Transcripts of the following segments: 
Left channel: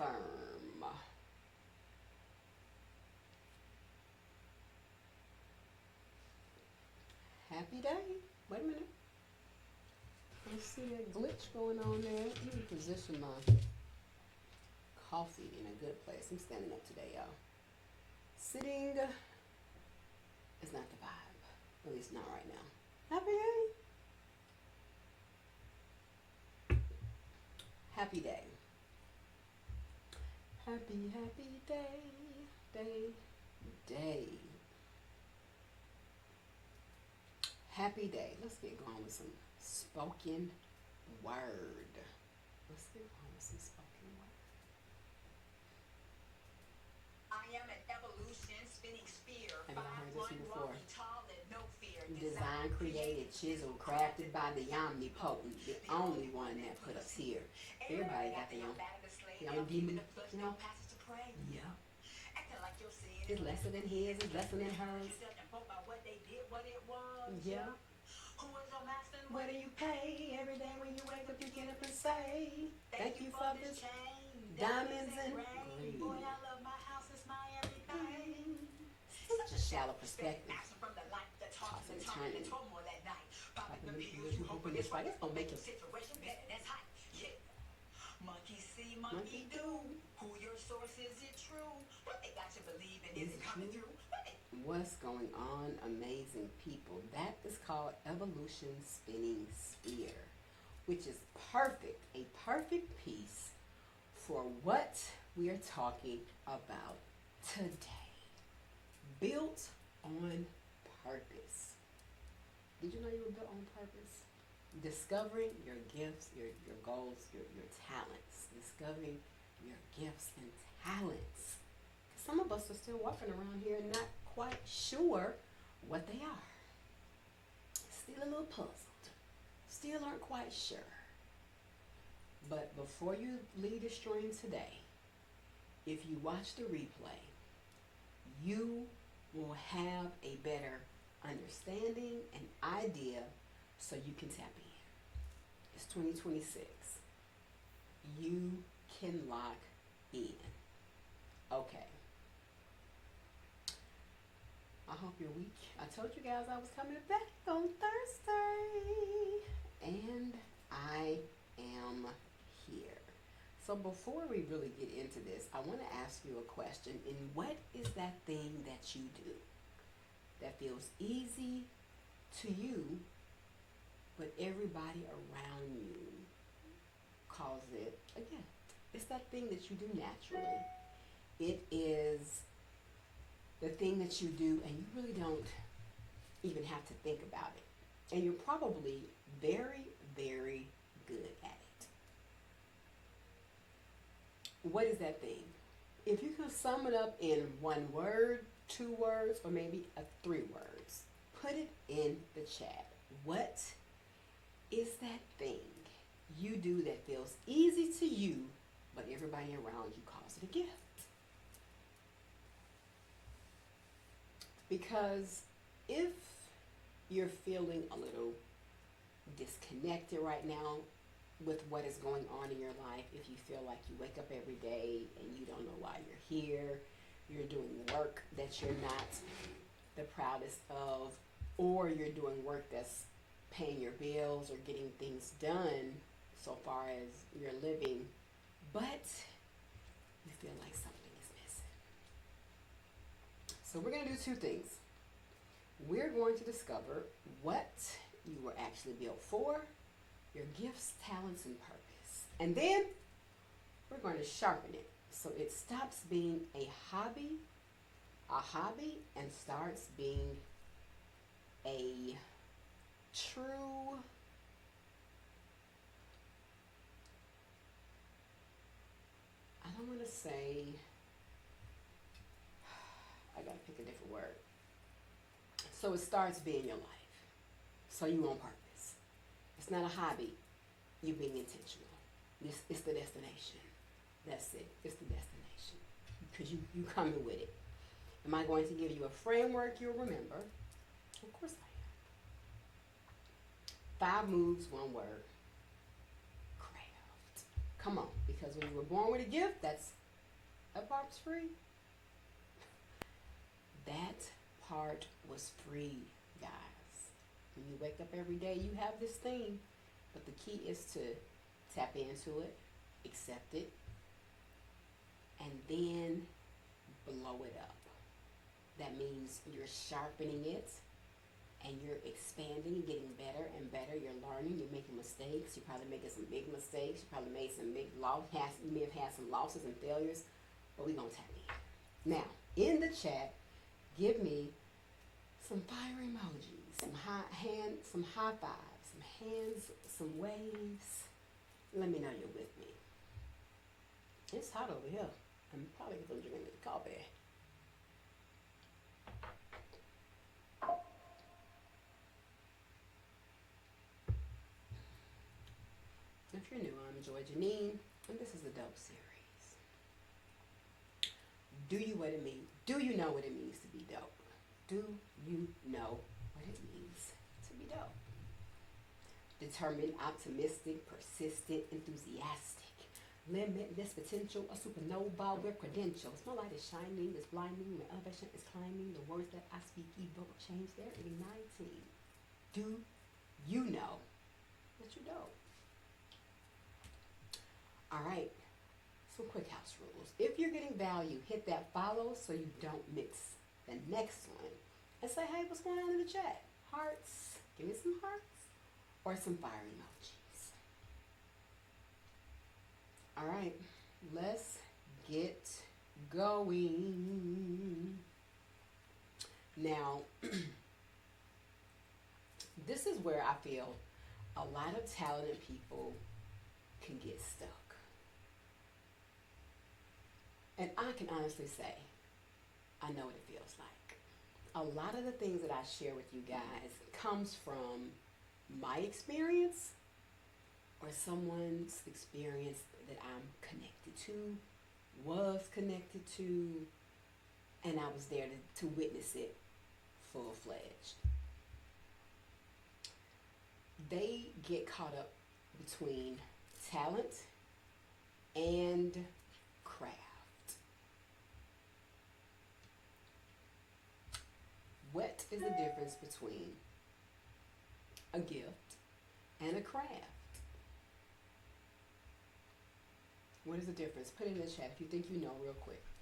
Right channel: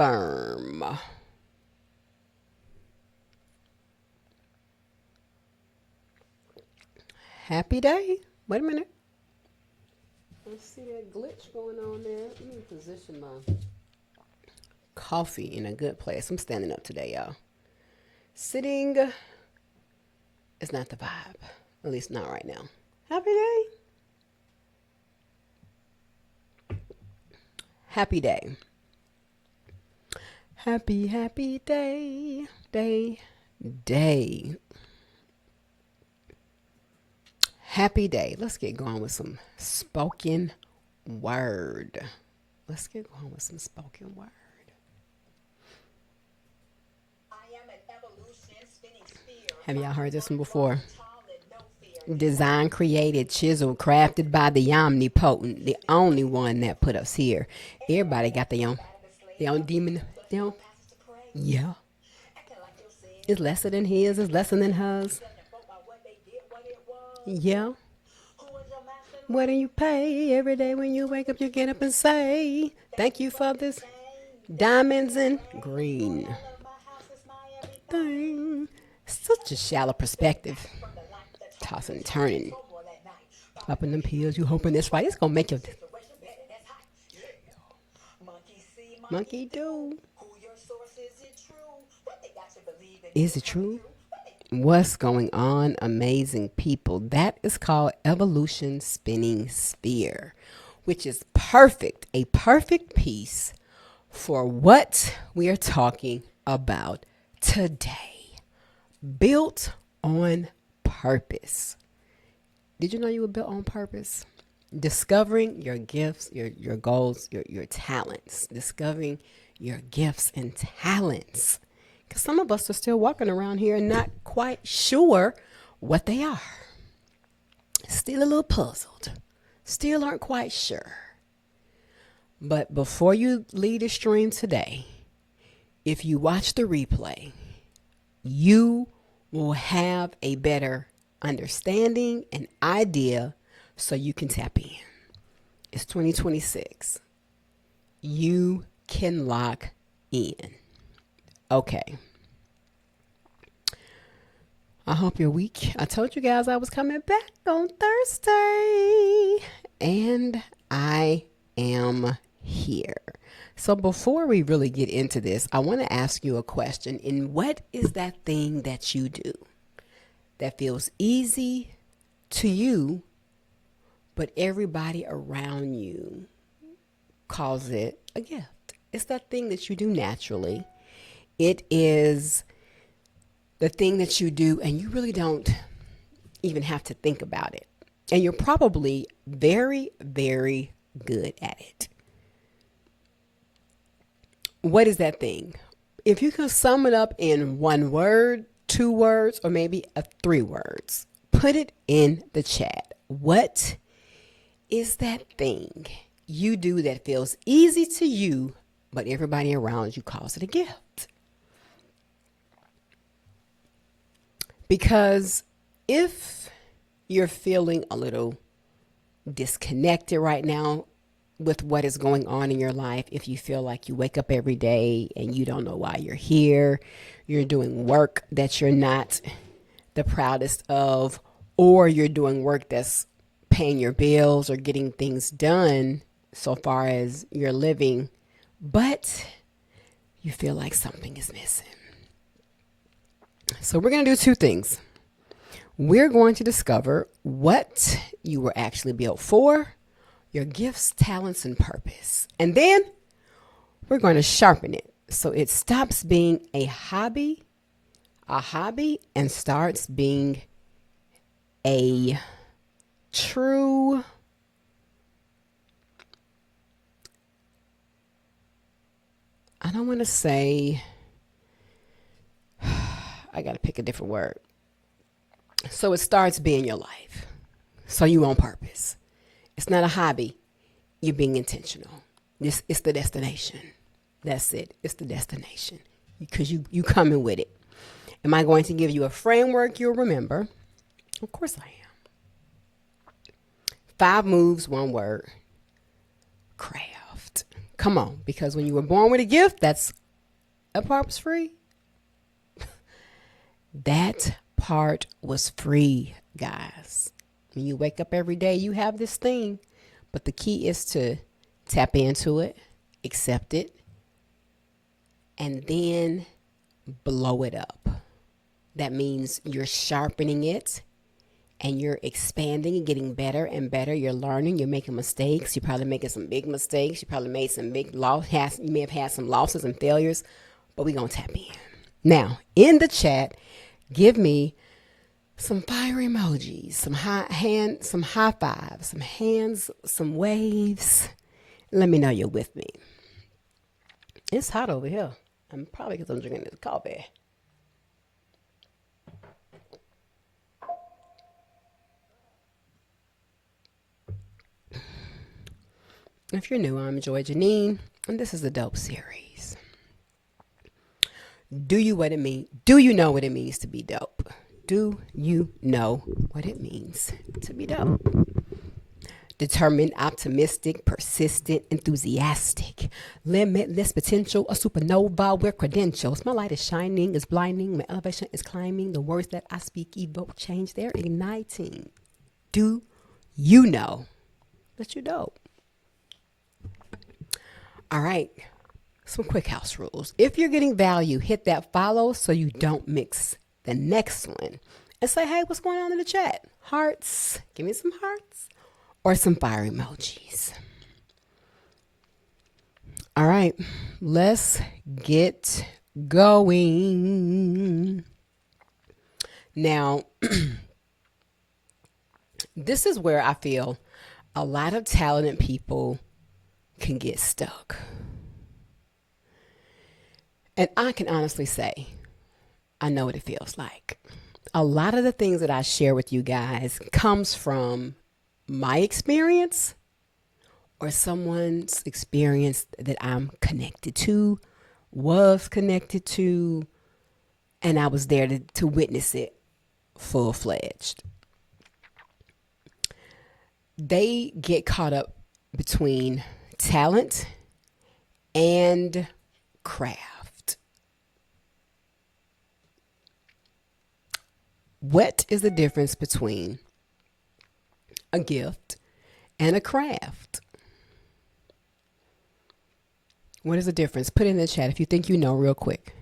confirm. Happy day. Wait a minute. I see a glitch going on there. Let me position my coffee in a good place. I'm standing up today, y'all. Sitting is not the vibe. At least not right now. Happy day. Happy day. Happy, happy day. Day. Happy day. Let's get going with some spoken word. Have y'all heard this one before? Designed, created, chiseled, crafted by the omnipotent, the only one that put us here. Everybody got their own demon. Yeah. It's lesser than his, it's lesser than hers. Yeah. What do you pay every day when you wake up? You get up and say, thank you for this diamonds and green thing. Such a shallow perspective. Tossing and turning. Up in them pills, you hoping this right. It's going to make you. Monkey do. Is it true? What's going on, amazing people? That is called evolution spinning sphere, which is perfect, a perfect piece for what we are talking about today. Built on purpose. Did you know you were built on purpose? Discovering your gifts, your goals, your talents. Discovering your gifts and talents. Because some of us are still walking around here and not quite sure what they are. Still a little puzzled. Still aren't quite sure. But before you leave the stream today, if you watch the replay, you will have a better understanding and idea so you can tap in. It's 2026. You can lock in. Okay. I hope you're weak. I told you guys I was coming back on Thursday. And I am here. So before we really get into this, I want to ask you a question. And what is that thing that you do that feels easy to you, but everybody around you calls it a gift? It's that thing that you do naturally. It is the thing that you do and you really don't even have to think about it. And you're probably very, very good at it. What is that thing? If you can sum it up in one word, 2 words, or maybe 3 words, put it in the chat. What is that thing you do that feels easy to you, but everybody around you calls it a gift? Because if you're feeling a little disconnected right now with what is going on in your life, if you feel like you wake up every day and you don't know why you're here, you're doing work that you're not the proudest of, or you're doing work that's paying your bills or getting things done so far as you're living, but you feel like something is missing. So we're going to do 2 things. We're going to discover what you were actually built for, your gifts, talents, and purpose. And then we're going to sharpen it so it stops being a hobby, and starts being a true I don't want to say, I got to pick a different word. So it starts being your life. So you on purpose. It's not a hobby. You're being intentional. This is the destination. That's it. It's the destination. Because you coming with it. Am I going to give you a framework you'll remember? Of course I am. 5 moves, 1 word. Craft. Come on, because when you were born with a gift, that part was free. That part was free, guys. When you wake up every day, you have this thing. But the key is to tap into it, accept it, and then blow it up. That means you're sharpening it and you're expanding and getting better and better. You're learning, you're making mistakes. You're probably making some big mistakes. You probably made some big you may have had some losses and failures, but we're going to tap in. Now, in the chat, give me some fire emojis, some some high fives, some hands, some waves. Let me know you're with me. It's hot over here. I'm probably because I'm drinking this coffee. If you're new, I'm Joye Janine, and this is the Dope Series. Do you know what it means to be dope? Do you know what it means to be dope? Determined, optimistic, persistent, enthusiastic, limitless potential, a supernova with credentials. My light is shining, is blinding, my elevation is climbing. The words that I speak evoke change, they're igniting. Do you know that you're dope? All right, some quick house rules. If you're getting value, hit that follow so you don't mix the next one. And say, hey, what's going on in the chat? Hearts, give me some hearts or some fire emojis. All right, let's get going. Now, this is where I feel a lot of talented people can get stuck. And I can honestly say, I know what it feels like. A lot of the things that I share with you guys comes from my experience or someone's experience that I'm connected to, was connected to, and I was there to witness it full-fledged. They get caught up between talent and craft. What is the difference between a gift and a craft? What is the difference? Put it in the chat if you think you know real quick.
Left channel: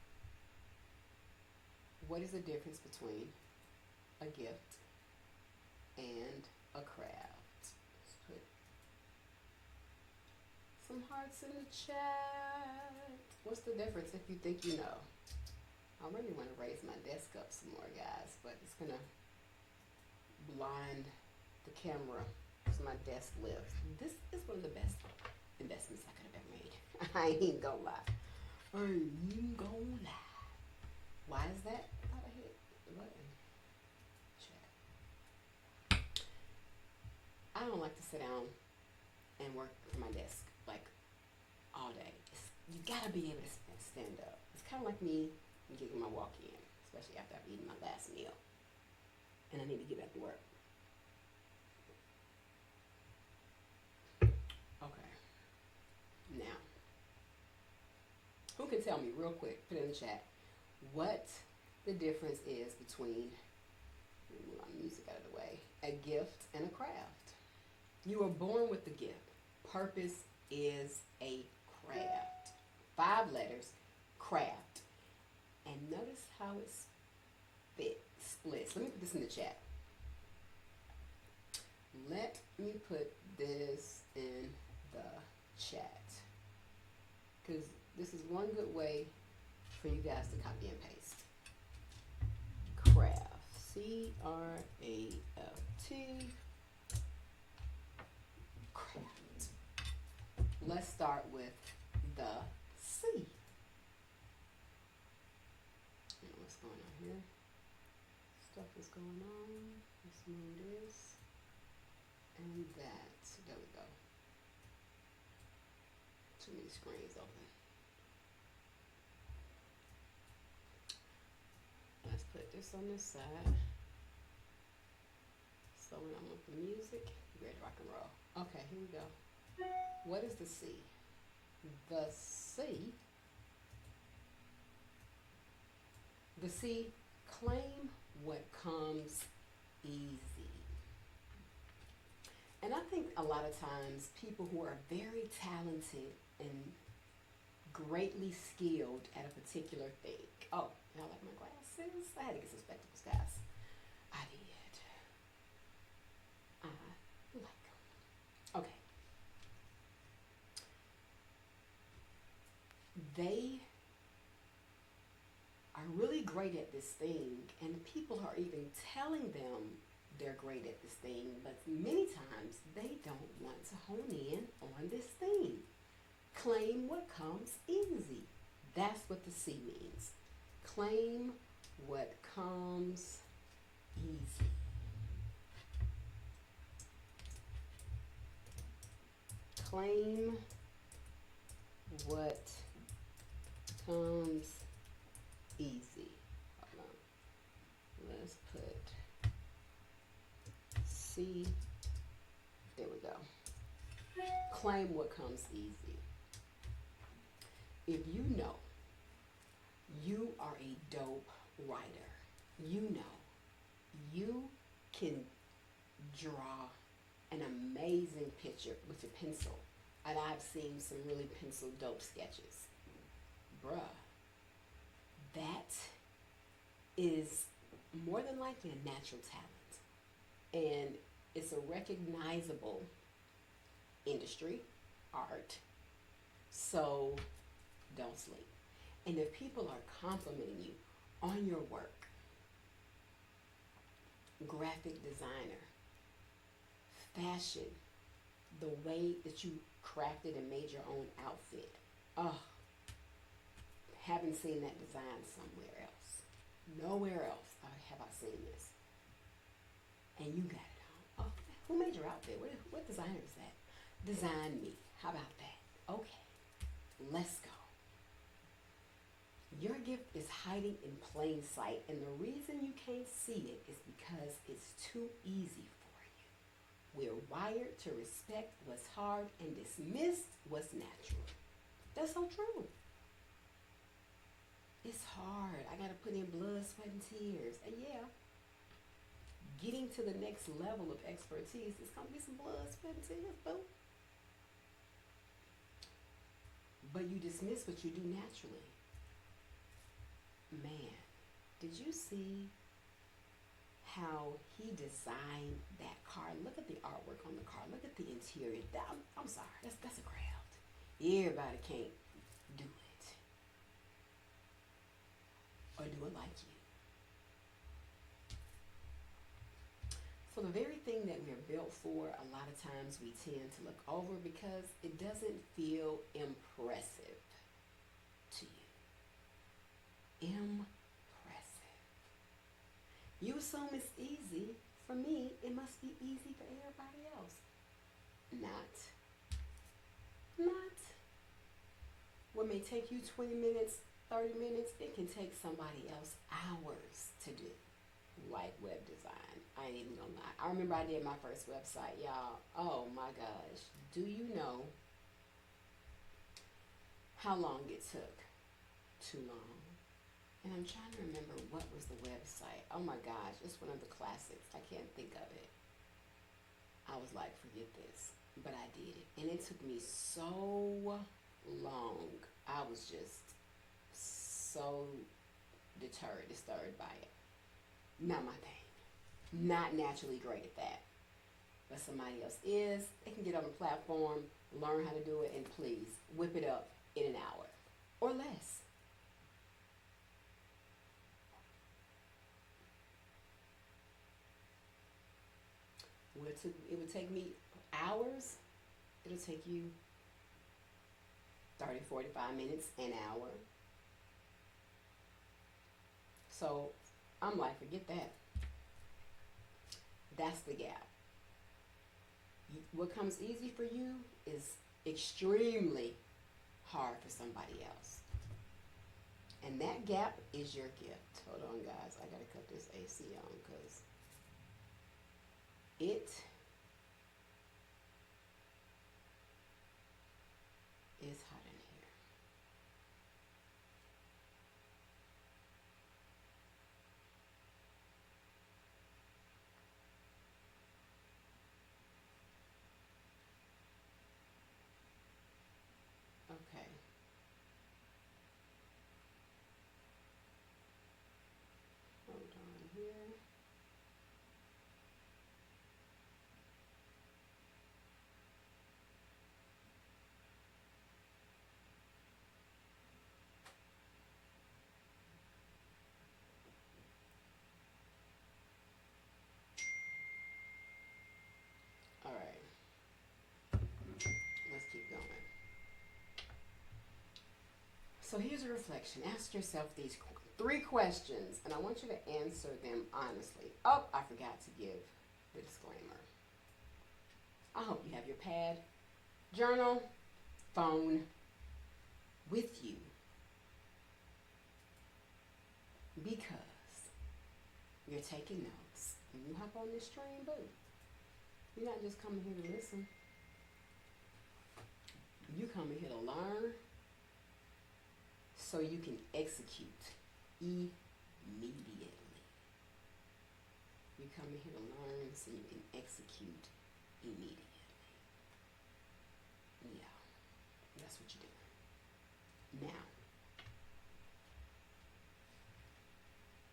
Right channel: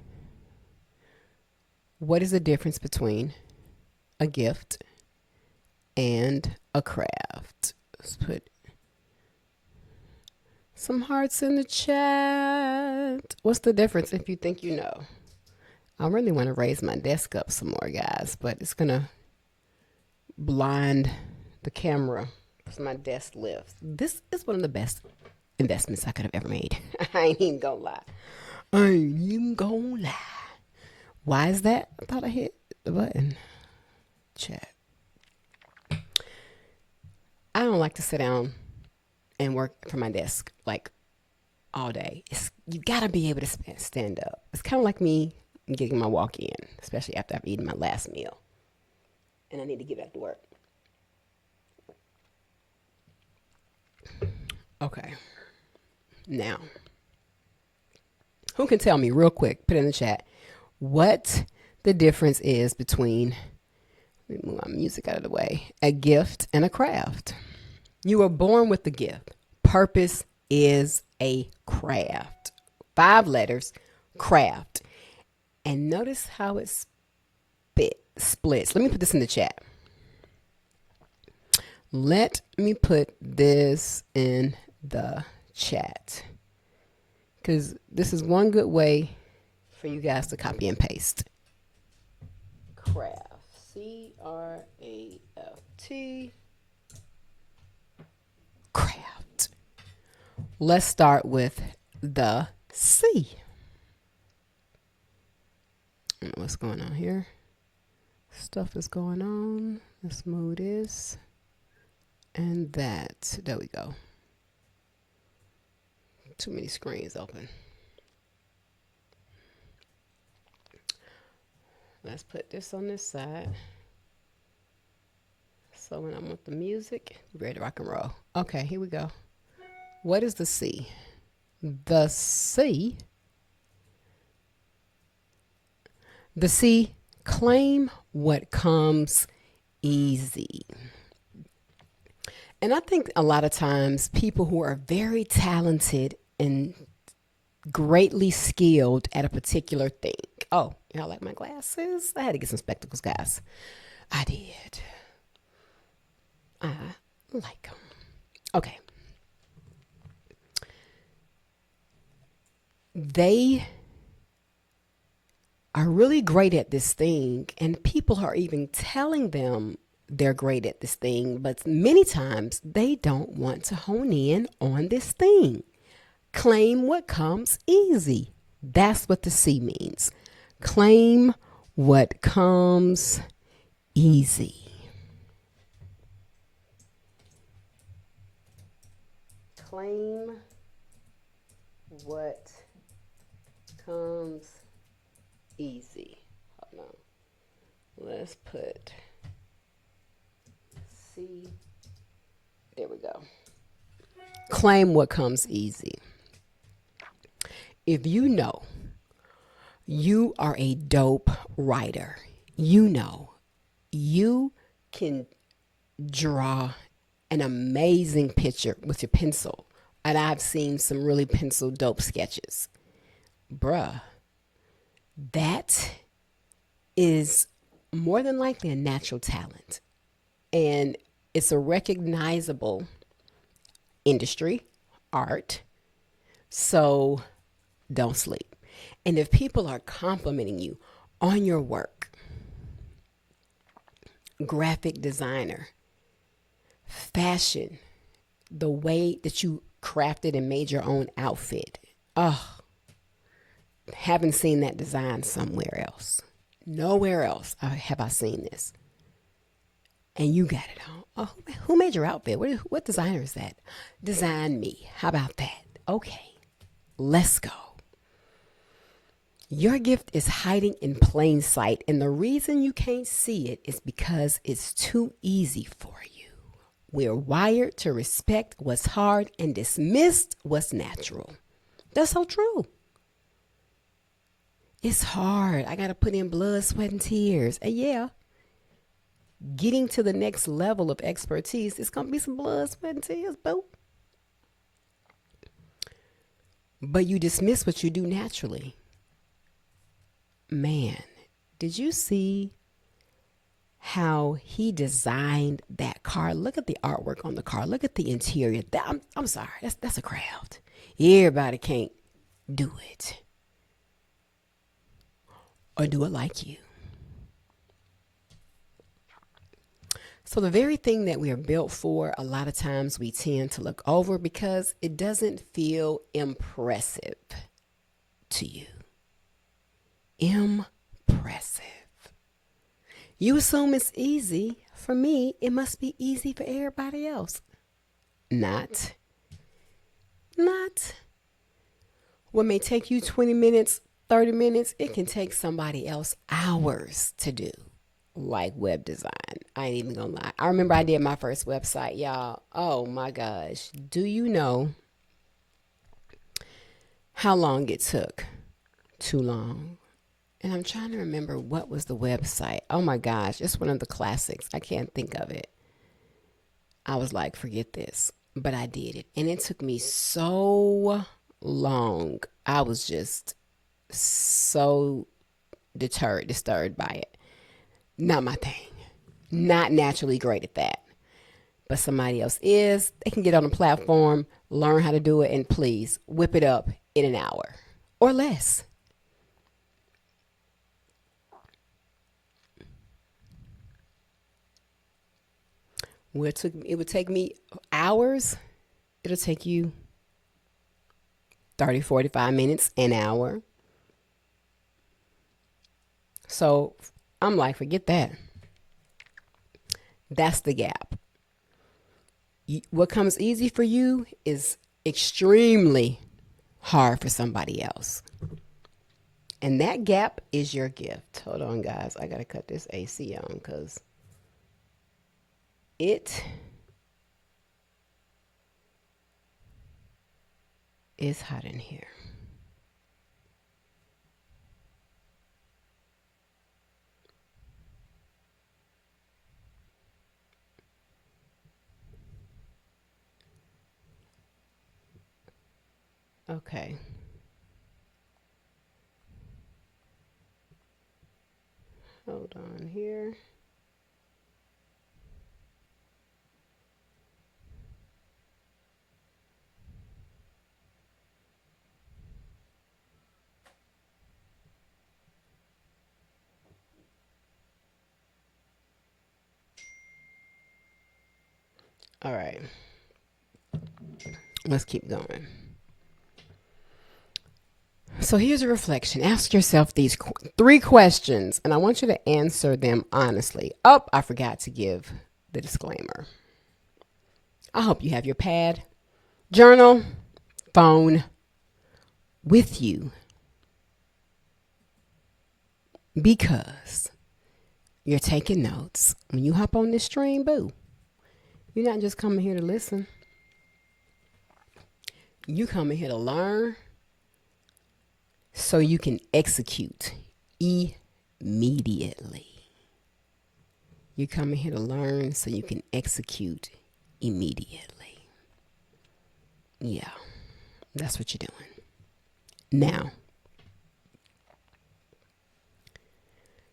What is the difference between a gift and a craft? Let's put some hearts in the chat. What's the difference if you think you know? I really want to raise my desk up some more, guys, but it's going to blind the camera as my desk lifts. This is one of the best investments I could have ever made. I ain't even gonna lie. I ain't even gonna lie. Why is that? I thought I hit the button. Chat. I don't like to sit down and work from my desk like all day. You gotta be able to stand up. It's kind of like me getting my walk in, especially after I've eaten my last meal and I need to get back to work. Okay. Now, who can tell me real quick, put it in the chat, what the difference is between, let me move my music out of the way, a gift and a craft? You were born with the gift. Purpose is a craft. 5 letters, craft. And notice how it splits. Let me put this in the chat. Let me put this in the chat, because this is one good way for you guys to copy and paste. Craft. C-R-A-F-T. Craft. Let's start with the C. I don't know what's going on here. Stuff is going on. Let's move this and that. There we go. Too many screens open. Let's put this on this side. So when I'm with the music, you ready to rock and roll. Okay, here we go. What is the C? The C, the C, claim what comes easy. And I think a lot of times people who are very talented and greatly skilled at a particular thing. Oh, y'all like my glasses? I had to get some spectacles, guys. I did. I like them. Okay. They are really great at this thing, and people are even telling them they're great at this thing, but many times they don't want to hone in on this thing. Claim what comes easy. That's what the C means. Claim what comes easy. Claim what comes easy. Hold on. Let's put C. There we go. Claim what comes easy. If you know you are a dope writer, you know you can draw an amazing picture with your pencil. And I've seen some really pencil dope sketches. Bruh, that is more than likely a natural talent. And it's a recognizable industry, art. So don't sleep. And if people are complimenting you on your work, graphic designer, fashion, the way that you crafted and made your own outfit. Oh, haven't seen that design somewhere else. Nowhere else have I seen this. And you got it on. Oh, who made your outfit? What designer is that? Design me. How about that? Okay, let's go. Your gift is hiding in plain sight, and the reason you can't see it is because it's too easy for you. We're wired to respect what's hard and dismiss what's natural. That's so true. It's hard. I got to put in blood, sweat, and tears. And yeah, getting to the next level of expertise, it's going to be some blood, sweat, and tears, boo. But you dismiss what you do naturally. Man, did you see how he designed that car? Look at the artwork on the car. Look at the interior. I'm sorry, that's a craft. Everybody can't do it or do it like you. So the very thing that we are built for, a lot of times we tend to look over because it doesn't feel impressive to you. Impressive. You assume it's easy. For me, it must be easy for everybody else. Not. Not. What may take you 20 minutes, 30 minutes, it can take somebody else hours to do. Like web design. I ain't even gonna lie. I remember I did my first website, y'all. Oh my gosh. Do you know how long it took? Too long. And I'm trying to remember what was the website. Oh my gosh, it's one of the classics. I can't think of it. I was like, forget this. But I did it. And it took me so long. I was just so disturbed by it. Not my thing. Not naturally great at that. But somebody else is. They can get on a platform, learn how to do it, and please whip it up in an hour or less. Where it would take me hours, it'll take you 30, 45 minutes, an hour. So I'm like, forget that. That's the gap. What comes easy for you is extremely hard for somebody else. And that gap is your gift. Hold on, guys. I got to cut this AC on because it It's hot in here. Okay. Hold on here. All right. Let's keep going. So here's a reflection. Ask yourself these three questions, and I want you to answer them honestly. Oh, I forgot to give the disclaimer. I hope you have your pad, journal, phone with you because you're taking notes. When you hop on this stream, boo, you're not just coming here to listen. You coming here to learn so you can execute immediately. You're coming here to learn so you can execute immediately. Yeah, that's what you're doing. Now,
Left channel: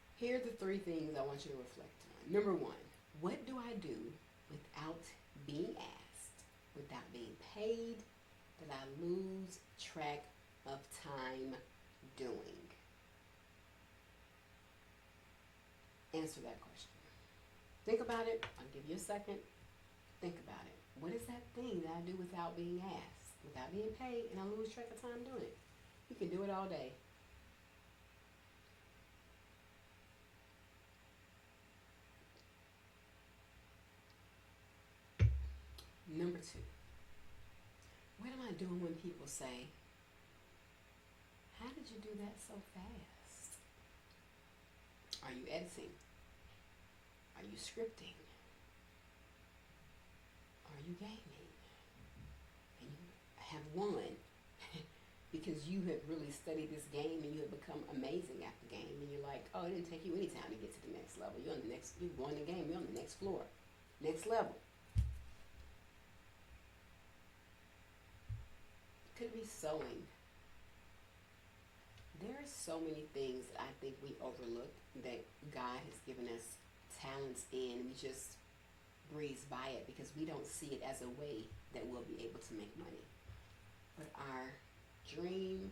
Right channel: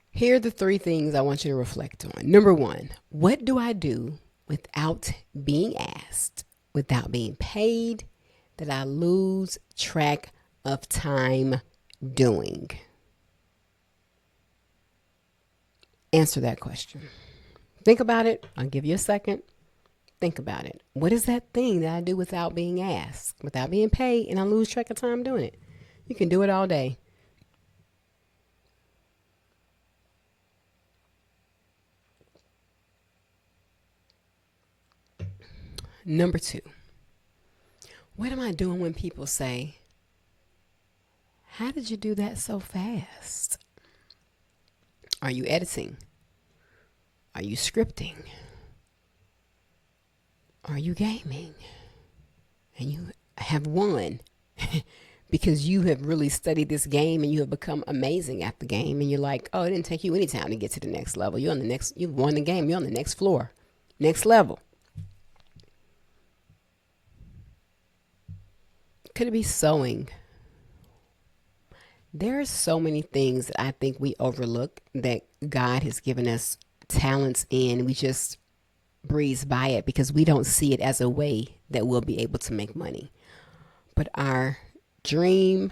here are the three things I want you to reflect on. Number one, what do I do without being asked, without being paid, that I lose track of time doing? Answer that question. Think about it. I'll give you a second. Think about it. What is that thing that I do without being asked, without being paid, and I lose track of time doing it? You can do it all day. Number two, what am I doing when people say, how did you do that so fast? Are you editing? Are you scripting? Are you gaming? And you have won because you have really studied this game and you have become amazing at the game. And you're like, oh, it didn't take you any time to get to the next level. You're on the next, you've won the game. You're on the next floor, next level. Could it be sewing? There are so many things that I think we overlook that God has given us talents in. We just breeze by it because we don't see it as a way that we'll be able to make money. But our dream,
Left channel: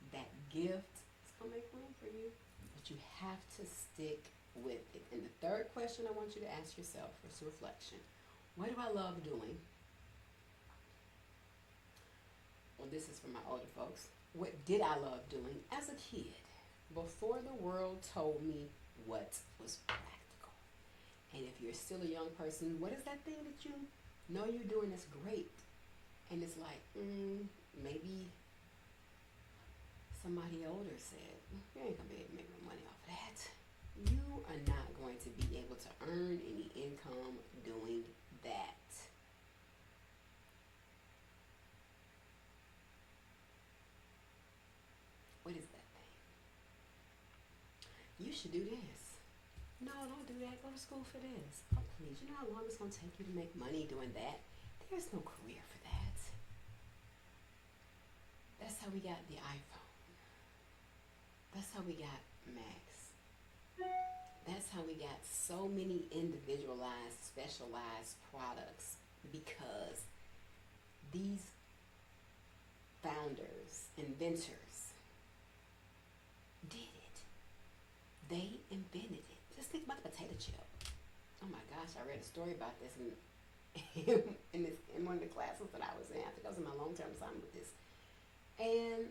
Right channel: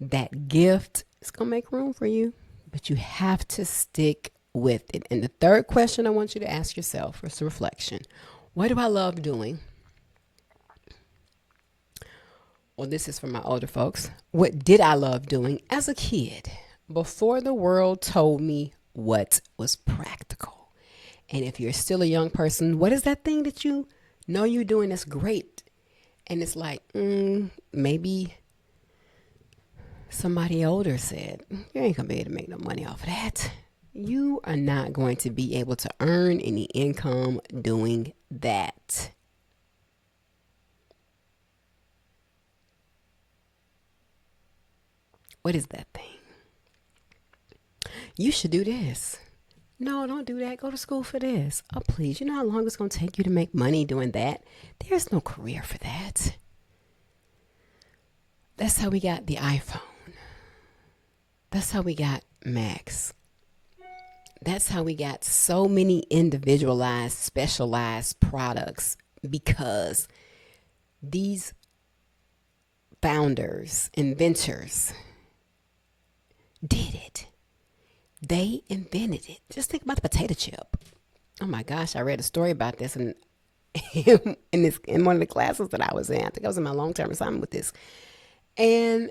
that gift, is going to make room for you. But you have to stick with it. And the third question I want you to ask yourself is a reflection. What do I love doing? Well, this is for my older folks. What did I love doing as a kid before the world told me what was practical? And if you're still a young person, what is that thing that you know you're doing that's great? And it's like, maybe somebody older said, you ain't going to be able to make no money off of that. You are not going to be able to earn any income doing that. What is that thing? You should do this. No, don't do that. Go to school for this. Oh, please. You know how long it's going to take you to make money doing that? There's no career for that. That's how we got the iPhone. That's how we got Macs. That's how we got so many individualized, specialized products because these founders, inventors, did it. They invented it. Just think about the potato chip. Oh my gosh, I read a story about this in in one of the classes that I was in. I think I was in my long-term assignment with this. And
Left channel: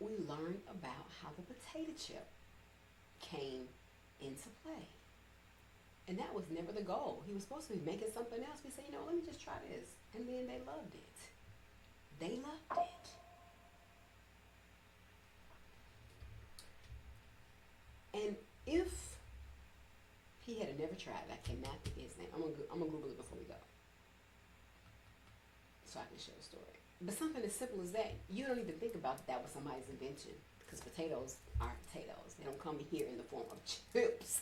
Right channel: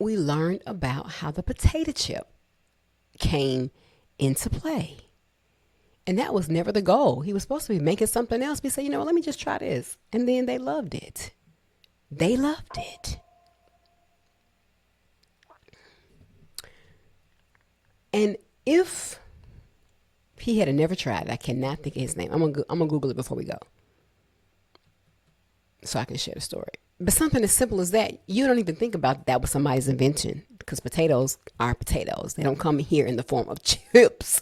we learned about how the potato chip came into play. And that was never the goal. He was supposed to be making something else. We said, you know what, let me just try this. And then they loved it. They loved it. And if he had never tried it, I cannot think of his name. I'm gonna Google it before we go. so I can share the story. But something as simple as that, you don't even think about that was somebody's invention, because potatoes are potatoes. They don't come here in the form of chips.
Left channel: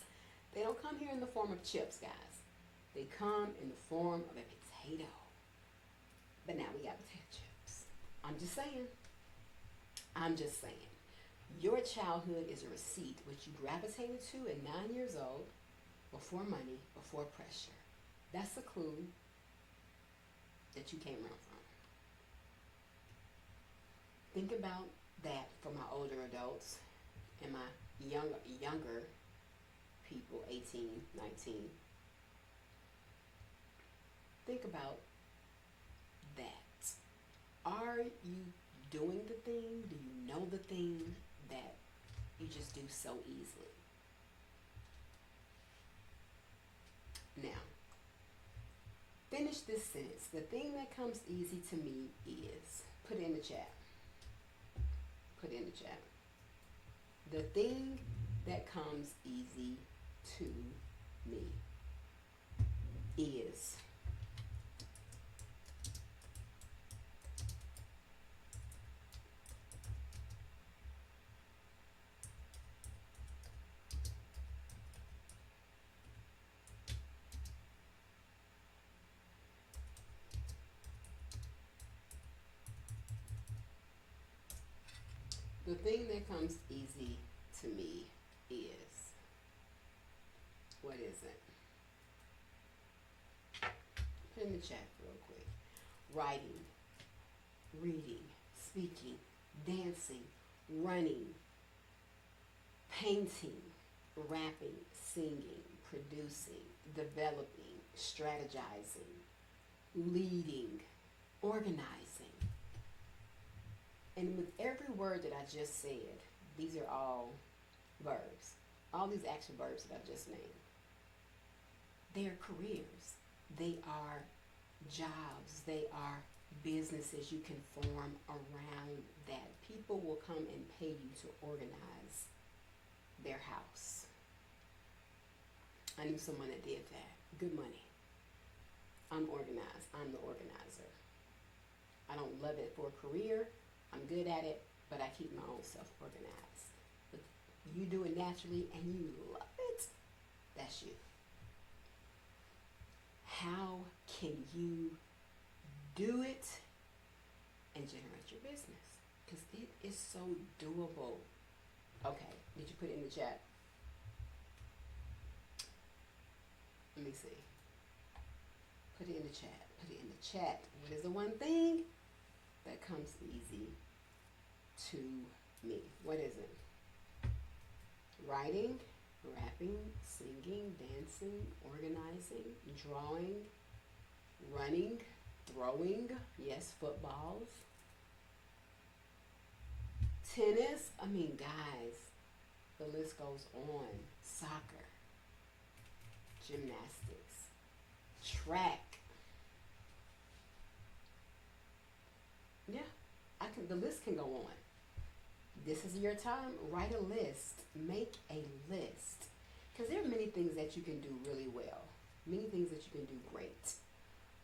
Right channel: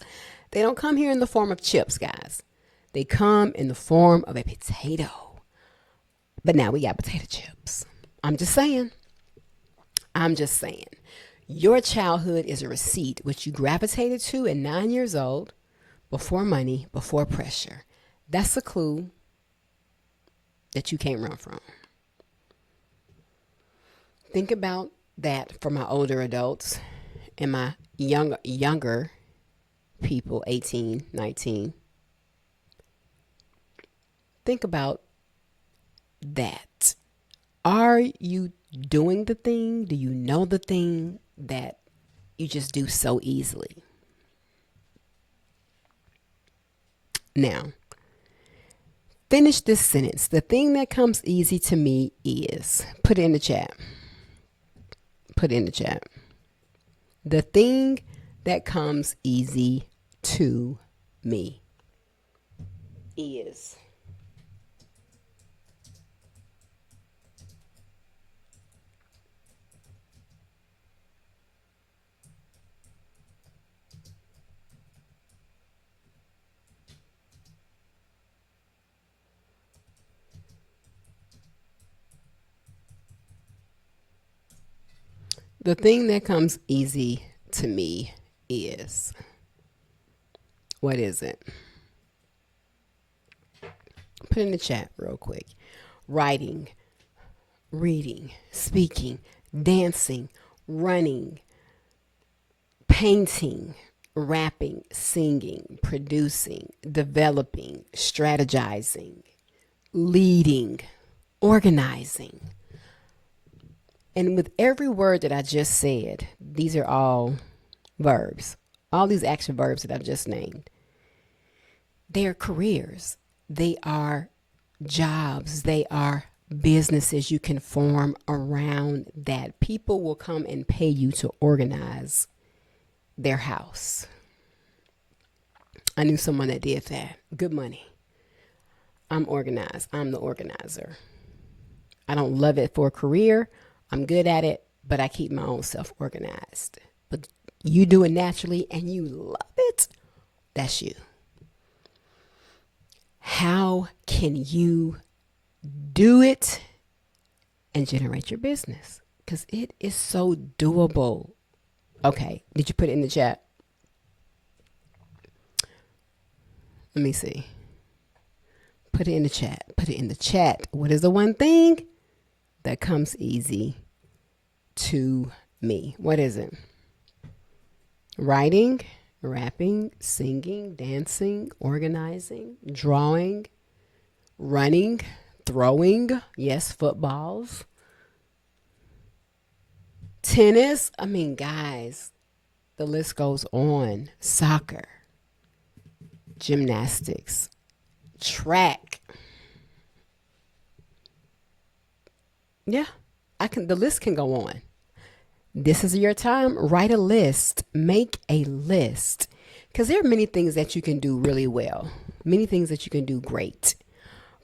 They don't come here in the form of chips, guys. They come in the form of a potato. But now we got potato chips. I'm just saying. I'm just saying. Your childhood is a receipt which you gravitated to at 9 years old, before money, before pressure. That's a clue that you can't run from. Think about that for my older adults and my younger people, 18, 19. Think about that. Are you doing the thing? Do you know the thing that you just do so easily? Now, finish this sentence. The thing that comes easy to me is, put it in the chat. Put it in the chat. The thing that comes easy to me is. The thing that comes easy to me is. What is it? Put in the chat real quick. Writing, reading, speaking, dancing, running, painting, rapping, singing, producing, developing, strategizing, leading, organizing. And with every word that I just said, these are all verbs. All these action verbs that I've just named, they are careers. They are jobs. They are businesses you can form around that. People will come and pay you to organize their house. I knew someone that did that. Good money. I'm organized. I'm the organizer. I don't love it for a career. I'm good at it, but I keep my own self organized. But you do it naturally and you love it. That's you. How can you do it and generate your business? Because it is so doable. Okay, did you put it in the chat? Let me see. Put it in the chat. Put it in the chat. What is the one thing that comes easy to me? What is it? Writing, rapping, singing, dancing, organizing, drawing, running, throwing, yes, footballs, tennis. I mean, guys, the list goes on. Soccer, gymnastics, track. Yeah, the list can go on. This is your time. Write a list. Make a list. Because there are many things that you can do really well. Many things that you can do great.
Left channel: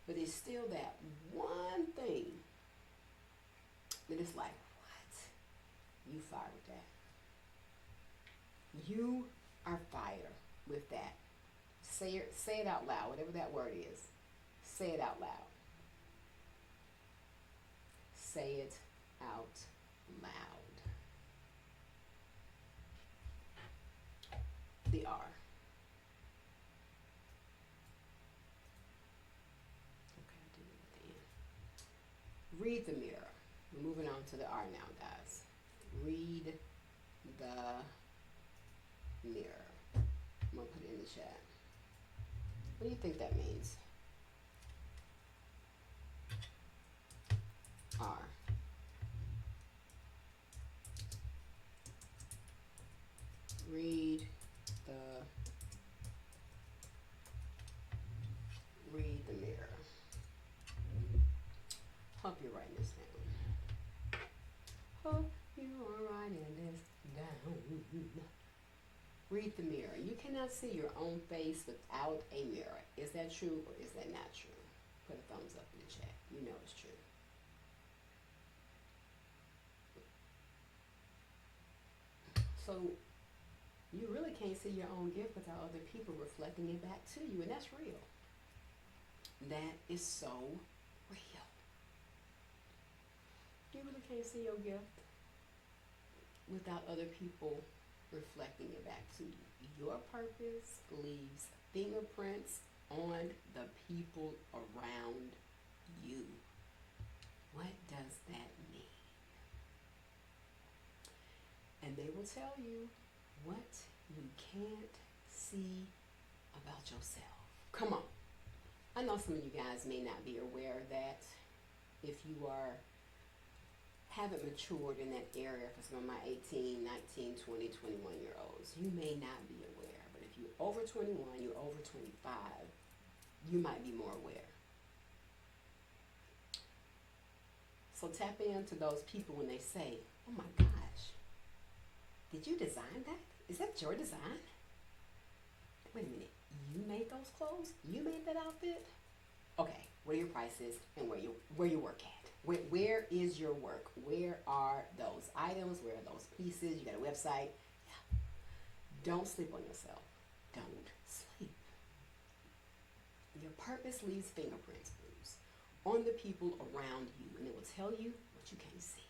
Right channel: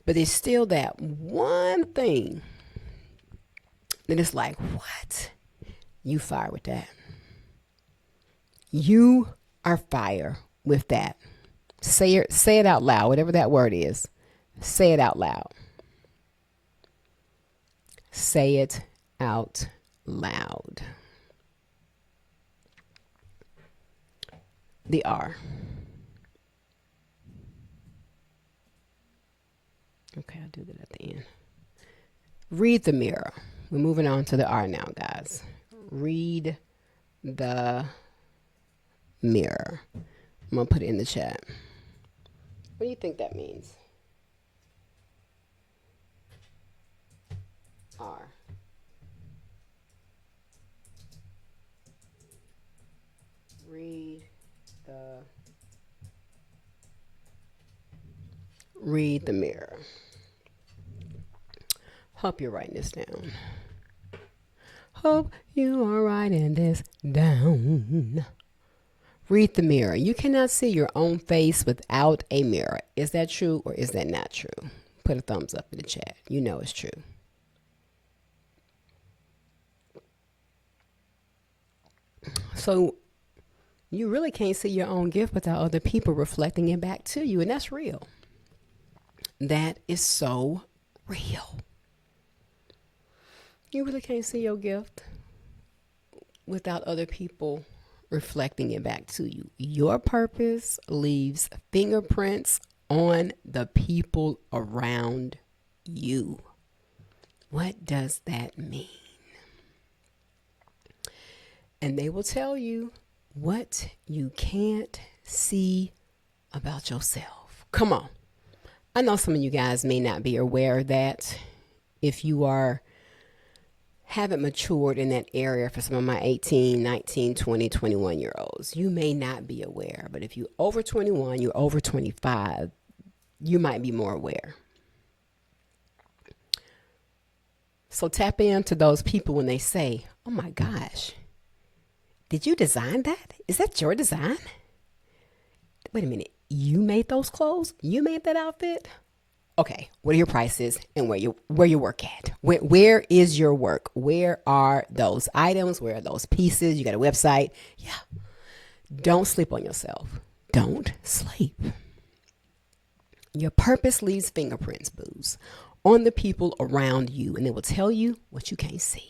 But there's still that one thing that is like, what? You fire with that. You are fire with that. Say it out loud, whatever that word is. Say it out loud. Say it out loud. The R. Okay, I'll do that at the end. Read the mirror. We're moving on to the R now, guys. Read the mirror. I'm going to put it in the chat. What do you think that means? R. Read the mirror. Hope you're writing this down. Hope you are writing this down. Read the mirror. You cannot see your own face without a mirror. Is that true or is that not true? put a thumbs up in the chat. You know it's true. So you really can't see your own gift without other people reflecting it back to you. And that's real. That is so real. You really can't see your gift without other people reflecting it back to you. Your purpose leaves fingerprints on the people around you. What does that mean? And they will tell you what you can't see about yourself. Come on. I know some of you guys may not be aware of that. If you haven't matured in that area, for some of my 18, 19, 20, 21 year olds, you may not be aware. But if you're over 21, you're over 25, you might be more aware. So tap into those people when they say, oh my gosh, did you design that? Is that your design? Wait a minute. You made those clothes? You made that outfit? Okay, what are your prices and where you work at? Where is your work? Where are those items? Where are those pieces? You got a website? Yeah. Don't sleep on yourself. Don't sleep. Your purpose leaves fingerprints, booze, on the people around you, and they will tell you what you can't see.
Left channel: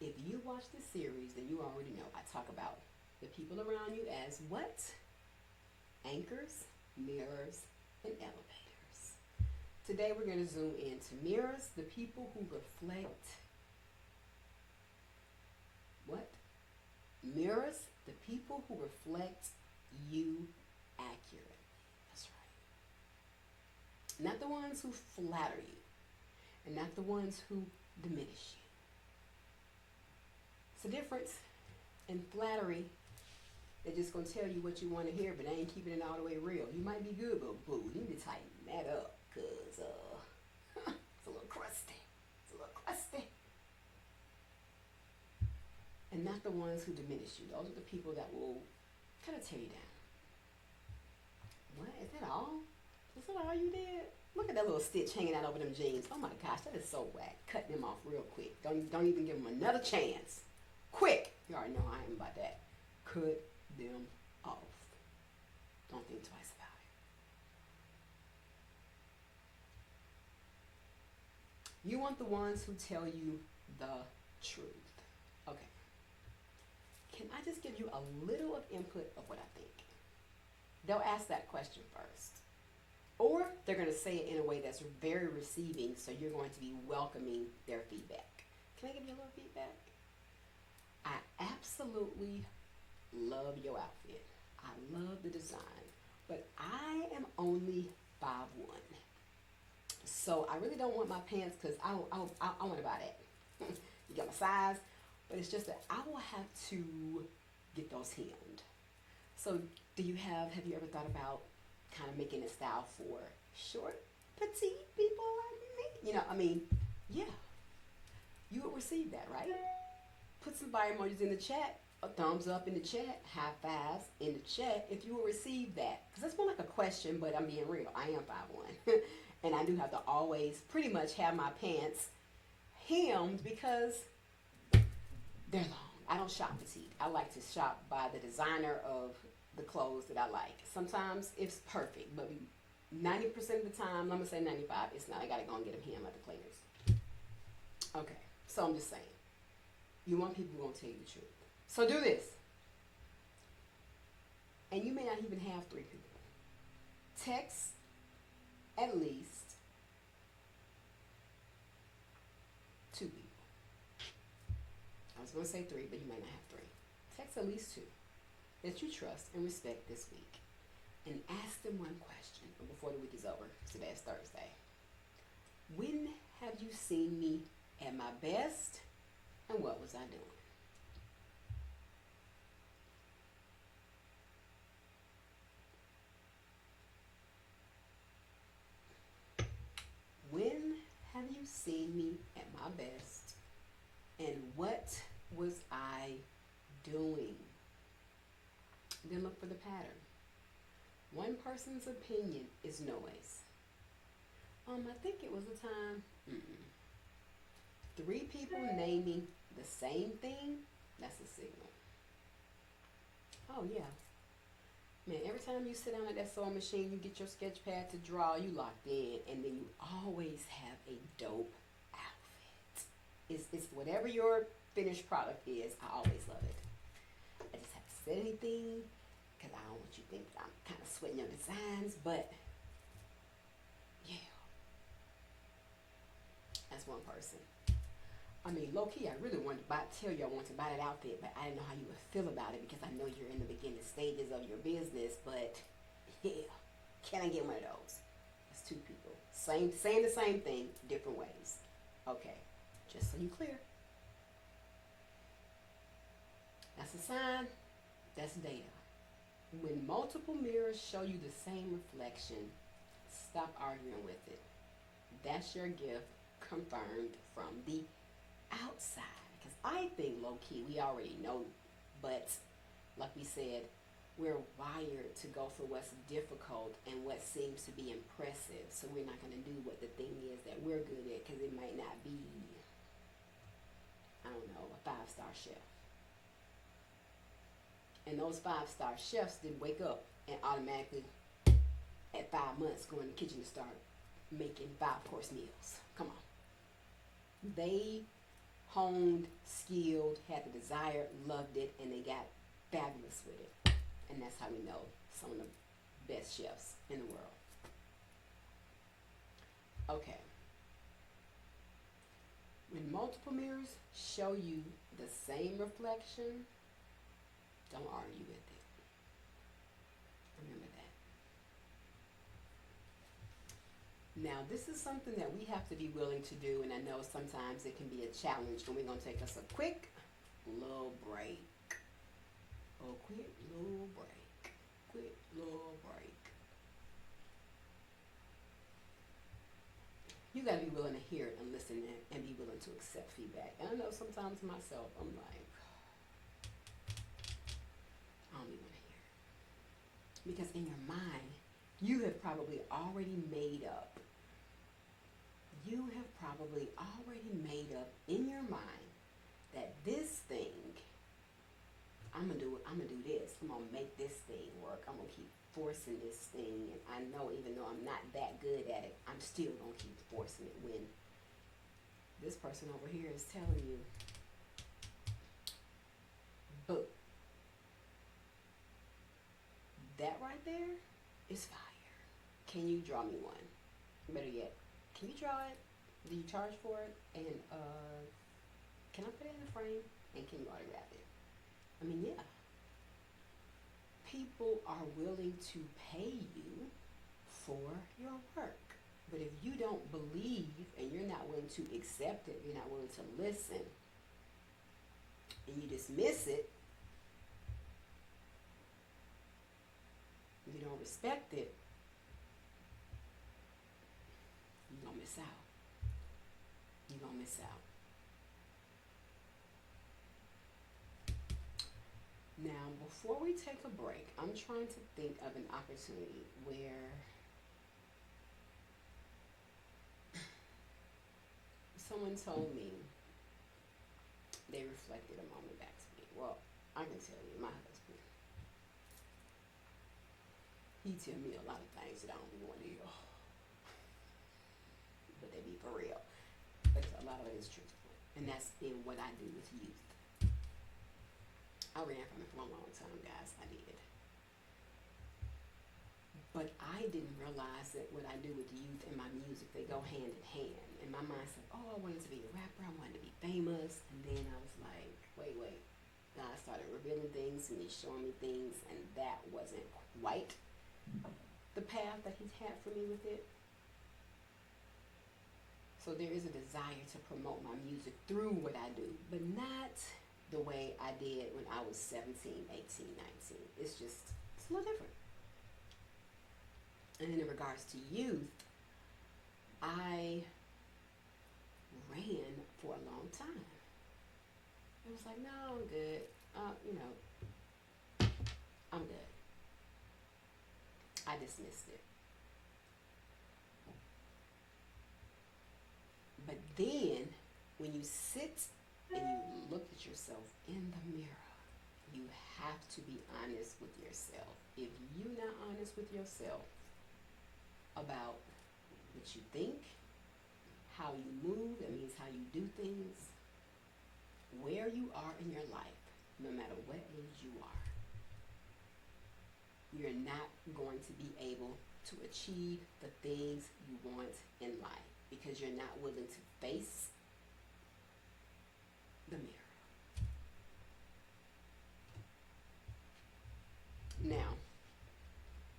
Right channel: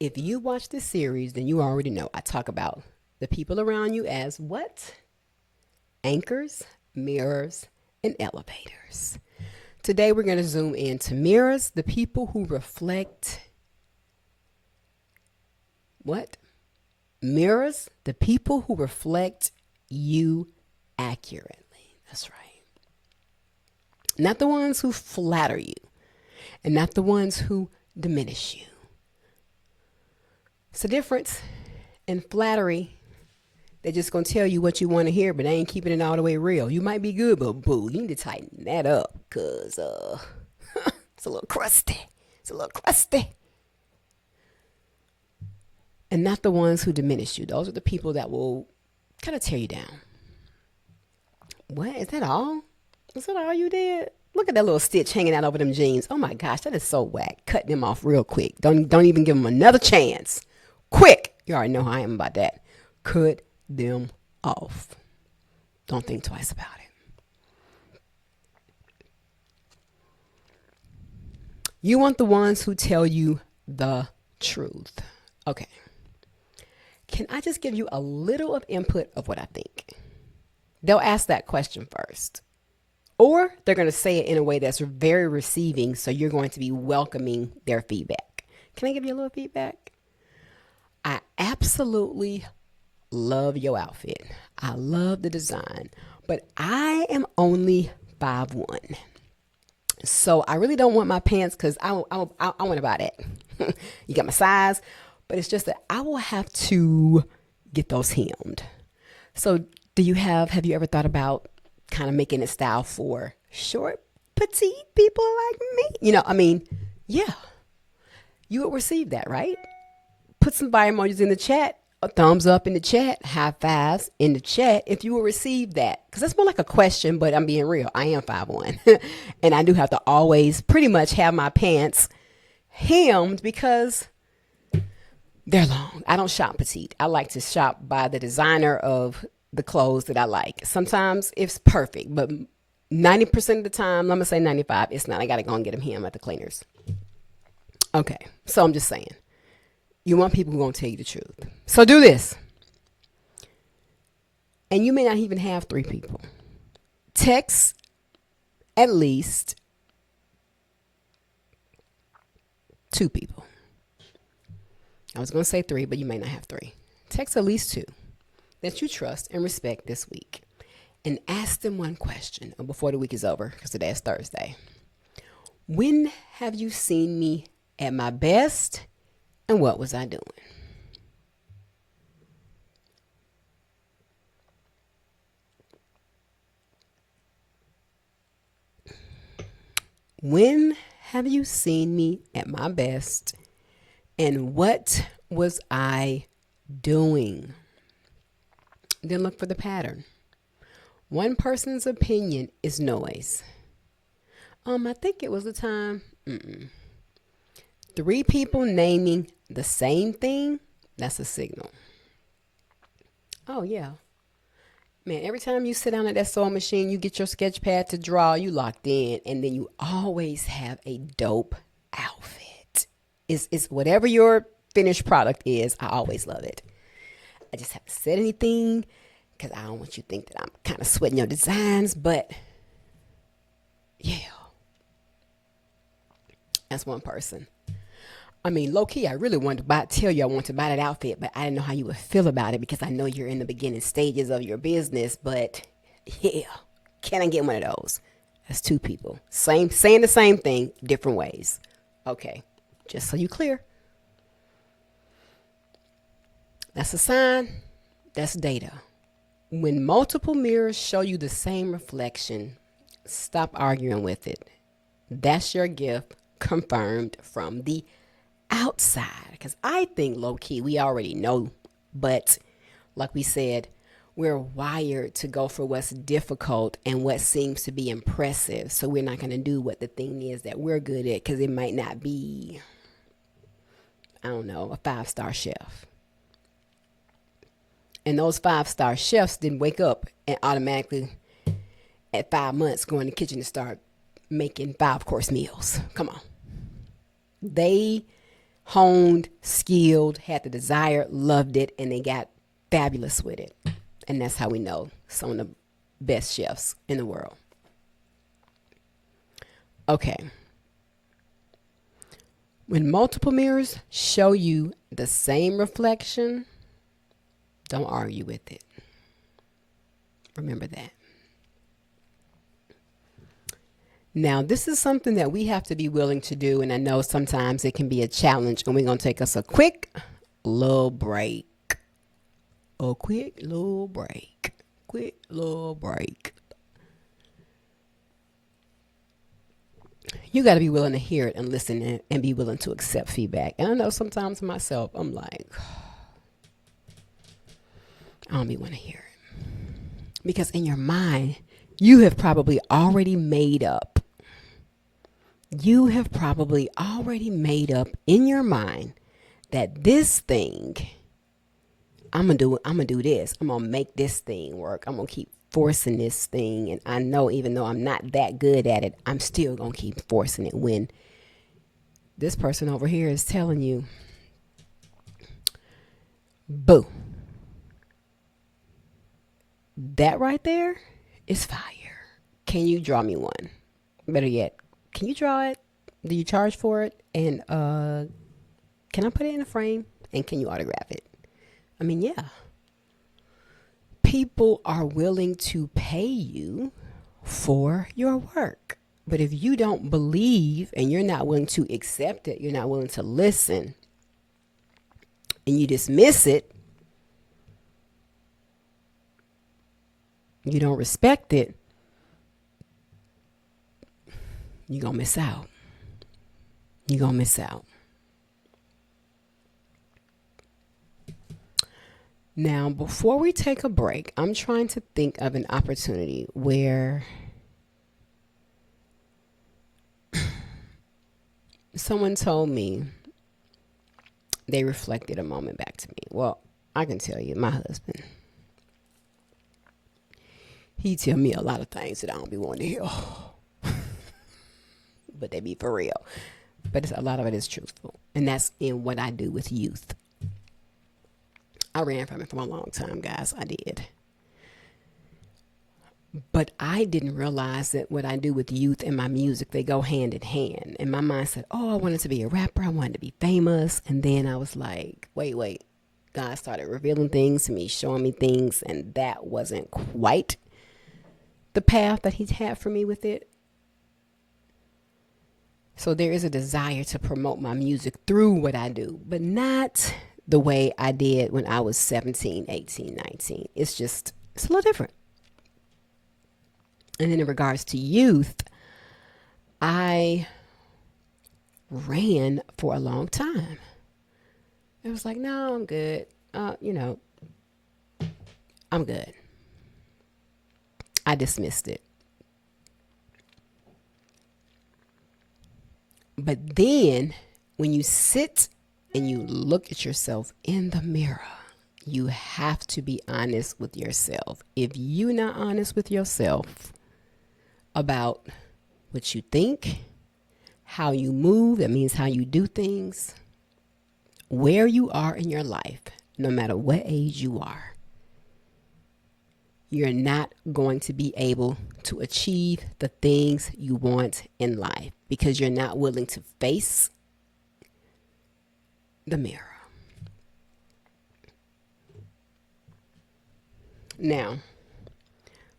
If you watch this series, then you already know I talk about the people around you as what? Anchors, mirrors, and elevators. Today we're going to zoom into mirrors, the people who reflect what? Mirrors, the people who reflect you accurately. That's right. Not the ones who flatter you, and not the ones who diminish you. It's a difference. In flattery, they're just going to tell you what you want to hear, but they ain't keeping it all the way real. You might be good, but boo, you need to tighten that up because it's a little crusty. It's a little crusty. And not the ones who diminish you. Those are the people that will kind of tear you down. What? Is that all? Is that all you did? Look at that little stitch hanging out over them jeans. Oh my gosh, that is so whack. Cut them off real quick. Don't even give them another chance. Quick. You already know how I am about that. Cut them off. Don't think twice about it. You want the ones who tell you the truth. Okay. Can I just give you a little of input of what I think? They'll ask that question first. Or they're going to say it in a way that's very receiving, so you're going to be welcoming their feedback. Can I give you a little feedback? I absolutely love your outfit. I love the design, but I am only 5'1". So I really don't want my pants because I want to buy that. You got my size, but it's just that I will have to get those hemmed. So have you ever thought about kind of making a style for short, petite people like me? Yeah, you would receive that, right? Put some fire emojis in the chat, a thumbs up in the chat, high fives in the chat if you will receive that. Because that's more like a question, but I'm being real. I am 5'1". And I do have to always pretty much have my pants hemmed because they're long. I don't shop petite. I like to shop by the designer of the clothes that I like. Sometimes it's perfect, but 90% of the time, I'm going to say 95, it's not. I got to go and get them hemmed at the cleaners. Okay, so I'm just saying. You want people who are going to tell you the truth. So do this. And you may not even have 3 people. Text at least 2 people. I was going to say 3, but you may not have 3. Text at least 2 that you trust and respect this week. And ask them one question before the week is over, because today is Thursday. When have you seen me at my best, and what was I doing? When have you seen me at my best, and what was I doing? Then look for the pattern. One person's opinion is noise. I think it was a time. Three people naming the same thing. That's a signal. Oh yeah, man. Every time you sit down at that sewing machine, you get your sketch pad to draw. You locked in, and then you always have a dope outfit. It's whatever your finished product is. I always love it. I just haven't said anything because I don't want you to think that I'm kind of sweating your designs, but yeah, that's one person. I mean, low key, I really wanted to tell you I want to buy that outfit, but I didn't know how you would feel about it because I know you're in the beginning stages of your business. But yeah, can I get one of those? That's two people, same saying the same thing, different ways. Okay, just so you clear, that's a sign. That's data. When multiple mirrors show you the same reflection, stop arguing with it. That's your gift confirmed from the outside. Because I think low key, we already know. But like we said, we're wired to go for what's difficult and what seems to be impressive. So we're not going to do what the thing is that we're good at because it might not be, I don't know, a 5-star chef. And those 5-star chefs didn't wake up and automatically at 5 months go in the kitchen and start making 5-course meals. Come on. They honed, skilled, had the desire, loved it, and they got fabulous with it. And that's how we know some of the best chefs in the world. Okay. When multiple mirrors show you the same reflection, don't argue with it. Remember that. Now, this is something that we have to be willing to do, and I know sometimes it can be a challenge, and we're going to take us a quick little break. A quick little break. Quick little break. You got to be willing to hear it and listen and be willing to accept feedback. And I know sometimes myself, I'm like, I don't be want to hear it. Because in your mind, you have probably already made up. You have probably already made up in your mind that this thing, I'm gonna do this. I'm gonna make this thing work. I'm gonna keep forcing this thing. And I know even though I'm not that good at it, I'm still gonna keep forcing it when this person over here is telling you, boo. That right there is fire. Can you draw me one? Better yet, can you draw it? Do you charge for it? And can I put it in a frame? And can you autograph it? I mean, yeah. People are willing to pay you for your work. But if you don't believe and you're not willing to accept it, you're not willing to listen, and you dismiss it, you don't respect it, you're going to miss out. You're going to miss out. Now, before we take a break, I'm trying to think of an opportunity where someone told me they reflected a moment back to me. Well, I can tell you, my husband, he tell me a lot of things that I don't be wanting to hear. But they be for real. But a lot of it is truthful. And that's in what I do with youth. I ran from it for a long time, guys. I did. But I didn't realize that what I do with youth and my music, they go hand in hand. And my mind said, oh, I wanted to be a rapper. I wanted to be famous. And then I was like, wait. God started revealing things to me, showing me things. And that wasn't quite the path that he had for me with it. So there is a desire to promote my music through what I do, but not the way I did when I was 17, 18, 19. It's a little different. And then in regards to youth, I ran for a long time. It was like, no, I'm good. I'm good. I dismissed it. But then when you sit and you look at yourself in the mirror, you have to be honest with yourself. If you're not honest with yourself about what you think, how you move, that means how you do things, where you are in your life, no matter what age you are, you're not going to be able to achieve the things you want in life because you're not willing to face the mirror. Now,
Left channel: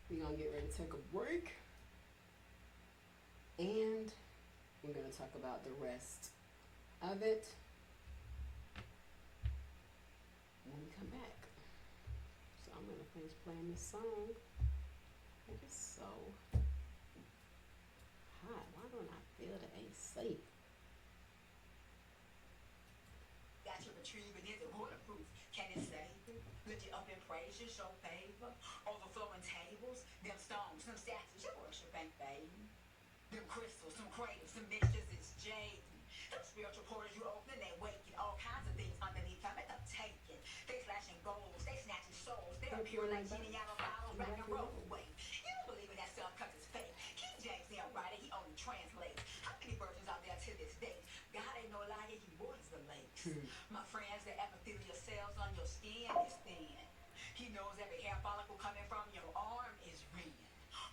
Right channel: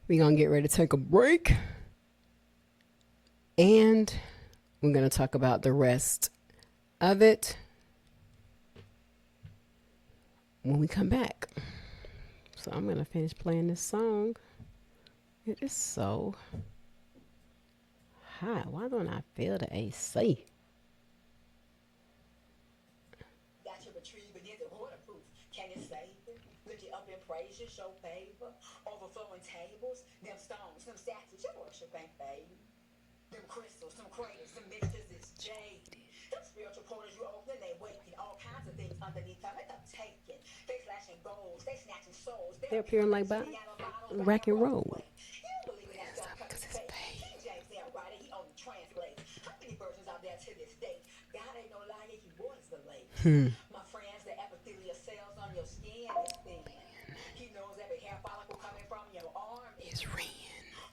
we're going to get ready to take a break and we're going to talk about the rest of it when we come back. So I'm going to finish playing this song. It is so hot. Why don't I feel the AC? Got your retrieve and is it waterproof? Can it save it? Lift you up in praise, you show favor. Overflowing tables, them stones, them statues, your worship ain't fading. Them crystals, some craters, some mixtures, it's jade. Them spiritual portals you open, they waking. All kinds of things underneath them, it's taking. They slashing goals, they snatching souls. They're appearing like by rock and roll. You don't believe in that stuff because it's fake. King James never write it, he only translates. How many versions out there to this date? God ain't no liar, he waters the lake. My friends, the epithelial cells on your skin is thin. He knows every hair follicle coming from your arm is red.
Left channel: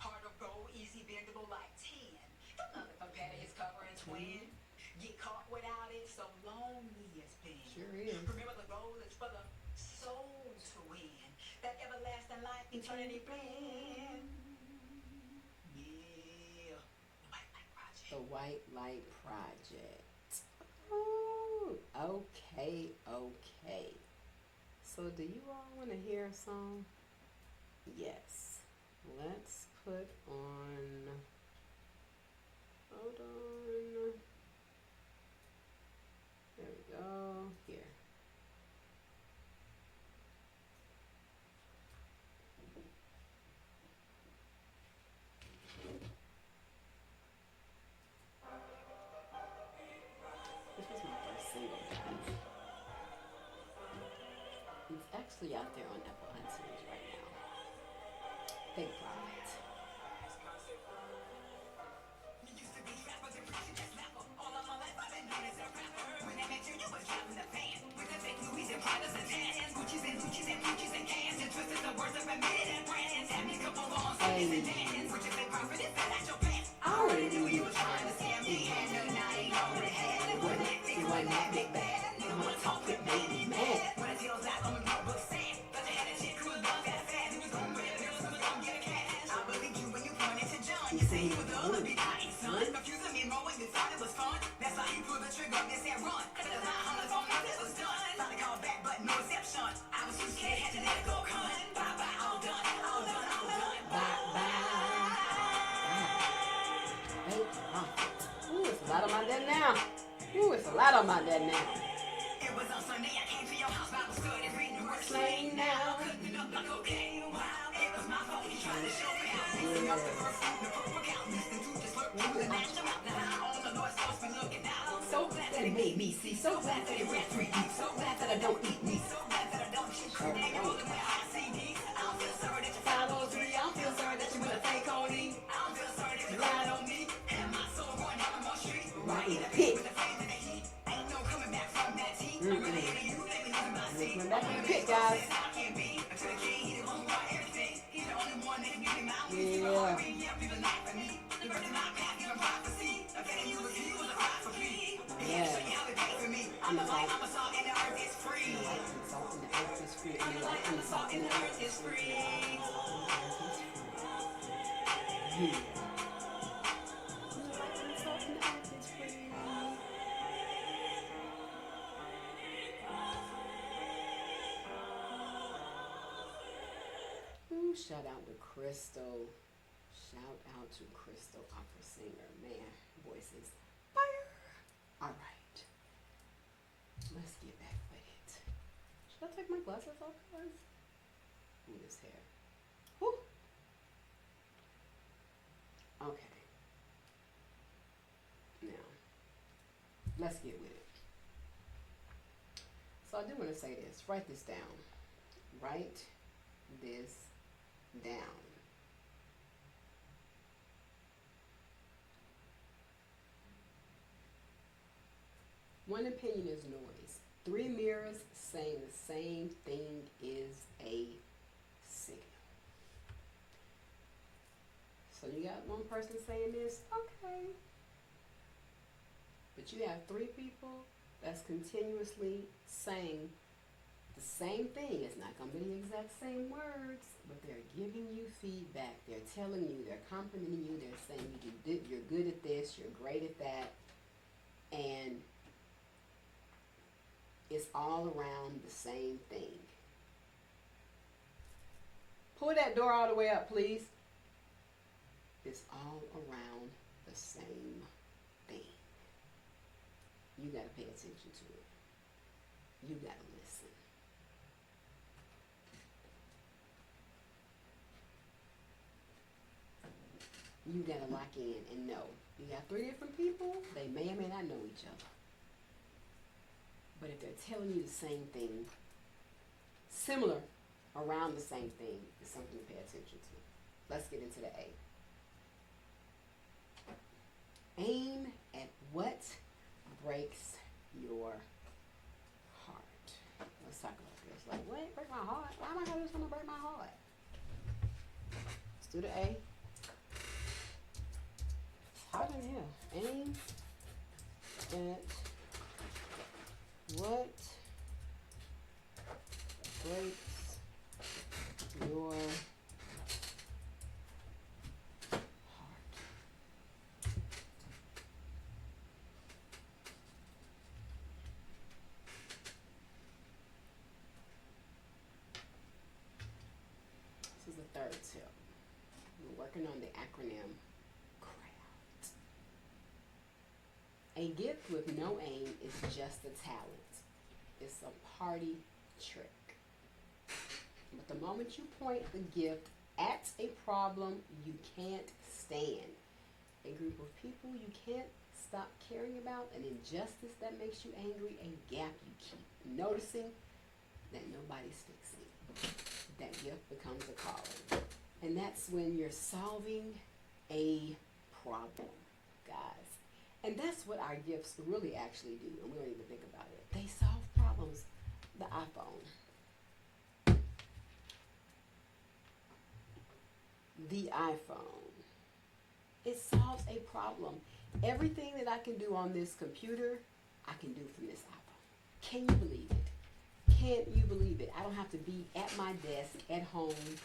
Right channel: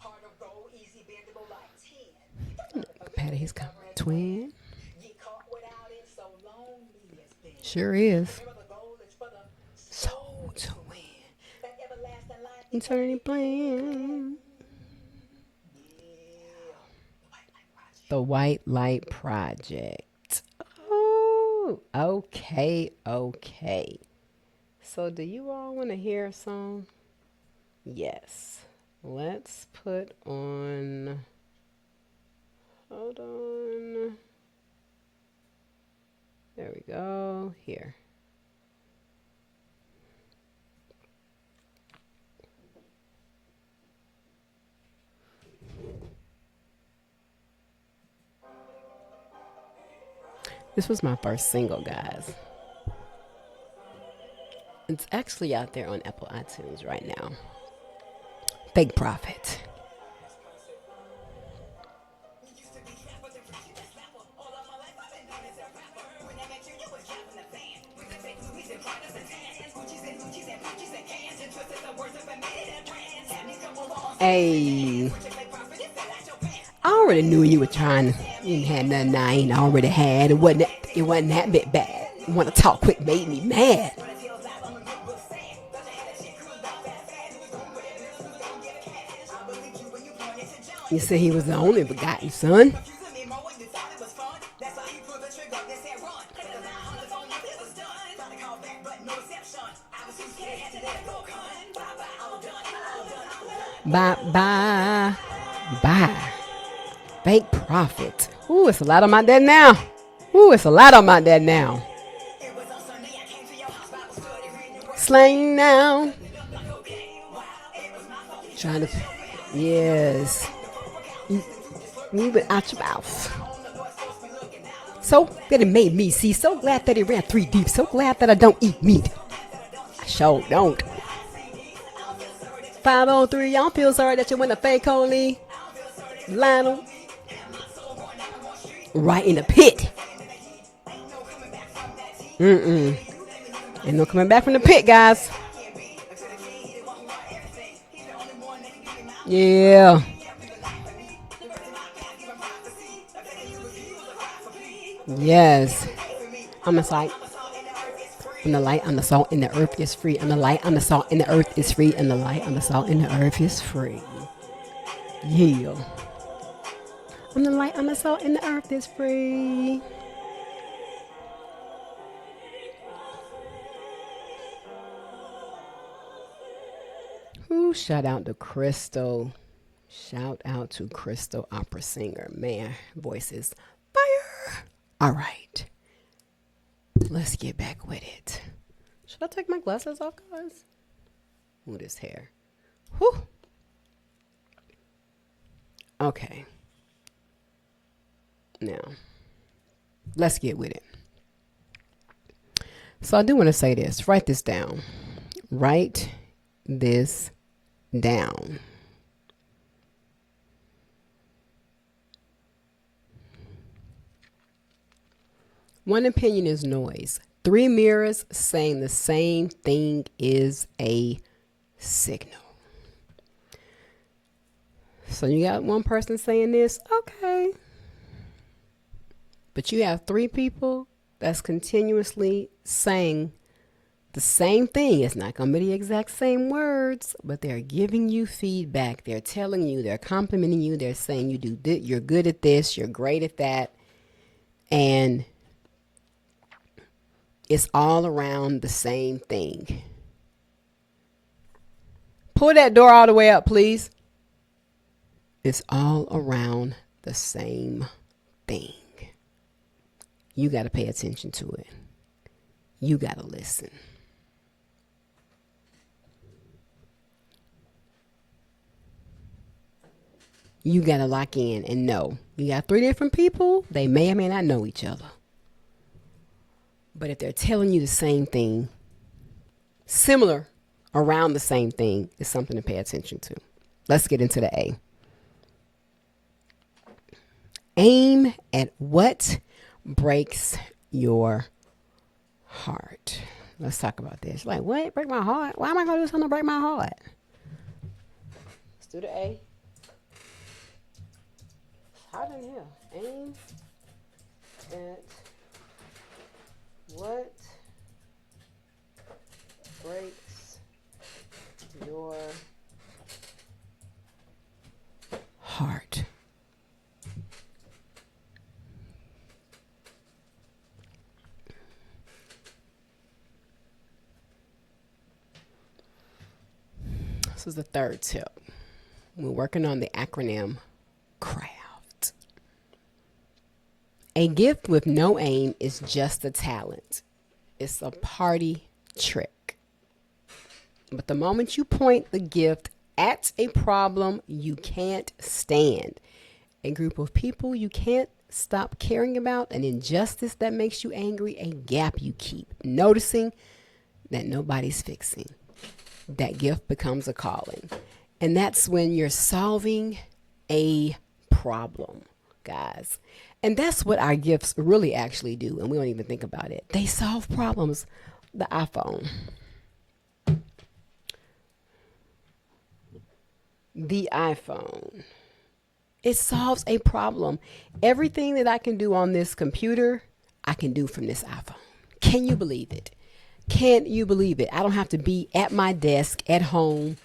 Heart of gold, easy bendable like 10. Patty, he's got twin. Get caught without it, so lonely it's been. Sure is. Remember the goal is for the soul to win. That everlasting life, eternity plan. Yeah. The White Light Project. Oh, okay, okay. So do you all want to hear a song? Yes. Let's put on. Hold on. There we go. Here. This was my first single, guys. It's actually out there on Apple iTunes right now. Fake Prophet. Hey, I already knew you were trying to. You ain't had nothing I ain't already had. It wasn't that bit bad. You want to talk quick made me mad. You said he was the only begotten son. Bye, bye, bye. Fake Prophet. Ooh, it's a lot on my dad now. Ooh, it's a lot on my dad now. Slang now. Trying to. Yes. Move it out your mouth. So that it made me see. So glad that it ran 3 deep. So glad that I don't eat meat. I sure don't. 503, y'all feel sorry that you went to fake only. Lionel. Right in the pit. Ain't no coming back from the pit, guys. Yeah. Yes. I'm a sight. I'm the light, I'm the salt, and the earth is free. I'm the light, I'm the salt, and the earth is free. And the light, I'm the salt, and the earth is free. Yeah. I'm the light, I'm the salt, and the earth is free. Ooh, shout out to Crystal. Shout out to Crystal, opera singer. Man, voice is fire. All right. Let's get back with it. Should I take my glasses off, guys? Ooh, this hair. Whew. Okay. Now, Let's get with it. So I do want to say this. Write this down. Write this down. One opinion is noise. Three mirrors saying the same thing is a signal. So you got one person saying this, okay. But you have three people that's continuously saying the same thing. It's not going to be the exact same words, but they're giving you feedback. They're telling you, they're complimenting you. They're saying you do this, you're good at this, you're great at that. And it's all around the same thing. Pull that door all the way up, please. It's all around the same thing. You got to pay attention to it. You got to listen. You got to lock in and know. You got three different people. They may or may not know each other. But if they're telling you the same thing, similar, around the same thing, it's something to pay attention to. Let's get into the A. Aim at what breaks your heart. Let's talk about this. Like, what? Break my heart? Why am I going to do something to break my heart? Let's do the A. It's hot in here. Aim at what breaks your heart? This is the third tip. We're working on the acronym CRAFT. A gift with no aim is just a talent. It's a party trick. But the moment you point the gift at a problem you can't stand, a group of people you can't stop caring about, an injustice that makes you angry, a gap you keep noticing that nobody's fixing, that gift becomes a calling. And that's when you're solving a problem, guys. And that's what our gifts really actually do. And we don't even think about it. They solve problems. The iPhone. The iPhone. It solves a problem. Everything that I can do on this computer, I can do from this iPhone. Can you believe it? Can you believe it? I don't have to be at my desk at home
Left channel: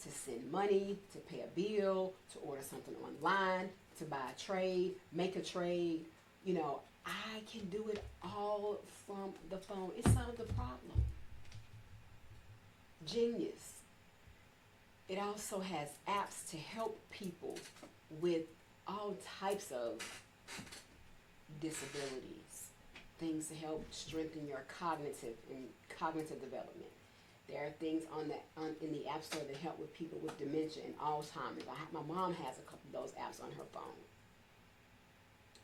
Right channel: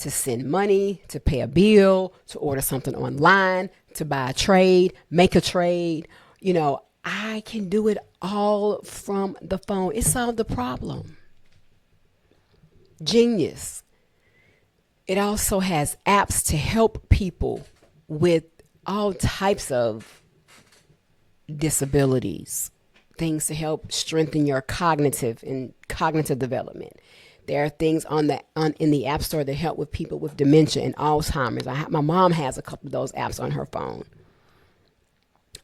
to send money, to pay a bill, to order something online, to buy a trade, make a trade. You know, I can do it all from the phone. It solved the problem. Genius. It also has apps to help people with all types of disabilities, things to help strengthen your cognitive development. There are things in the App Store that help with people with dementia and Alzheimer's. My mom has a couple of those apps on her phone.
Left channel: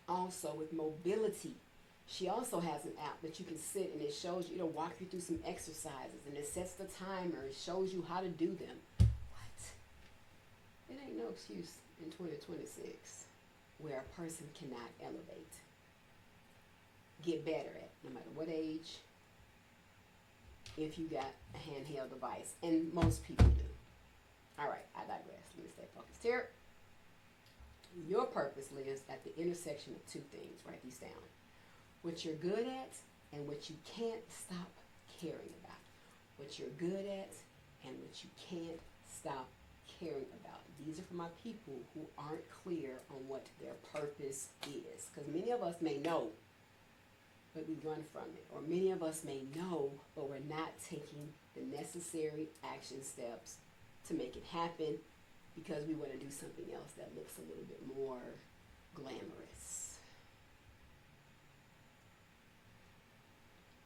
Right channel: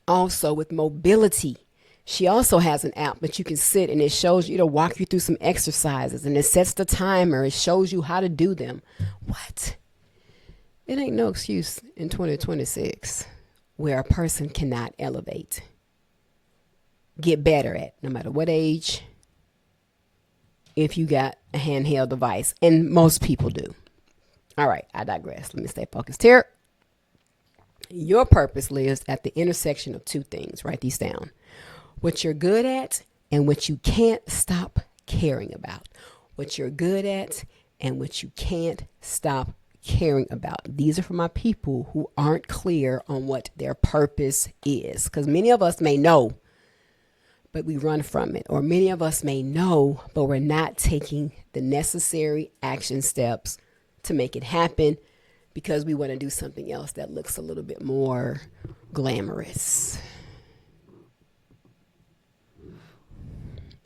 Also with mobility, she also has an app that you can sit and it shows you, to walk you through some exercises, and it sets the timer. It shows you how to do them. What? It ain't no excuse in 2026 where a person cannot elevate, get better at, no matter what age, if you got a handheld device. And most people do. All right, I digress. Let me stay focused here. Your purpose lives at the intersection of two things. Write these down. What you're good at and what you can't stop caring about. What you're good at and what you can't stop caring about. These are for my people who aren't clear on what their purpose is. Because many of us may know, but we run from it. Or many of us may know, but we're not taking the necessary action steps to make it happen because we want to do something else that looks a little bit more glamorous.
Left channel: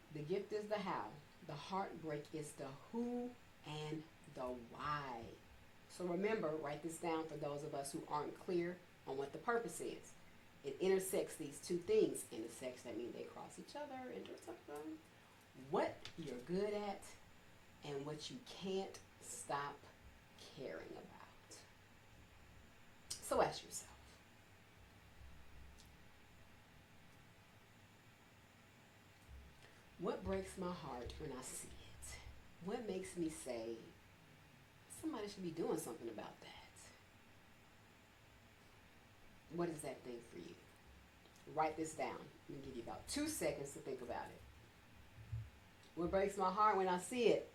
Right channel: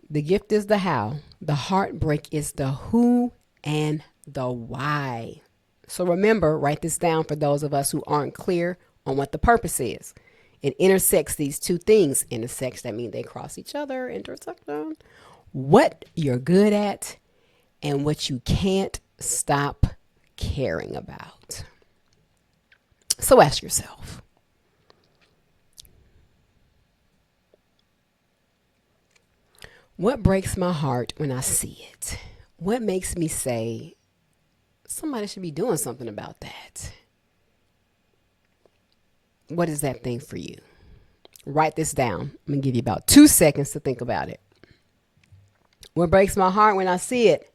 The gift is the how. The heartbreak is the who and the why. So remember, write this down for those of us who aren't clear on what the purpose is. It intersects these two things. Intersects, that means they cross each other, intersection. What you're good at and what you can't stop caring about. So ask yourself, what breaks my heart when I see it? What makes me say, somebody should be doing something about that? What is that thing for you? Write this down. I'm going to give you about 2 seconds to think about it. What breaks my heart when I see it?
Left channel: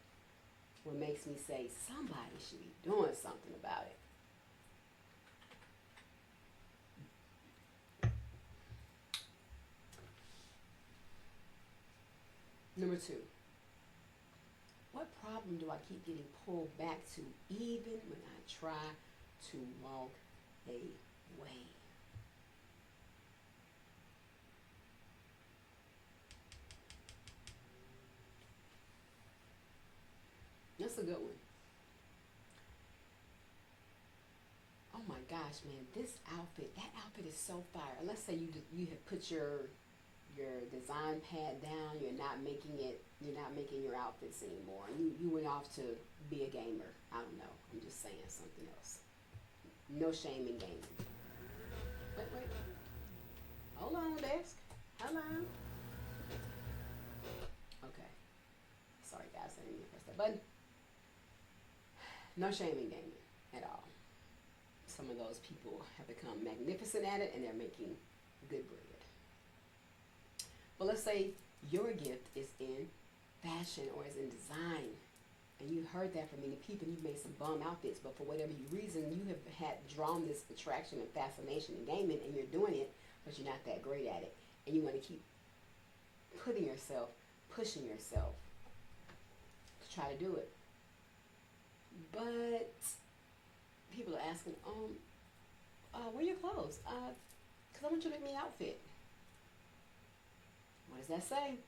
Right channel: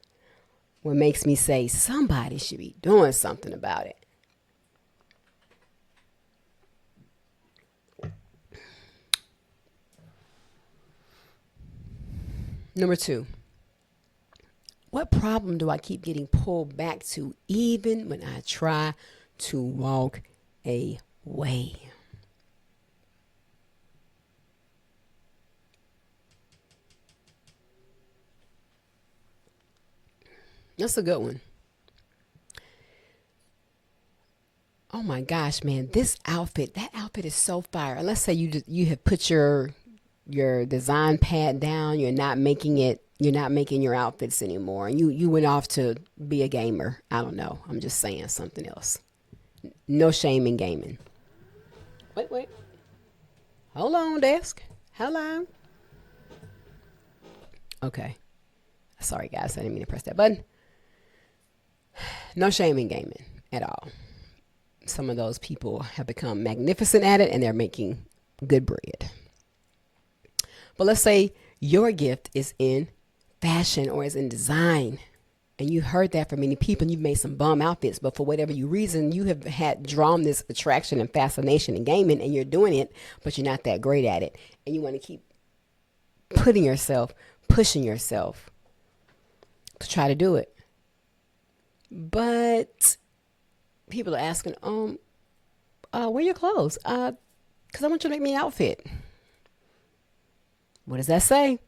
What makes me say, somebody should be doing something about it? Number 2, what problem do I keep getting pulled back to even when I try to walk away? That's a good one. Oh my gosh, man, this outfit, that outfit is so fire. And let's say you have put your design pad down, you're not making your outfits anymore. And you went off to be a gamer. I don't know. I'm just saying something else. No shame in gaming. Wait. Hold on, desk. Hello. Okay. Sorry guys, I didn't mean to press that button. No shame in gaming at all. Some of those people have become magnificent at it and they're making good bread. But let's say your gift is in fashion or is in design, and you heard that from many people and you've made some bum outfits, but for whatever reason you have had drawn this attraction and fascination in gaming and you're doing it, but you're not that great at it, and you want to keep pushing yourself to try to do it. But people are asking, where are your clothes? Because I want you to make me an outfit. What does that say?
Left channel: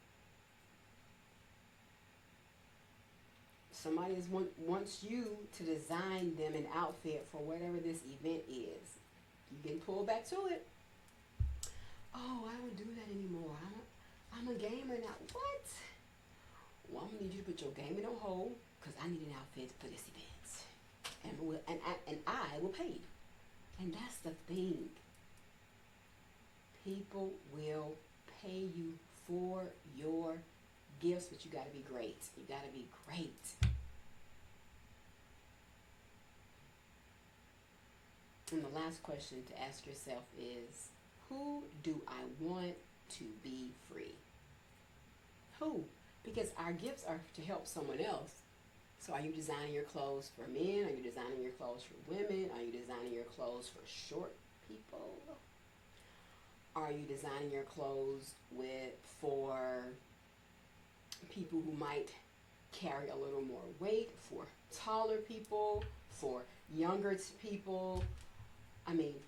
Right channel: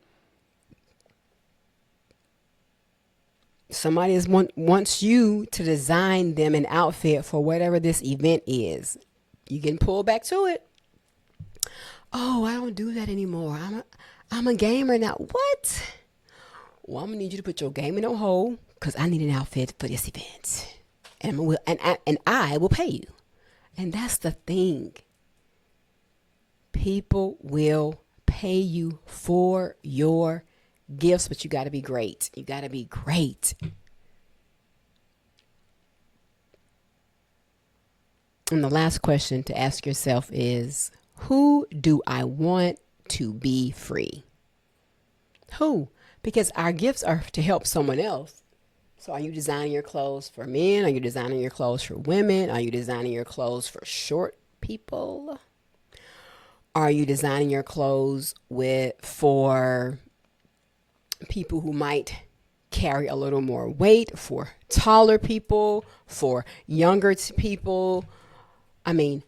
Somebody wants you to design them an outfit for whatever this event is. You can pull back to it. Oh, I don't do that anymore. I'm a gamer now. What? Well, I'm gonna need you to put your gaming on hold because I need an outfit for this event, and I will pay you. And that's the thing. People will pay you for your gifts, but you got to be great. You got to be great. And the last question to ask yourself is, who do I want to be free? Who? Because our gifts are to help someone else. So are you designing your clothes for men? Are you designing your clothes for women? Are you designing your clothes for short people? Are you designing your clothes for people who might carry a little more weight, for taller people, for younger people? I mean,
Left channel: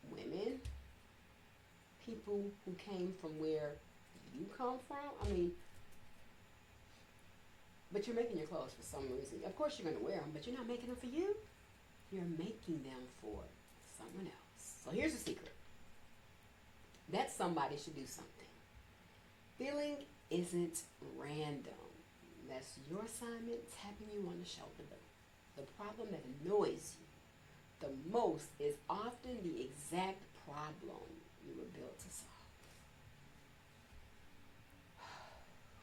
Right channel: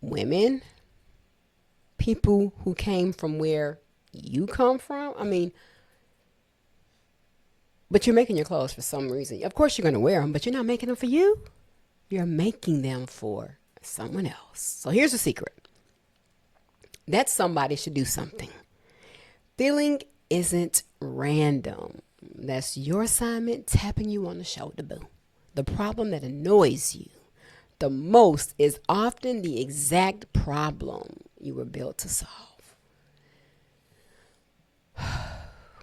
women, people who came from where you come from. I mean, but you're making your clothes for some reason. Of course, you're going to wear them, but you're not making them for you. You're making them for someone else. So here's the secret. That somebody should do something. Feeling isn't random. That's your assignment tapping you on the shoulder, boo. The problem that annoys you the most is often the exact problem you were built to solve.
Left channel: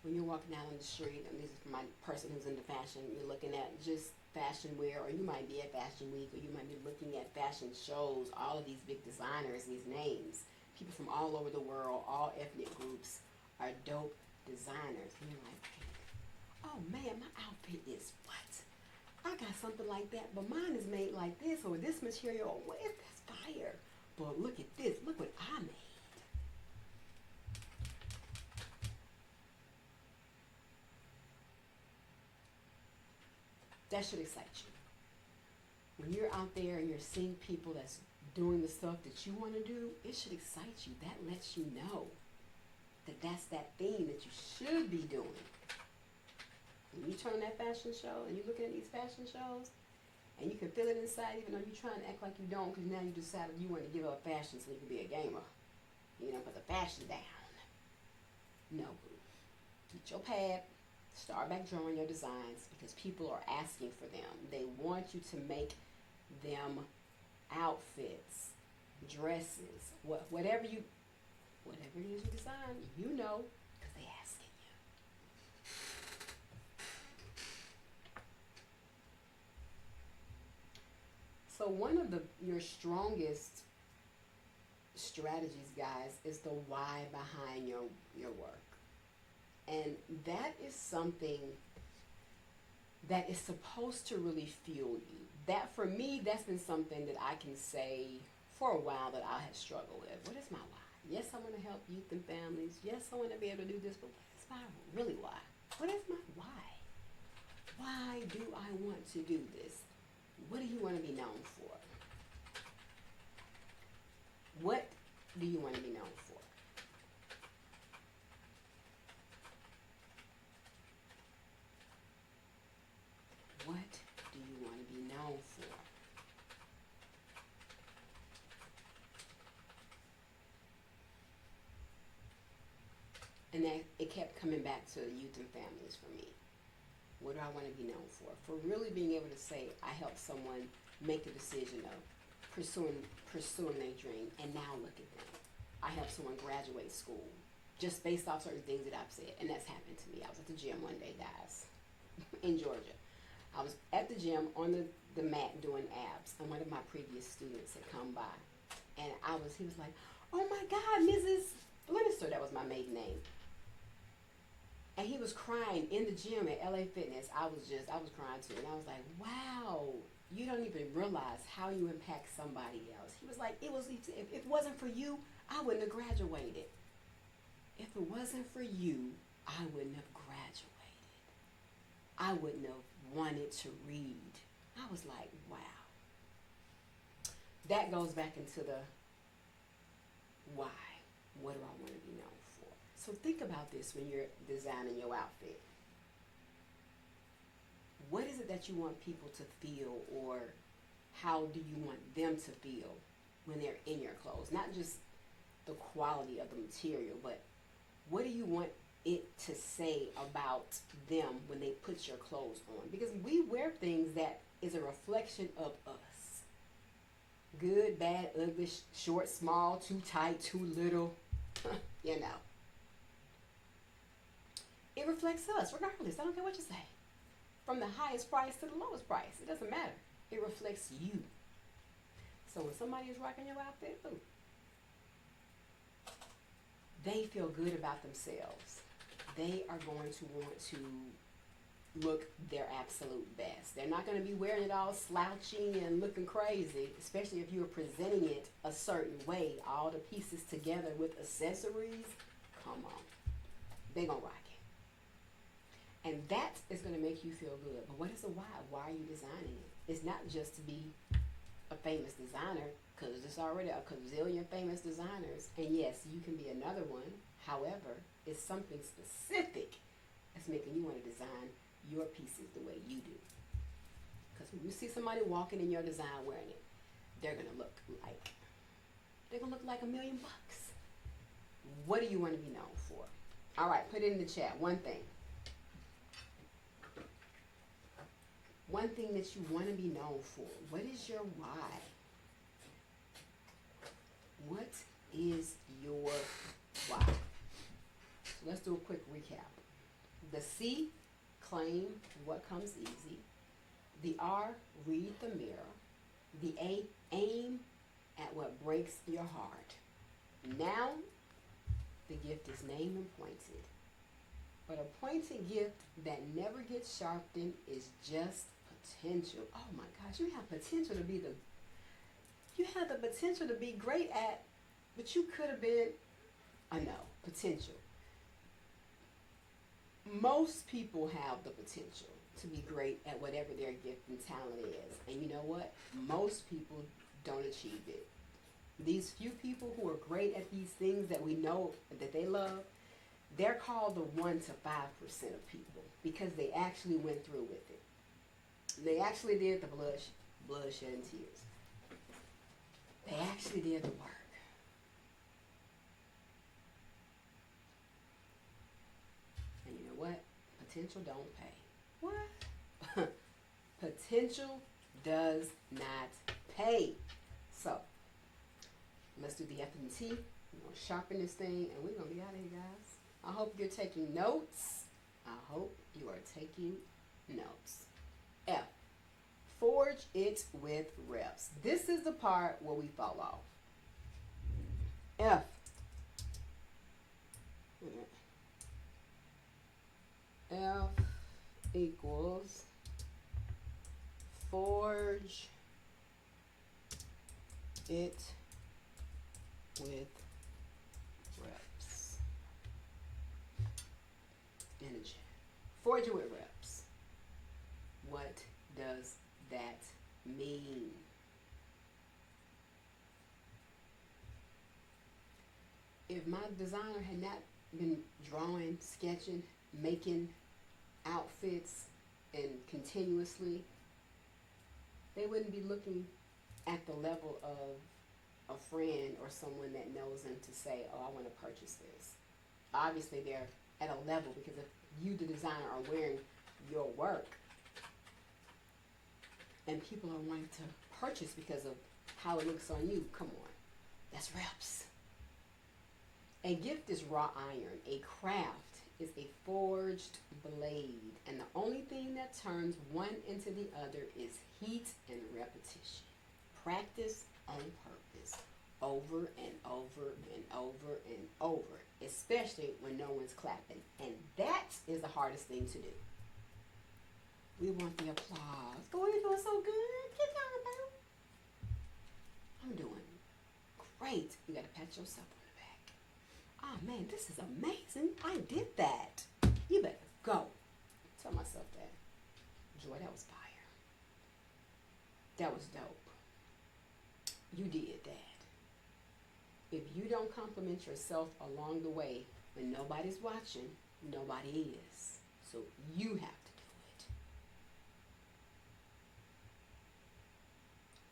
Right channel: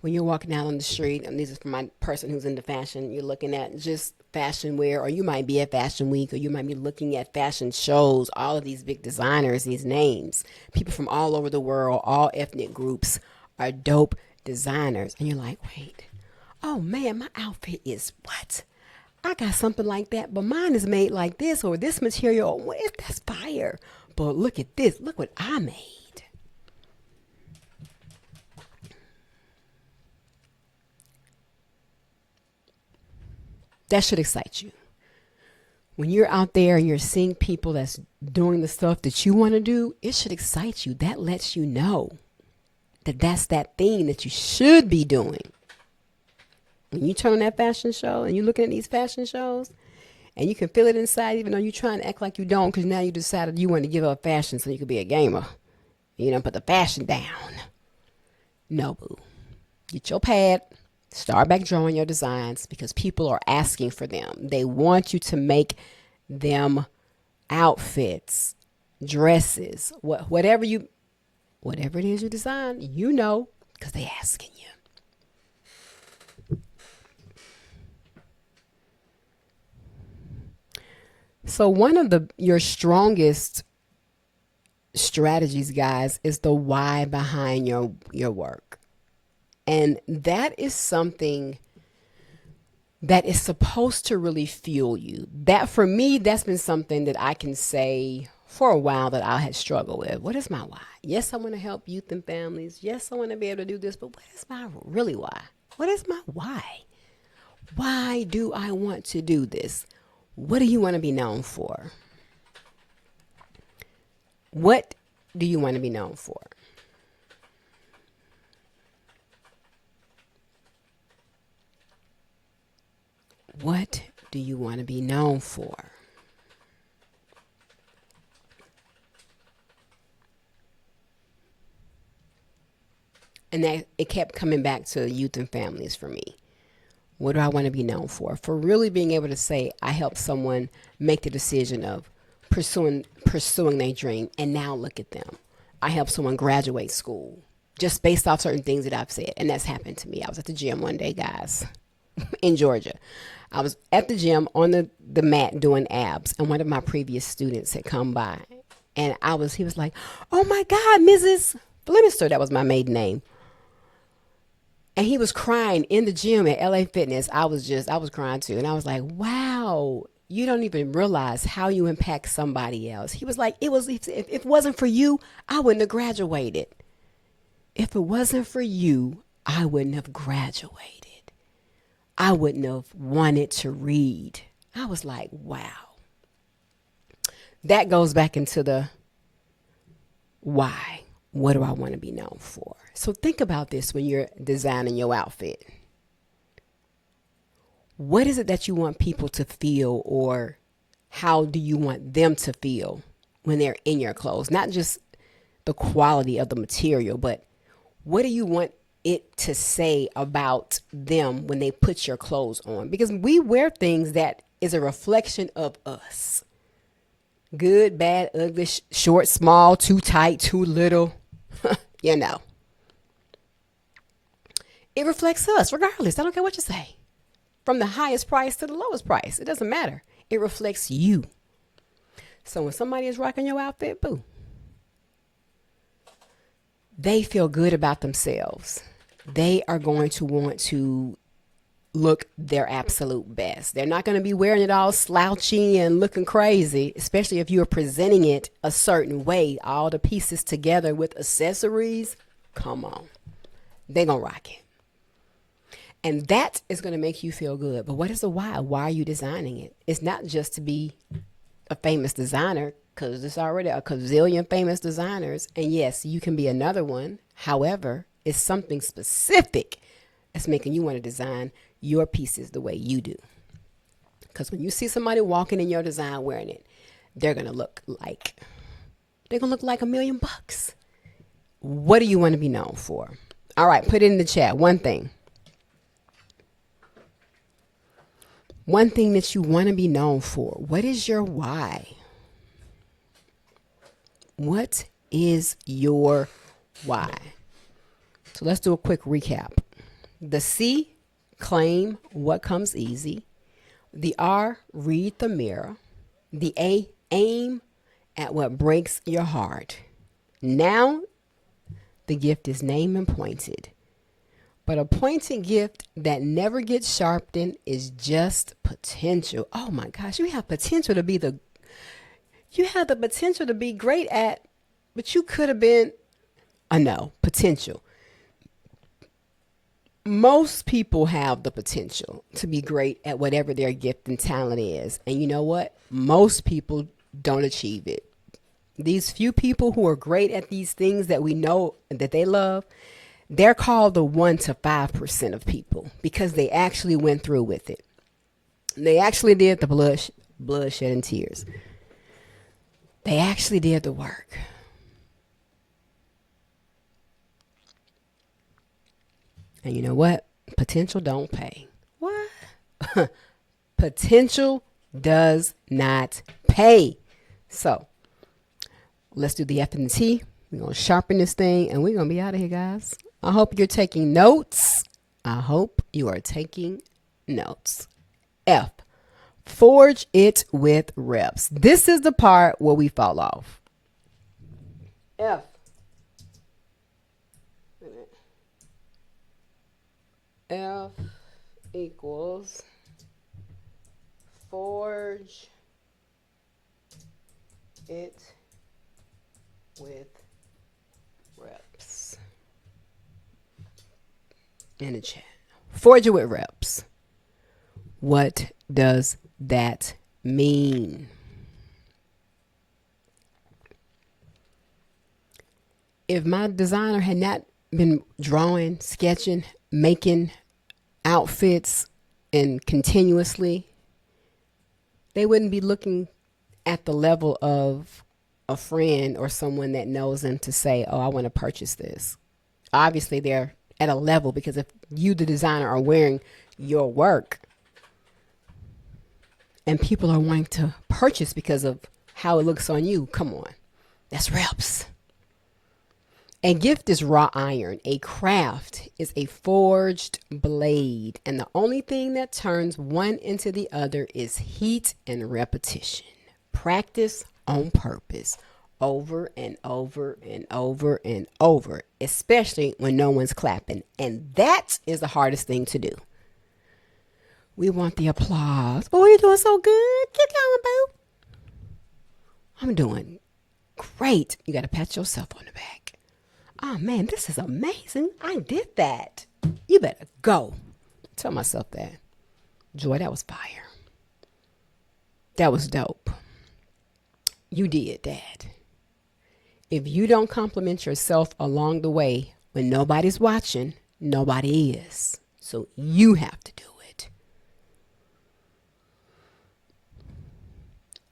When you're walking out on the street, and this is for my person who's into fashion, you're looking at just fashion wear, or you might be at Fashion Week, or you might be looking at fashion shows, all of these big designers, these names, people from all over the world, all ethnic groups are dope designers. And you're like, wait, oh man, my outfit is what? I got something like that, but mine is made like this, or this material, that's fire. But look at this, look what I made. That should excite you. When you're out there and you're seeing people that's doing the stuff that you want to do, it should excite you. That lets you know that that's that thing that you should be doing. When you turn on that fashion show and you're looking at these fashion shows And you can feel it inside, even though you're trying to act like you don't, because now you decided you want to give up fashion so you could be a gamer. You don't put the fashion down. No, boo. Get your pad. Start back drawing your designs because people are asking for them. They want you to make them outfits, dresses, whatever it is you design, because they asking you. So one of your strongest strategies, guys, is the why behind your work. And that is something that is supposed to really fuel you. That, for me, that's been something that I can say for a while that I had struggled with. What is my why? Yes, I want to help youth and families. Yes, I want to be able to do this, but what is my really why? What is my why? Why do I want to do this? What do you want to be known for? What do you want to be known for? What do you want to be known for? And that it kept coming back to youth and families for me. What do I want to be known for? For really being able to say I helped someone make the decision of pursuing their dream, and now look at them. I helped someone graduate school just based off certain things that I've said, and that's happened to me. I was at the gym one day, guys, in Georgia. I was at the gym on the mat doing abs, and one of my previous students had come by, and he was like, "Oh my God, Mrs. Flemister," that was my maiden name. And he was crying in the gym at LA Fitness. I was crying too. And I was like, wow, you don't even realize how you impact somebody else. He was like, if it wasn't for you, I wouldn't have graduated. If it wasn't for you, I wouldn't have graduated. I wouldn't have wanted to read. I was like, wow. That goes back into the why. What do I want to be known for? So think about this when you're designing your outfit. What is it that you want people to feel, or how do you want them to feel when they're in your clothes? Not just the quality of the material, but what do you want it to say about them when they put your clothes on? Because we wear things that is a reflection of us. Good, bad, ugly, short, small, too tight, too little. you know. It reflects us regardless. I don't care what you say. From the highest price to the lowest price. It doesn't matter. It reflects you. So when somebody is rocking your outfit, boo, they feel good about themselves. They are going to want to look their absolute best. They're not going to be wearing it all slouchy and looking crazy, especially if you're presenting it a certain way, all the pieces together with accessories. Come on. They're going to rock it. And that is going to make you feel good. But what is the why? Why are you designing it? It's not just to be a famous designer, because there's already a gazillion famous designers. And yes, you can be another one. However, it's something specific that's making you want to design your pieces the way you do. Because when you see somebody walking in your design wearing it, they're going to look like $1,000,000. What do you want to be known for? All right, put it in the chat. One thing that you want to be known for. What is your why? What is your why? So let's do a quick recap. The C, claim what comes easy. The R, read the mirror. The A, aim at what breaks your heart. Now, the gift is named and pointed. But a pointed gift that never gets sharpened is just potential. Oh my gosh, you have potential to be great at, but you could have been, potential. Most people have the potential to be great at whatever their gift and talent is. And you know what? Most people don't achieve it. These few people who are great at these things that we know that they love, they're called the 1 to 5% of people because they actually went through with it. They actually did the bloodshed and tears. They actually did the work. And you know what? Potential don't pay. What? Potential does not pay. So let's do the F and the T. We're going to sharpen this thing and we're going to be out of here, guys. I hope you're taking notes. I hope you are taking notes. F, forge it with reps. This is the part where we fall off. F. F equals forge it with reps. In the chat. Forge it with reps. What does that mean? If my designer had not been drawing, sketching, making outfits and continuously, they wouldn't be looking at the level of a friend or someone that knows them to say, oh, I want to purchase this. Obviously, they're at a level because if you, the designer, are wearing your work and people are wanting to purchase because of how it looks on you, come on, that's reps. A gift is raw iron. A craft is a forged blade. And the only thing that turns one into the other is heat and repetition. Practice on purpose, over and over and over and over, especially when no one's clapping. And that is the hardest thing to do. We want the applause. Oh, you're doing so good. Keep going, boo. I'm doing great. You got to pat yourself on the back. Oh man, this is amazing. I did that. You better go. Tell myself that. Joy, that was fire. That was dope. You did that. If you don't compliment yourself along the way when nobody's watching, nobody is. So you have to do it.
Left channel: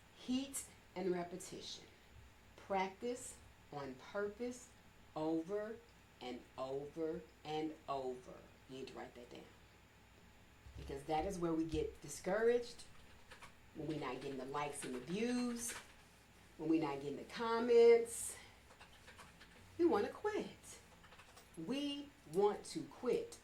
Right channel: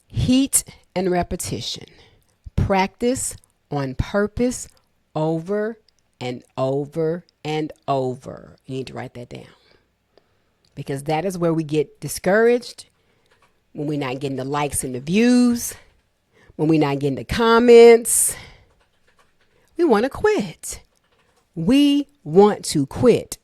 Heat and repetition. Practice on purpose over and over and over. You need to write that down. Because that is where we get discouraged, when we're not getting the likes and the views, when we're not getting the comments. We want to quit. We want to quit.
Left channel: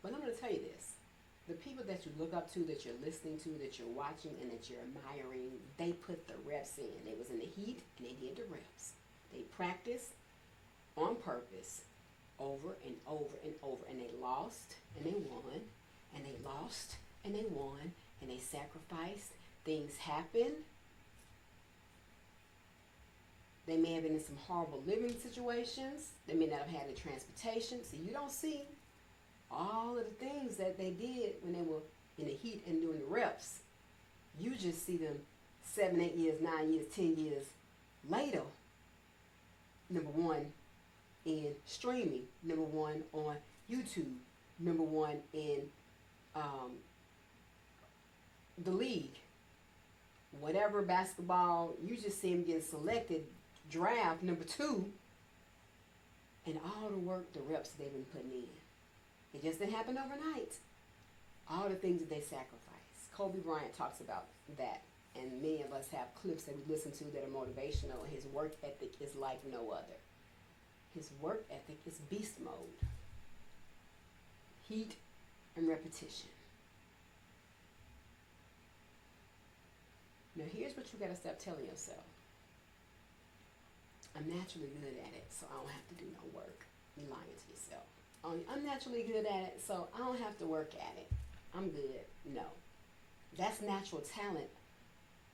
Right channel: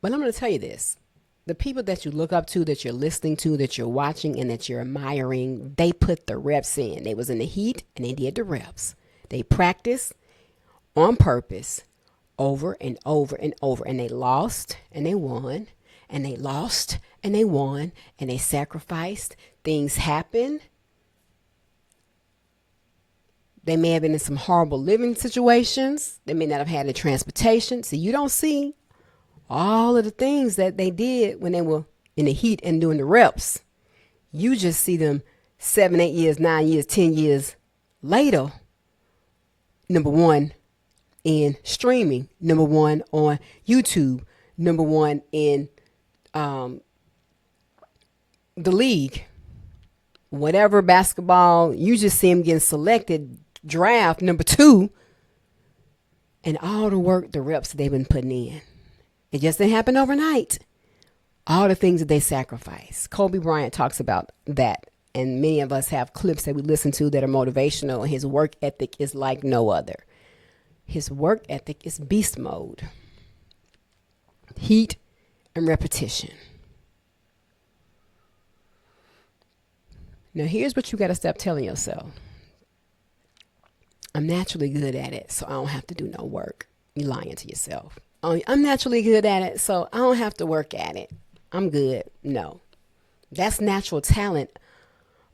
But I'm going to tell you this. The people that you look up to, that you're listening to, that you're watching, and that you're admiring, they put the reps in. They was in the heat and they did the reps. They practiced on purpose over and over and over. And they lost and they won. And they lost and they won. And they sacrificed. Things happened. They may have been in some horrible living situations. They may not have had the transportation. So you don't see all of the things that they did when they were in the heat and doing the reps. You just see them 7, 8 years, 9 years, 10 years later. Number one in streaming. Number one on YouTube. Number one in the league. Whatever basketball, you just see them getting selected. Draft number 2. And all the work, the reps that they've been putting in. It just didn't happen overnight. All the things that they sacrifice. Kobe Bryant talks about that. And many of us have clips that we listen to that are motivational. And his work ethic is like no other. His work ethic is beast mode. Heat and repetition. Now here's what you got to stop telling yourself. I'm naturally good at it, so I don't have to do no work. You're lying to yourself. I'm naturally good at it, so I don't have to work at it. I'm good. No. That's natural talent.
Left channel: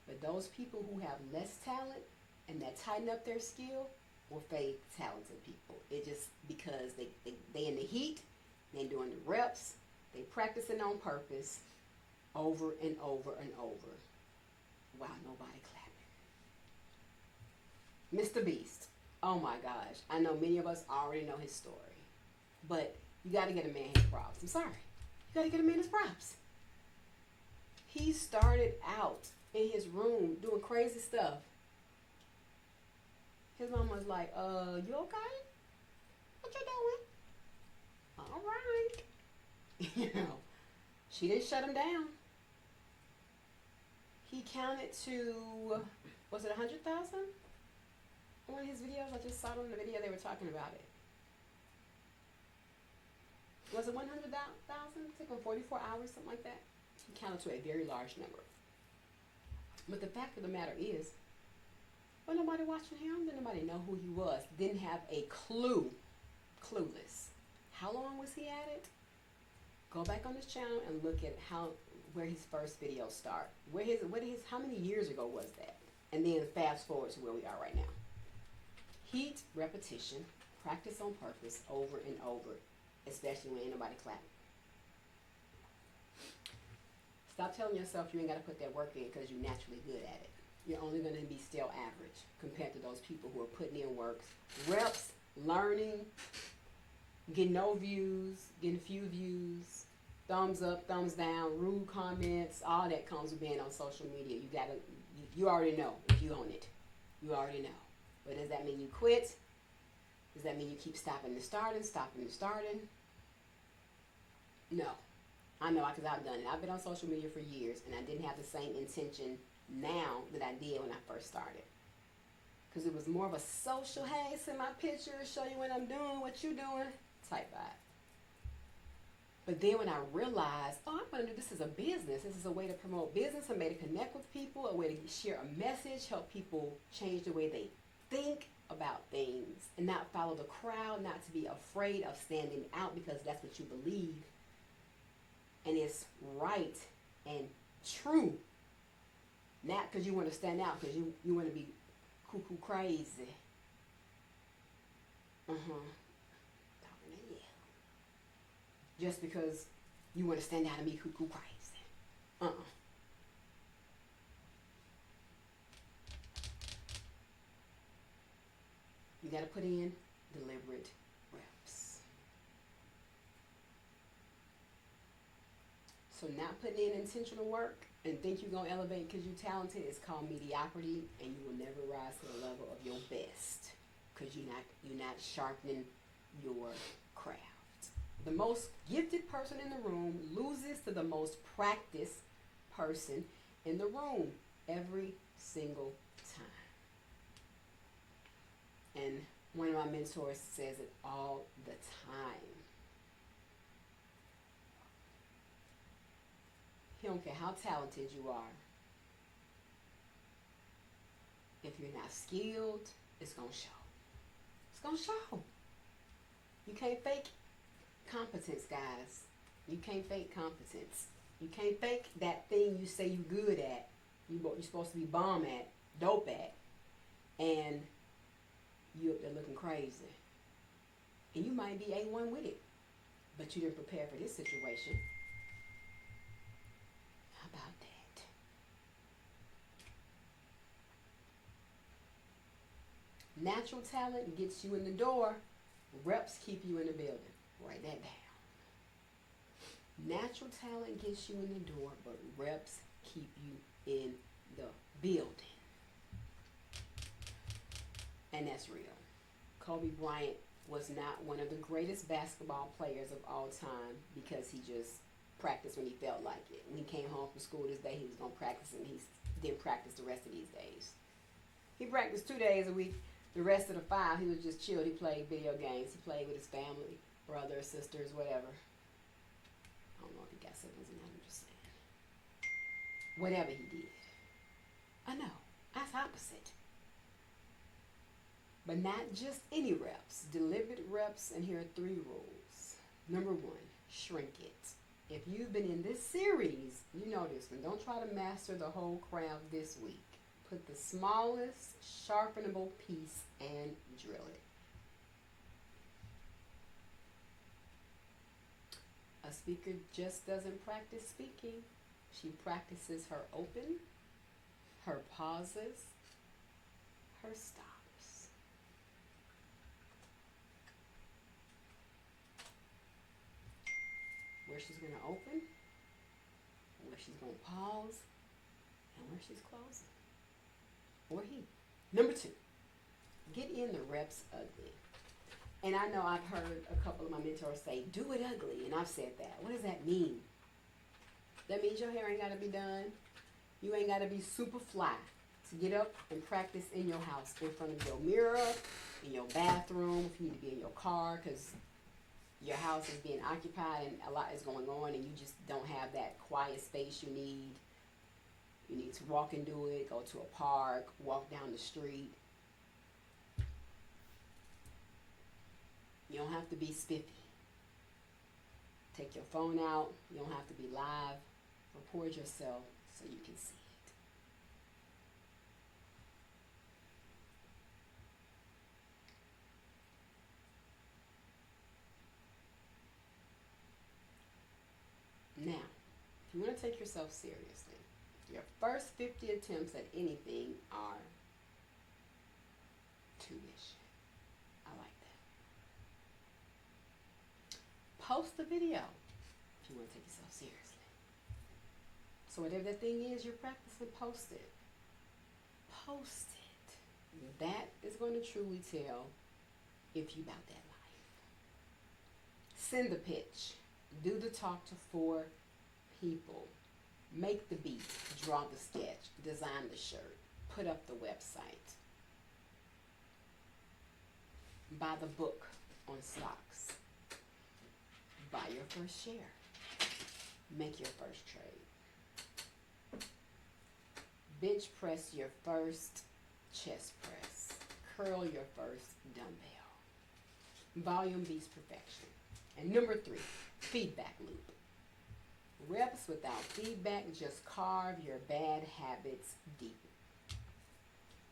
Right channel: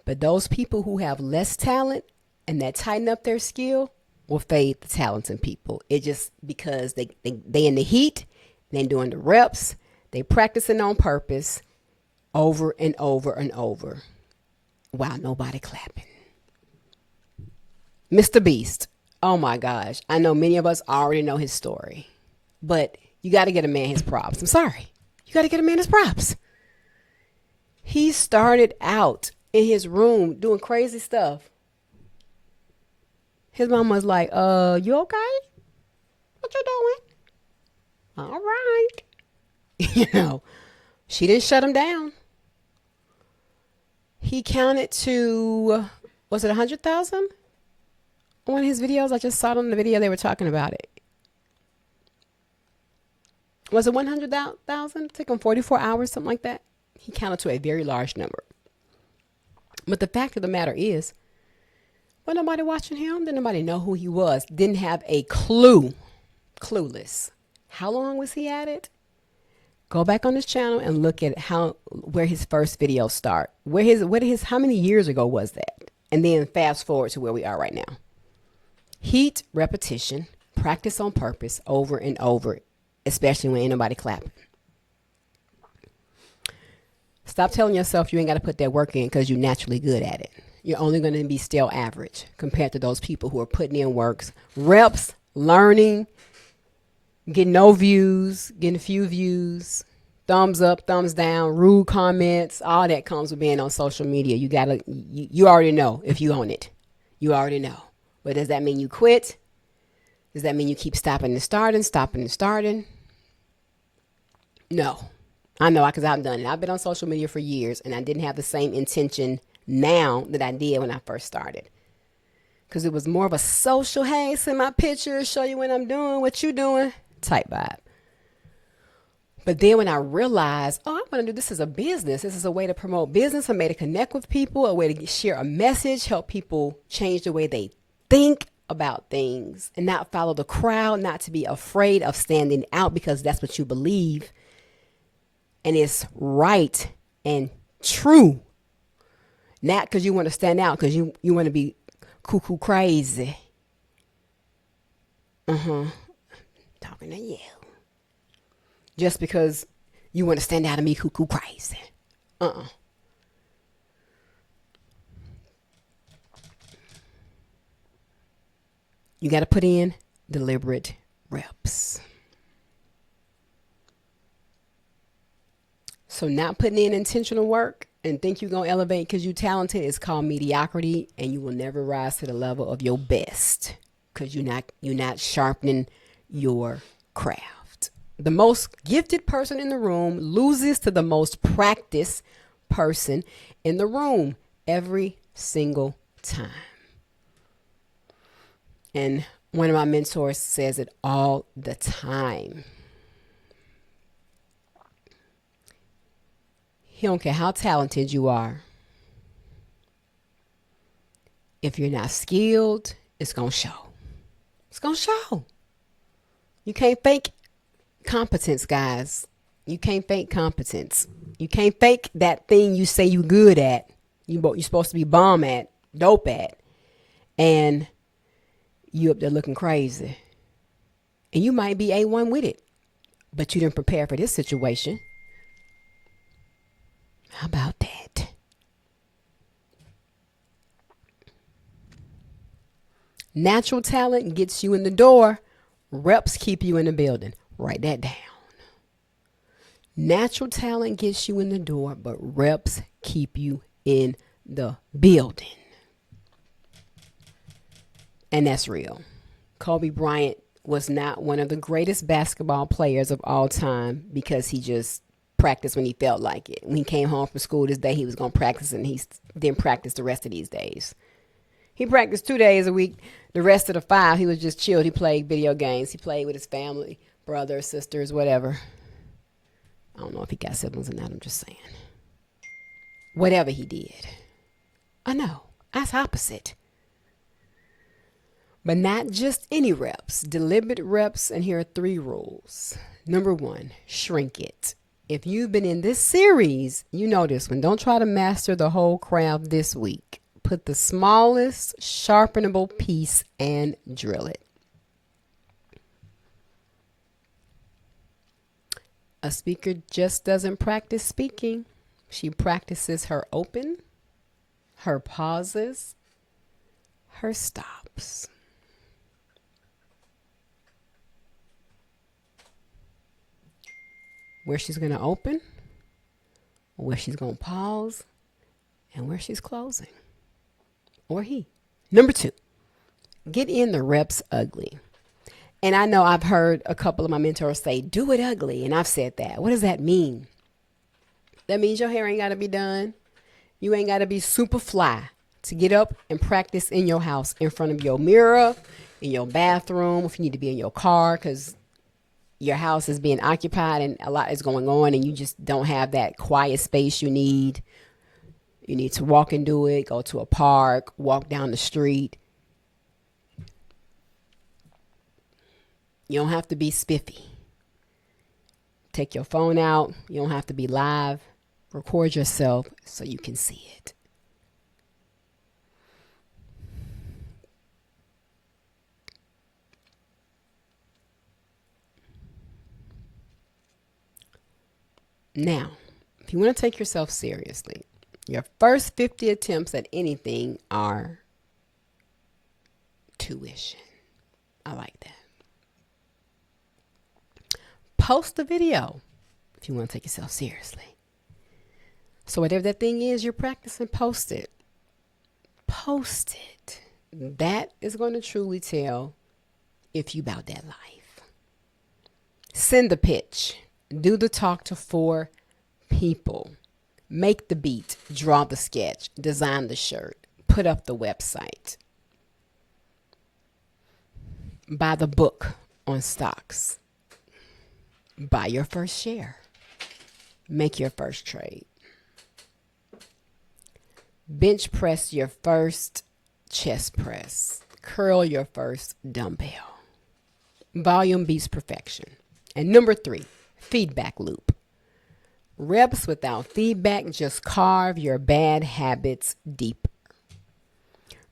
But those people who have less talent and that tighten up their skill will fade the talents in people. It just because they in the heat, they doing the reps, they practicing on purpose over and over and over while nobody clapping. Mr. Beast. Oh my gosh. I know many of us already know his story. But you got to get a man his props. I'm sorry. You got to get a man his props. He started out in his room doing crazy stuff. His mom was like, you okay? What you doing? All right. You know, she didn't shut him down. He counted to, was it 100,000? One of his videos, I just saw it on the video, they were talking about it. Was it 100,000? Took him 44 hours, something like that. He counted to a very large number. But the fact of the matter is, was nobody watching him? Didn't nobody know who he was? Didn't have a clue. Clueless. How long was he at it? Go back on his channel and look at where his first videos start. How many years ago was that? And then fast forward to where we are right now. Heat, repetition, practice on purpose, over and over, especially when ain't nobody clapping. Stop telling yourself you ain't got to put that work in because you're naturally good at it. You're only going to be still average compared to those people who are putting in works, reps, learning, getting no views, getting few views, thumbs up, thumbs down, rude comments. All that comes with being on social media. You already know if you own it. You already know. But does that mean you quit? Does that mean you keep stopping and starting? No. I know, because I've done it. I've been on social media for years, and I didn't have the same intention now that I did when I first started. Because it was more of a social, hey, send my pictures, show you what I'm doing, what you doing, type vibe. But then when I realized, I'm going to do this as a business. This is a way to promote business, a way to connect with people, a way to share a message, help people change the way they think about things and not follow the crowd, not to be afraid of standing out because that's what you believe and it's right and true. Not because you want to stand out, because you want to be cuckoo crazy. Talking to you. Just because you want to stand out and be cuckoo crazy. You got to put in deliberate reps. So not putting in intentional work and think you're going to elevate because you're talented is called mediocrity, and you will never rise to the level of your best because you're not sharpening your craft. The most gifted person in the room loses to the most practiced person in the room every single time. And one of my mentors says it all the time. He don't care how talented you are. If you're not skilled, it's going to show. It's going to show. You can't fake competence, guys. You can't fake competence. You can't fake that thing you say you good at. You're supposed to be bomb at, dope at. And you up there looking crazy. And you might be A1 with it. But you didn't prepare for this situation. How about that? Natural talent gets you in the door. Reps keep you in the building. Write that down. Natural talent gets you in the door, but reps keep you in the building. And that's real. Kobe Bryant was not one of the greatest basketball players of all time because he just practiced when he felt like it. When he came home from school this day, he was going to practice, and he didn't practice the rest of these days. He practiced 2 days a week. The rest of the 5, he was just chilled. He played video games. He played with his family, brothers, sisters, whatever. I don't know if he got siblings or not. I'm just saying. Whatever he did. I know. That's opposite. But not just any reps. Deliberate reps, and here are 3 rules. Number 1, shrink it. If you've been in this series, you know this one. Don't try to master the whole craft this week. Put the smallest sharpenable piece and drill it. A speaker just doesn't practice speaking. She practices her open, her pauses, her stops. Where she's going to open, where she's going to pause, and where she's closing, or he. Number 2, get in the reps ugly. And I know I've heard a couple of my mentors say, do it ugly. And I've said that. What does that mean? That means your hair ain't got to be done. You ain't got to be super fly to get up and practice in your house in front of your mirror, in your bathroom, if you need to be in your car because your house is being occupied and a lot is going on and you just don't have that quiet space you need. You need to walk and do it, go to a park, walk down the street. You don't have to be spiffy. Take your phone out. You don't have to be live. Record yourself so you can see it. Now, if you want to take yourself seriously, your first 50 attempts at anything are tuition. I like that. Post a video if you want to take yourself seriously. So whatever that thing is you're practicing, post it. Post it. That is going to truly tell if you about that life. Send the pitch. Do the talk to 4 people. Make the beat. Draw the sketch. Design the shirt. Put up the website. Buy the book on stocks. Buy your first share. Make your first trade. Bench press your first chest press. Curl your first dumbbell. Volume beats perfection. And number 3, feedback loop. Reps without feedback just carve your bad habits deeper.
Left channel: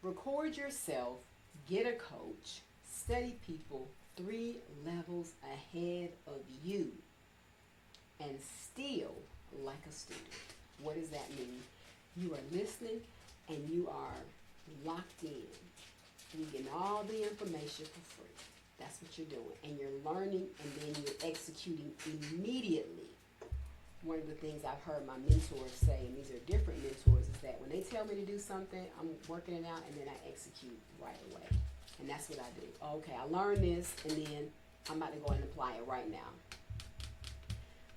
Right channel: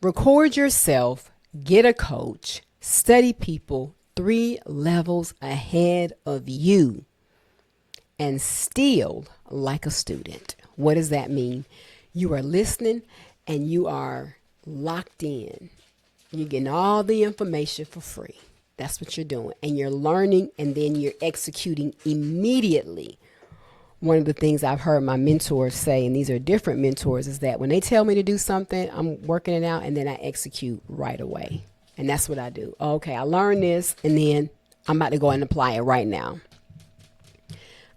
Record yourself, get a coach, study people 3 levels ahead of you, and still like a student. What does that mean? You are listening and you are locked in. You're getting all the information for free. That's what you're doing. And you're learning and then you're executing immediately. One of the things I've heard my mentors say, and these are different mentors, is that when they tell me to do something, I'm working it out and then I execute right away. And that's what I do. Okay, I learned this and then I'm about to go and apply it right now.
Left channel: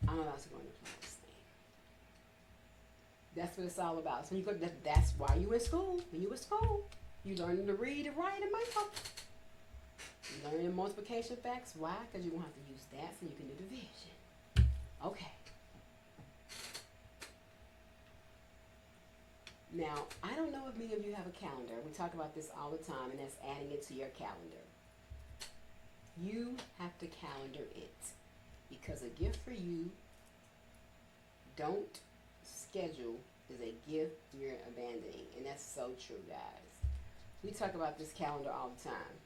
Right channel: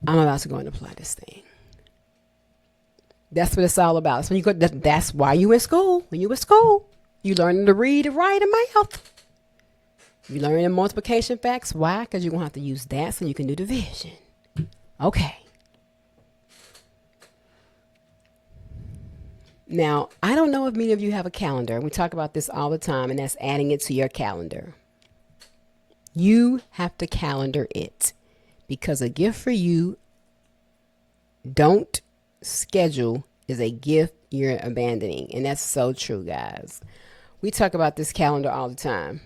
I'm about to go and apply this thing. That's what it's all about. So when you go, that's why you in school. When you in school, you learning to read, write, and math. You learning multiplication facts. Why? Because you're going to have to use that so you can do division. Okay. Now, I don't know if many of you have a calendar. We talk about this all the time, and that's adding it to your calendar. You have to calendar it because a gift for you, don't schedule, is a gift you're abandoning. And that's so true, guys. We talk about this calendar all the time.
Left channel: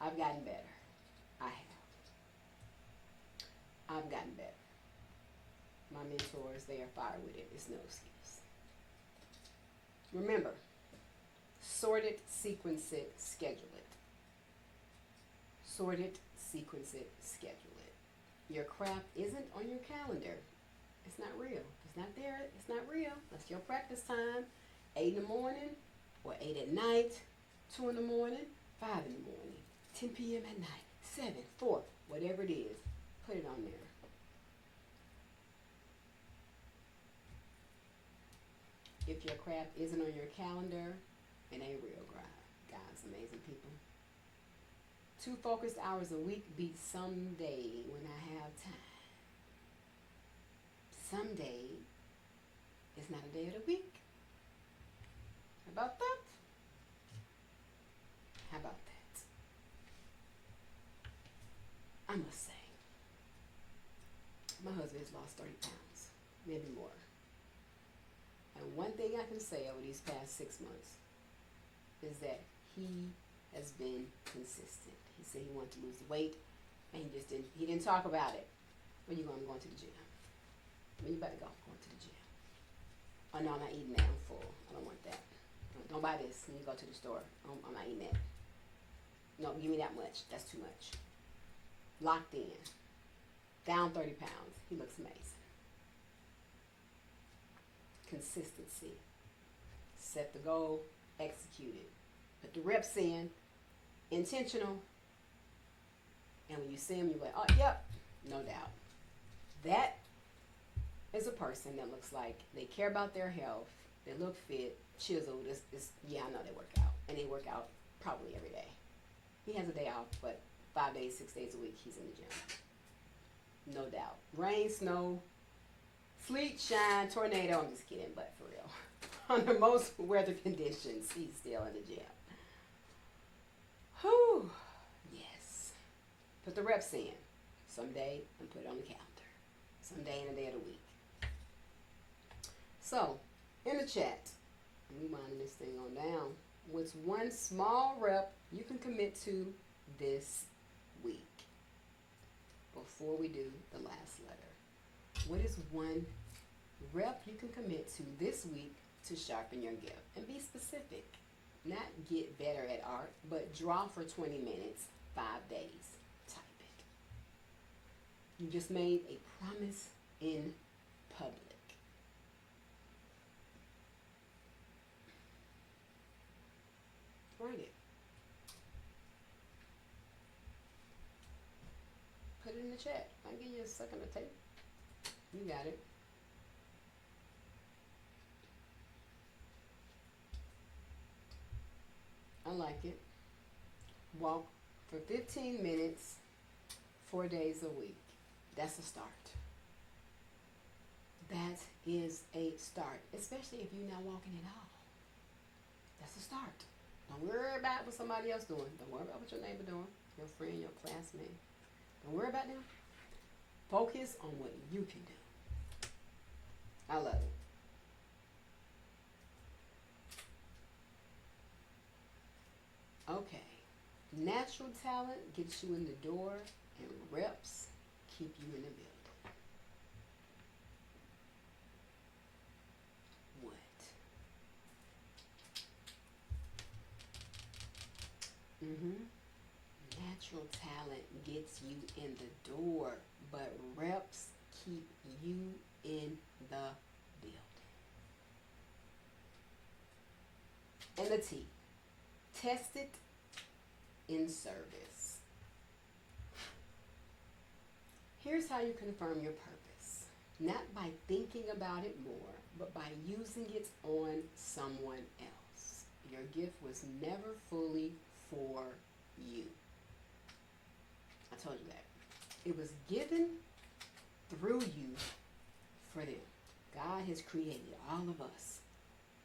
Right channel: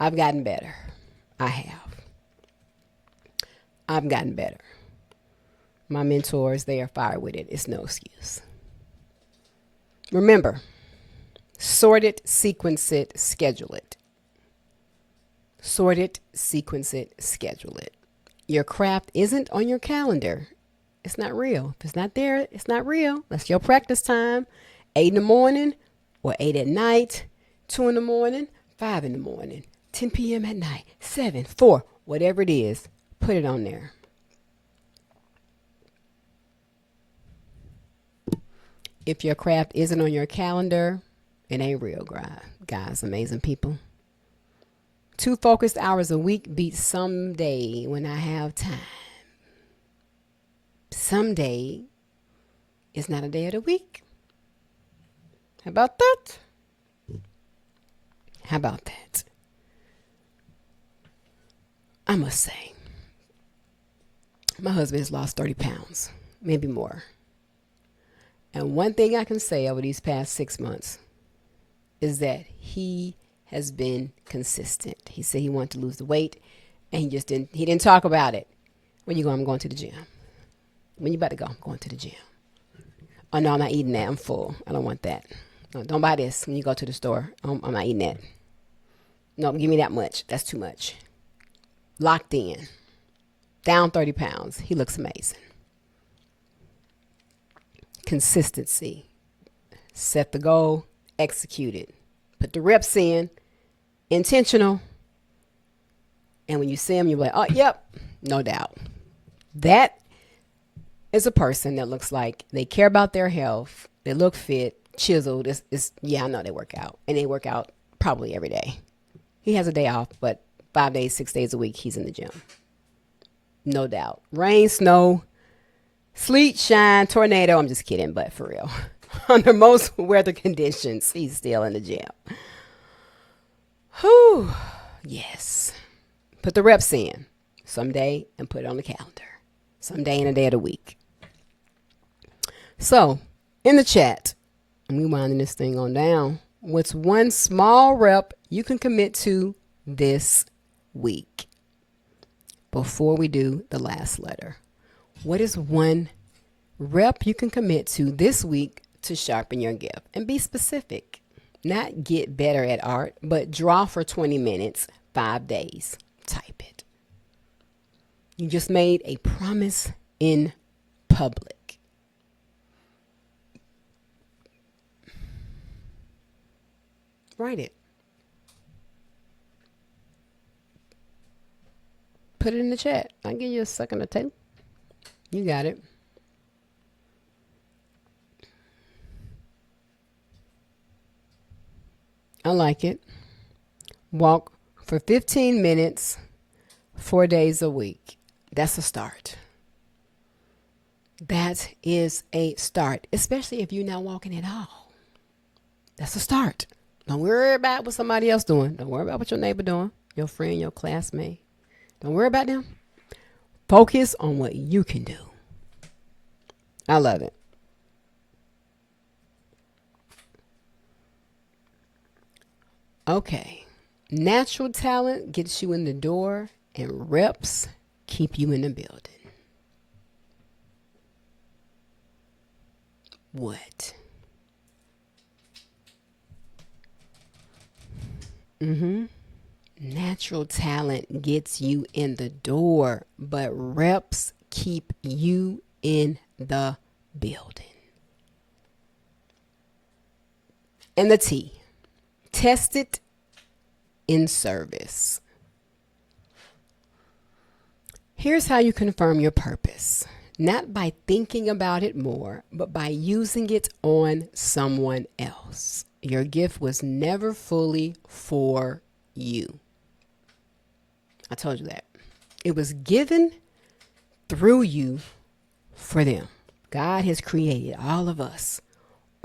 I've gotten better. I have. I've gotten better. My mentors, they are fire with it. It's no excuse. Remember, sort it, sequence it, schedule it. Sort it, sequence it, schedule it. Your craft isn't on your calendar. It's not real. If it's not there, it's not real. That's your practice time. 8 in the morning or 8 at night, 2 in the morning, 5 in the morning, 10 p.m. at night, 7, 4, whatever it is, put it on there. If your craft isn't on your calendar, it ain't real, guys, amazing people. 2 focused hours a week beats someday when I have time. Someday is not a day of the week. How about that? How about that? I must say, my husband has lost 30 pounds, maybe more. And one thing I can say over these past 6 months is that he has been consistent. He said he wanted to lose the weight and he didn't talk about it. When you go, I'm going to the gym. When you about to go, I'm going to the gym. Oh no, I'm not eating that. I'm full. I don't want that. No, don't buy this when you go to the store. I'm not eating that. No, give me that much. That's too much. Locked in. Down 30 pounds. He looks amazing. Consistency. Set the goal, execute it. Put the reps in, intentional. And when you see them, you're like, oh, yep, no doubt. That is a person that looks like they care about their health. They look fit, chiseled. Yeah, I know they work out. And they work out probably every day. He has a day off, but 5 days, 6 days a week, he's in the gym. No doubt. Rain, snow, sleet, shine, tornado. I'm just kidding, but for real. Under most weather conditions, he's still in the gym. Whew. Yes. Put the reps in someday and put it on the calendar. Someday and a day of the week. So, in the chat, and we winding this thing on down. What's one small rep you can commit to this week? Before we do the last letter, what is one rep you can commit to this week to sharpen your gift? And be specific. Not get better at art, but draw for 20 minutes, 5 days. Type it. You just made a promise in public. Write it. Put it in the chat. I'll give you a second or two. You got it. I like it. Walk for 15 minutes, 4 days a week. That's a start. That is a start, especially if you're not walking at all. That's a start. Don't worry about what somebody else doing. Don't worry about what your neighbor doing, your friend, your classmate. Don't worry about them. Focus on what you can do. I love it. Okay. Natural talent gets you in the door, and reps keep you in the building. What? Natural talent gets you in the door, but reps keep you in the building. And the T. Test it in service. Here's how you confirm your purpose. Not by thinking about it more, but by using it on someone else. Your gift was never fully for you. I told you that. It was given through you for them. God has created all of us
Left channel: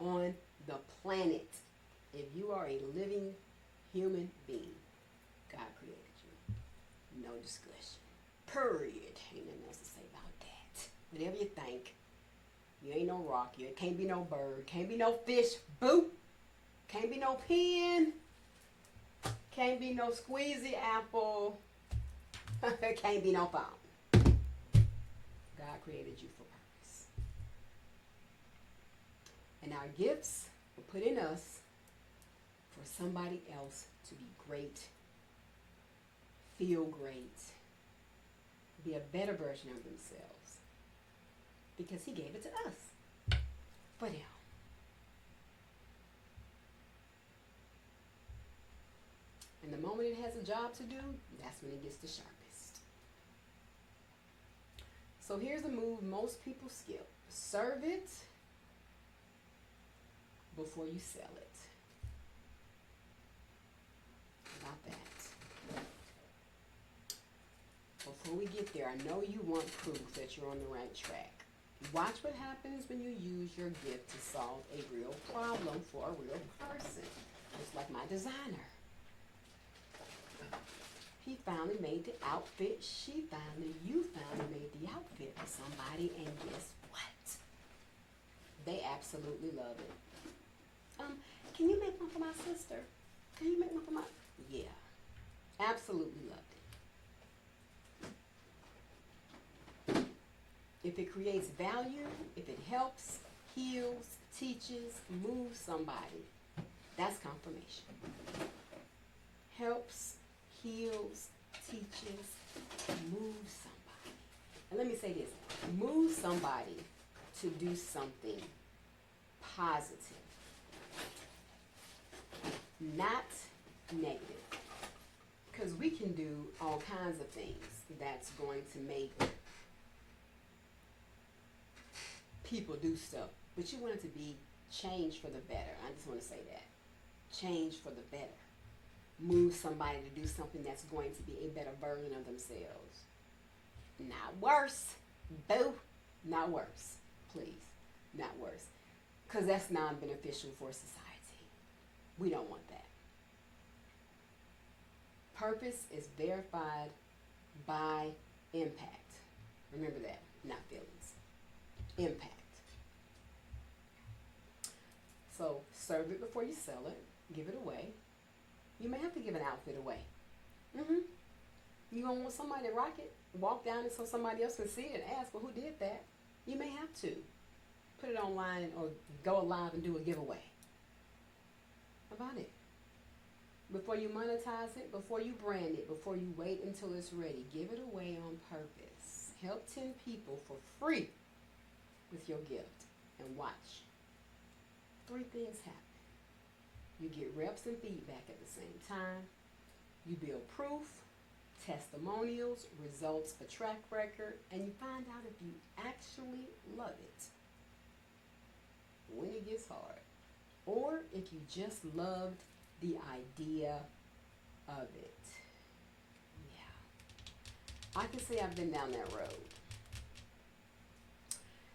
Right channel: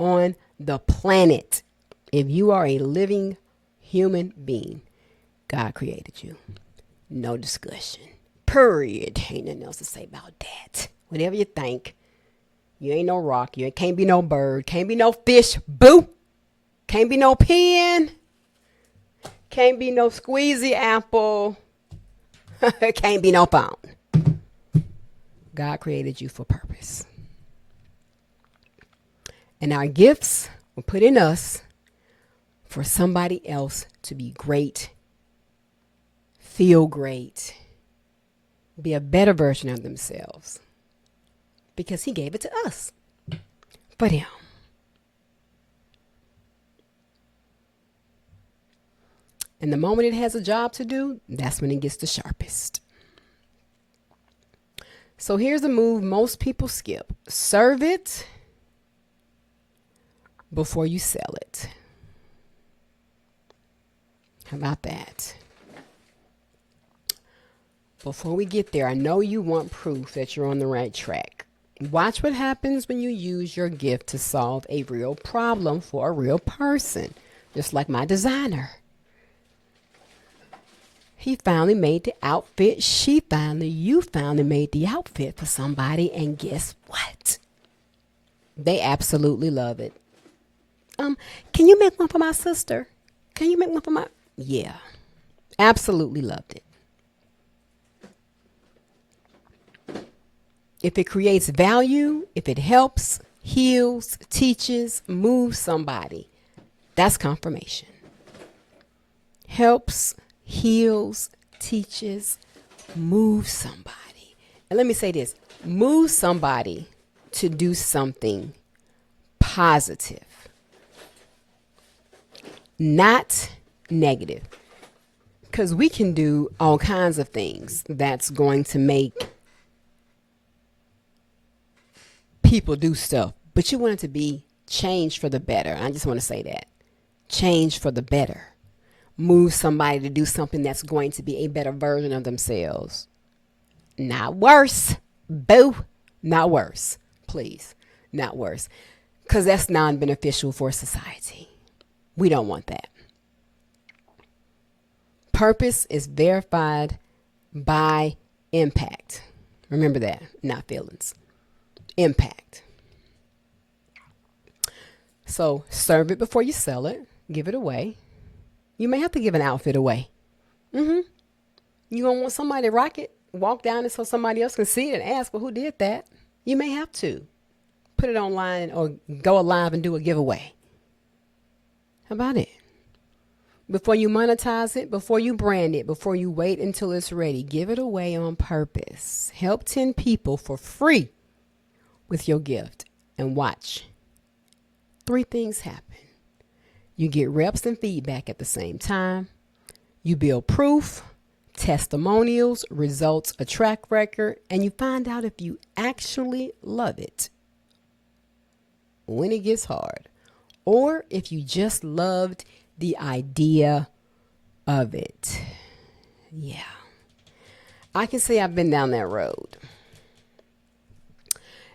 on the planet. If you are a living human being, God created you. No discussion. Period. Ain't nothing else to say about that. Whatever you think. You ain't no rock. You can't be no bird. Can't be no fish. Boo. Can't be no pen. Can't be no squeezy apple. Can't be no phone. God created you for purpose. And our gifts were put in us for somebody else to be great, feel great, be a better version of themselves. Because he gave it to us. For them. And the moment it has a job to do, that's when it gets the sharpest. So here's a move most people skip. Serve it before you sell it. How about that? Before we get there, I know you want proof that you're on the right track. Watch what happens when you use your gift to solve a real problem for a real person. Just like my designer. He finally made the outfit. You finally made the outfit for somebody. And guess what? They absolutely love it. Can you make one for my sister? Can you make one for my... Yeah. Absolutely loved it. If it creates value, if it helps, heals, teaches, moves somebody, that's confirmation. Helps, heals, teaches, moves somebody. And let me say this, move somebody to do something positive. not negative. Because we can do all kinds of things that's going to make people do stuff, but you want it to be changed for the better. I just want to say that. Change for the better. Move somebody to do something that's going to be a better version of themselves. Not worse. Boo. Not worse. Please. Not worse. Because that's non beneficial for society. We don't want that. Purpose is verified by impact. Remember that, not feelings. Impact. So serve it before you sell it. Give it away. You may have to give an outfit away. You gonna want somebody to rock it, walk down it so somebody else can see it and ask, well, who did that? You may have to put it online or go live and do a giveaway. How about it? Before you monetize it, before you brand it, before you wait until it's ready, give it away on purpose. Help 10 people for free with your gift and watch 3 things happen. You get reps and feedback at the same time. You build proof, testimonials, results, a track record, and you find out if you actually love it when it gets hard, or if you just loved the idea of it. Yeah. I can say I've been down that road.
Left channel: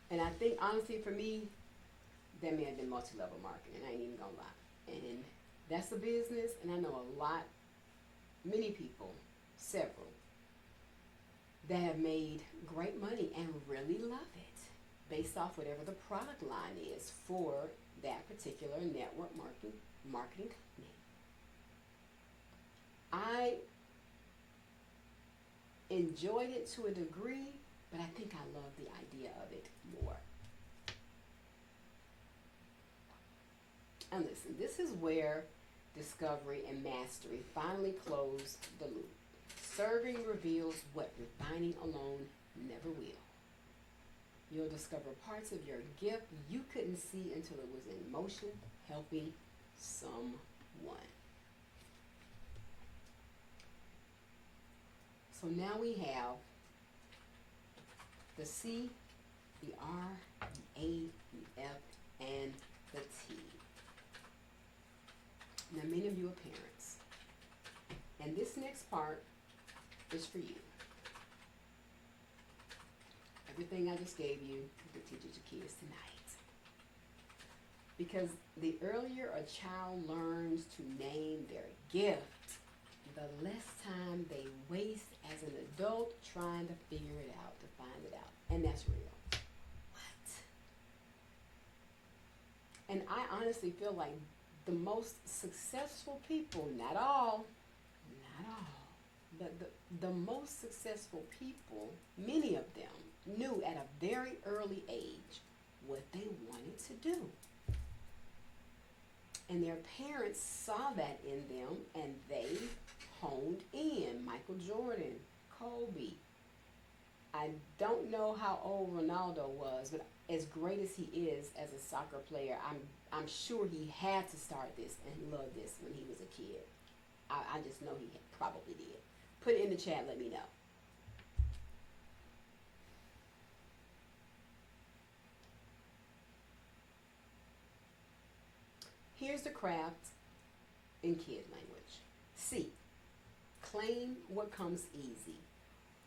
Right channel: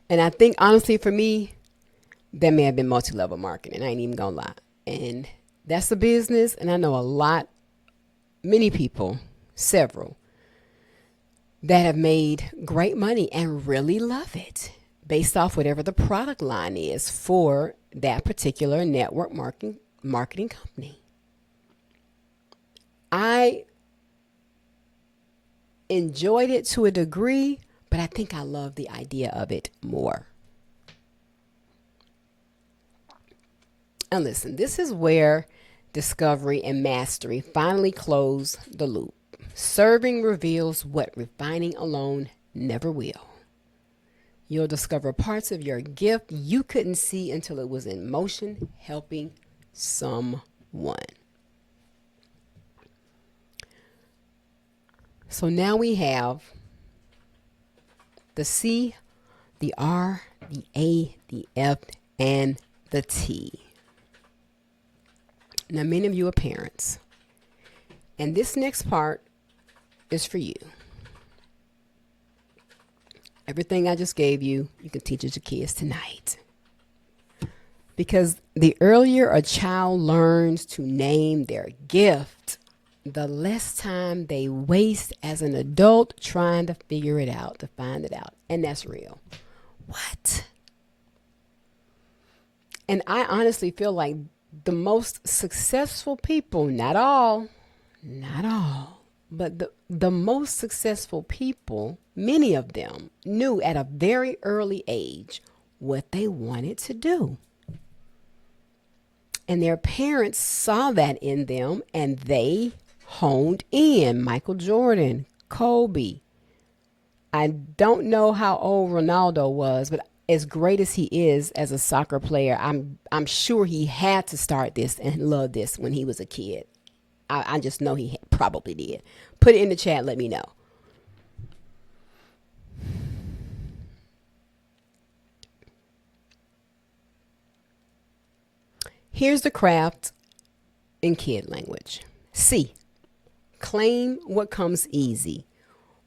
And I think, honestly, for me, that may have been multi-level marketing. I ain't even gonna lie. And that's a business. And I know many people, several, that have made great money and really love it based off whatever the product line is for that particular network marketing company. I enjoyed it to a degree, but I think I love the idea of it more. And listen, this is where discovery and mastery finally close the loop. Serving reveals what refining alone never will. You'll discover parts of your gift you couldn't see until it was in motion, helping someone. So now we have the C, the R, the A, the F, and the T. Now, many of you are parents, and this next part is for you. Everything I just gave you, you can teach it to kids tonight. Because the earlier a child learns to name their gift, the less time they waste as an adult trying to figure it out, to find it out. And that's real. What? And I honestly feel like the most successful people, not all, but the most successful people, many of them knew at a very early age what they wanted to do. And their parents saw that in them and they honed in. Michael Jordan, Kobe. I don't know how old Ronaldo was, but as great as he is as a soccer player, I'm sure he had to start this and love this when he was a kid. I just know he probably did. Put it in the chat. Let me know. Here's the craft in kid language. C, claim what comes easy.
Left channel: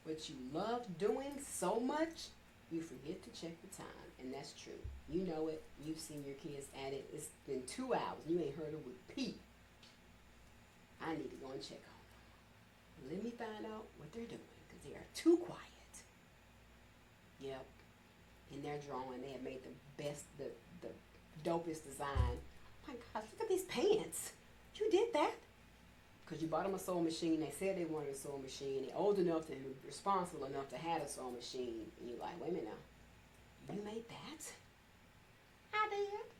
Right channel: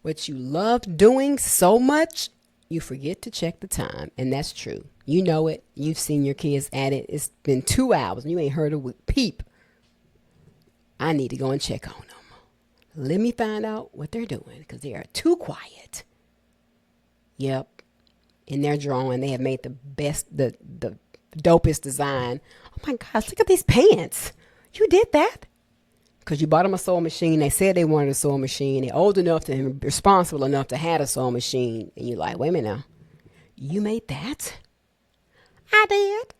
What you love doing so much, you forget to check the time. And that's true. You know it. You've seen your kids at it. It's been 2 hours and you ain't heard a peep. I need to go and check on them. Let me find out what they're doing because they are too quiet. Yep. In their drawing, they have made the best, the dopest design. Oh my gosh, look at these pants. You did that? Because you bought them a sewing machine. They said they wanted a sewing machine. They're old enough and responsible enough to have a sewing machine. And you're like, wait a minute now. You made that? I did.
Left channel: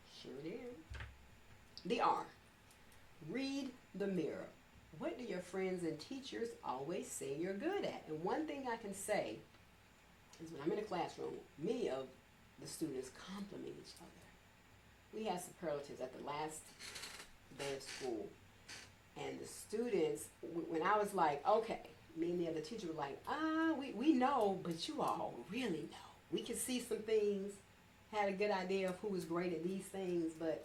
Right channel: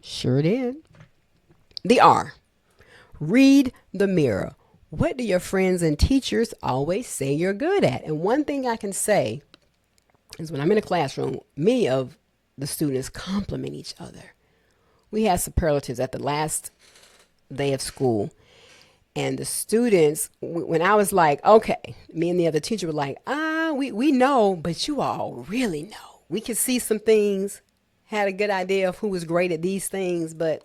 Sure did. The R. Read the mirror. What do your friends and teachers always say you're good at? And one thing I can say is when I'm in a classroom, many of the students compliment each other. We had superlatives at the last day of school. And the students, when I was like, okay, me and the other teacher were like, we know, but you all really know. We could see some things, had a good idea of who was great at these things, but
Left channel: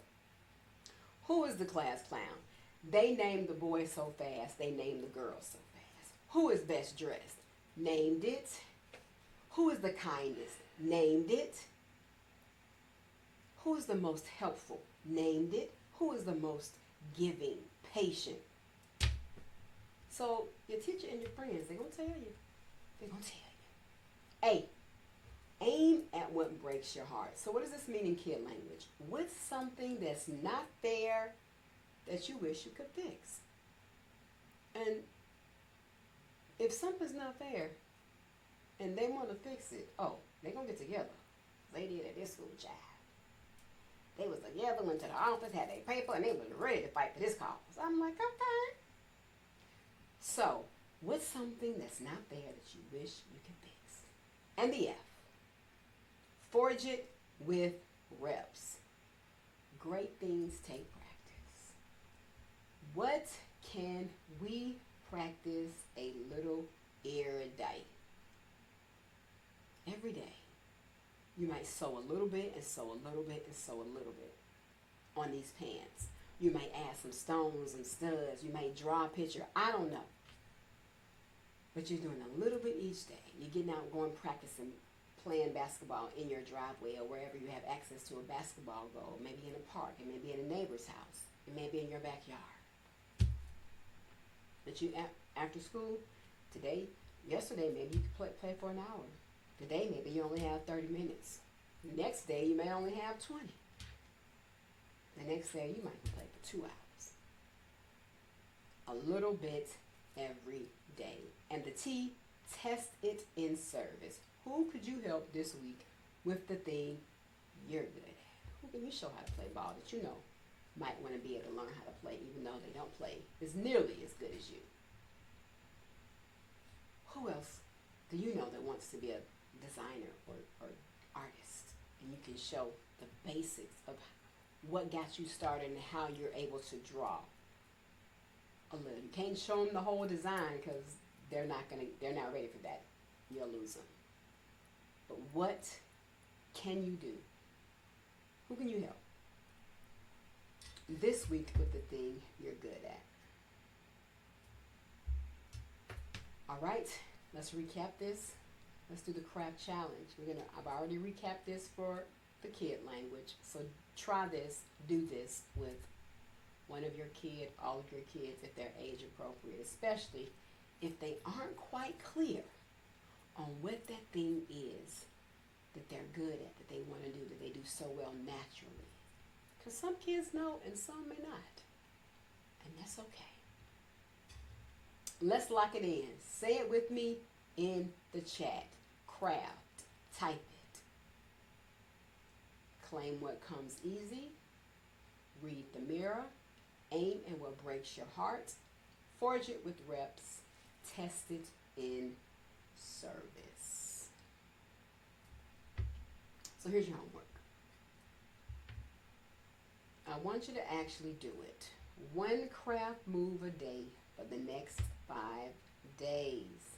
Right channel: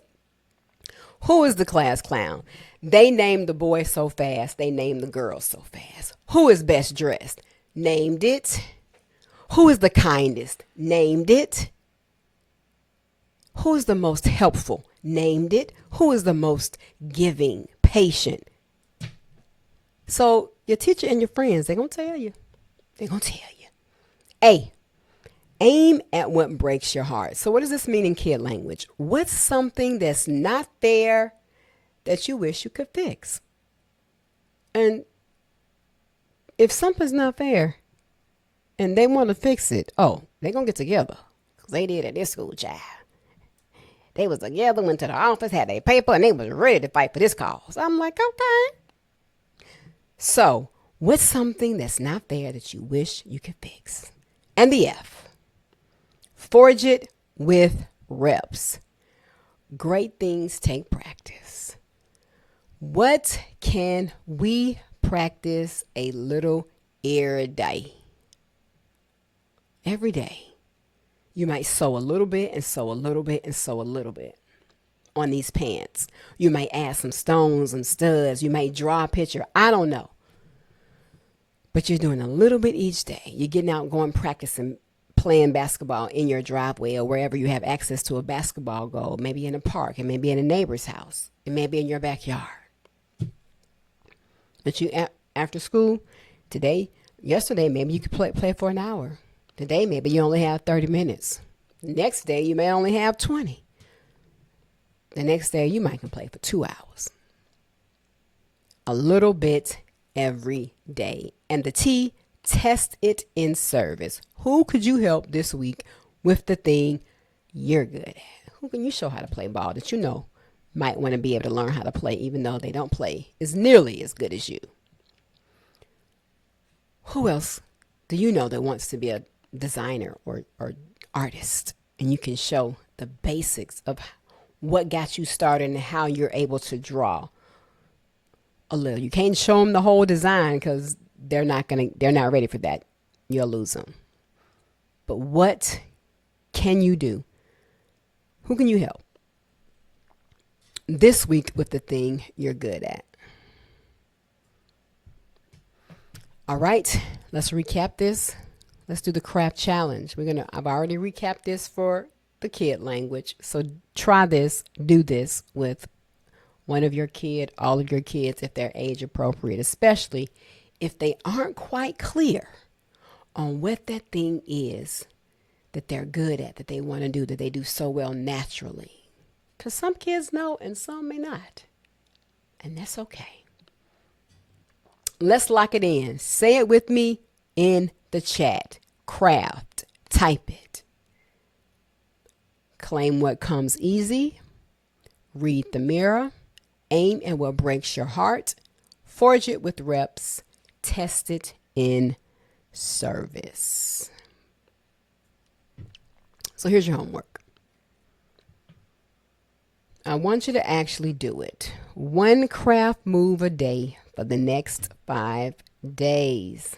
who is the class clown? They named the boy so fast, they named the girl so fast. Who is best dressed? Named it. Who is the kindest? Named it. Who is the most helpful? Named it. Who is the most giving, patient? So your teacher and your friends, they're going to tell you. They're going to tell you. A, aim at what breaks your heart. So what does this mean in kid language? What's something that's not fair that you wish you could fix? And if something's not fair and they want to fix it, oh, they're going to get together. Because they did at this school, child. They was together, went to the office, had their paper, and they was ready to fight for this cause. I'm like, okay. So, what's something that's not fair that you wish you could fix? And the F, forge it with reps. Great things take practice. What can we practice a little every day? Every day. You might sew a little bit and sew a little bit and sew a little bit on these pants. You might add some stones and studs. You might draw a picture. I don't know. But you're doing a little bit each day. You're getting out, going practicing, playing basketball in your driveway or wherever you have access to a basketball goal. Maybe in a park. It may be in a neighbor's house. It may be in your backyard. But you, after school, yesterday, maybe you could play for an hour. Today, maybe you only have 30 minutes. Next day, you may only have 20. The next day, you might can play for 2 hours. A little bit every day. And the T, test it in service. Who could you help this week with the thing you're good at? Who can you show how to play ball that you know might want to be able to learn how to play even though they don't play as nearly as good as you? Who else do you know that wants to be a designer or artist, and you can show the basics of what got you started and how you're able to draw a little? You can't show them the whole design because they're not ready for that. You'll lose them. But what can you do? Who can you help this week with the thing you're good at? All right, let's recap this. Let's do the craft challenge. I've already recapped this for the kid language. So try this, do this with one of your kid, all of your kids, if they're age appropriate, especially if they aren't quite clear on what that thing is that they're good at, that they want to do, that they do so well naturally. Because some kids know and some may not. And that's okay. Let's lock it in. Say it with me in the chat. Craft. Type it. Claim what comes easy. Read the mirror. Aim at what breaks your heart. Forge it with reps. Test it in service. So here's your homework. I want you to actually do it. One craft move a day for the next 5 days.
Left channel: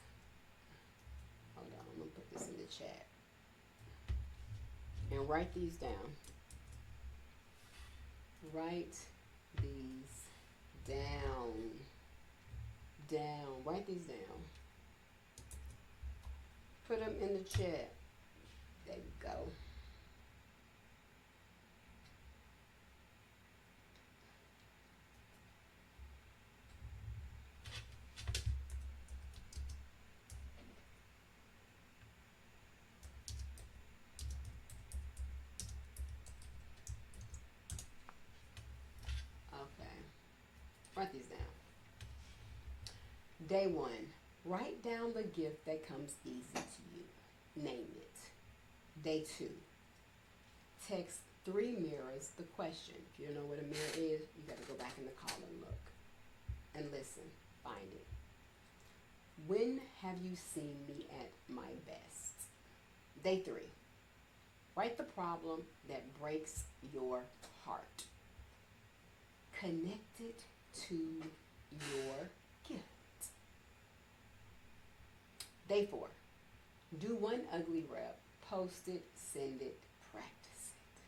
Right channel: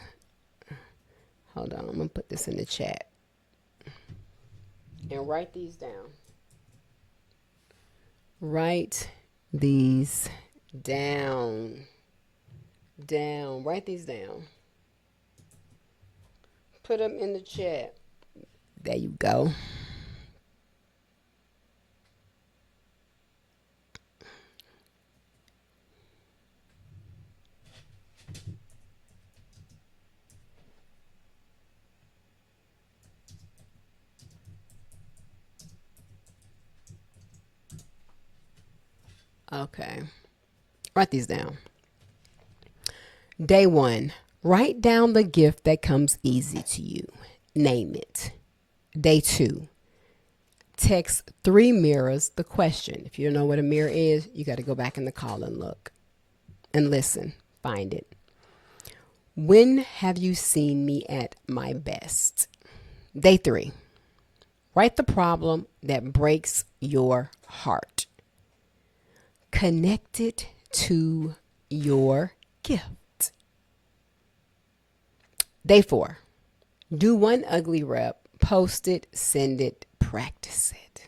Hold on, I'm going to put this in the chat. And write these down. Write these down. Write these down. Put them in the chat. There you go. Okay. Write these down. Day 1. Write down the gift that comes easy to you. Name it. Day 2. Text 3 mirrors the question. If you don't know what a mirror is, you got to go back in the call and look. And listen. Find it. When have you seen me at my best? Day 3. Write the problem that breaks your heart. connected to your gift. Day 4, do one ugly rep, post it, send it, practice it.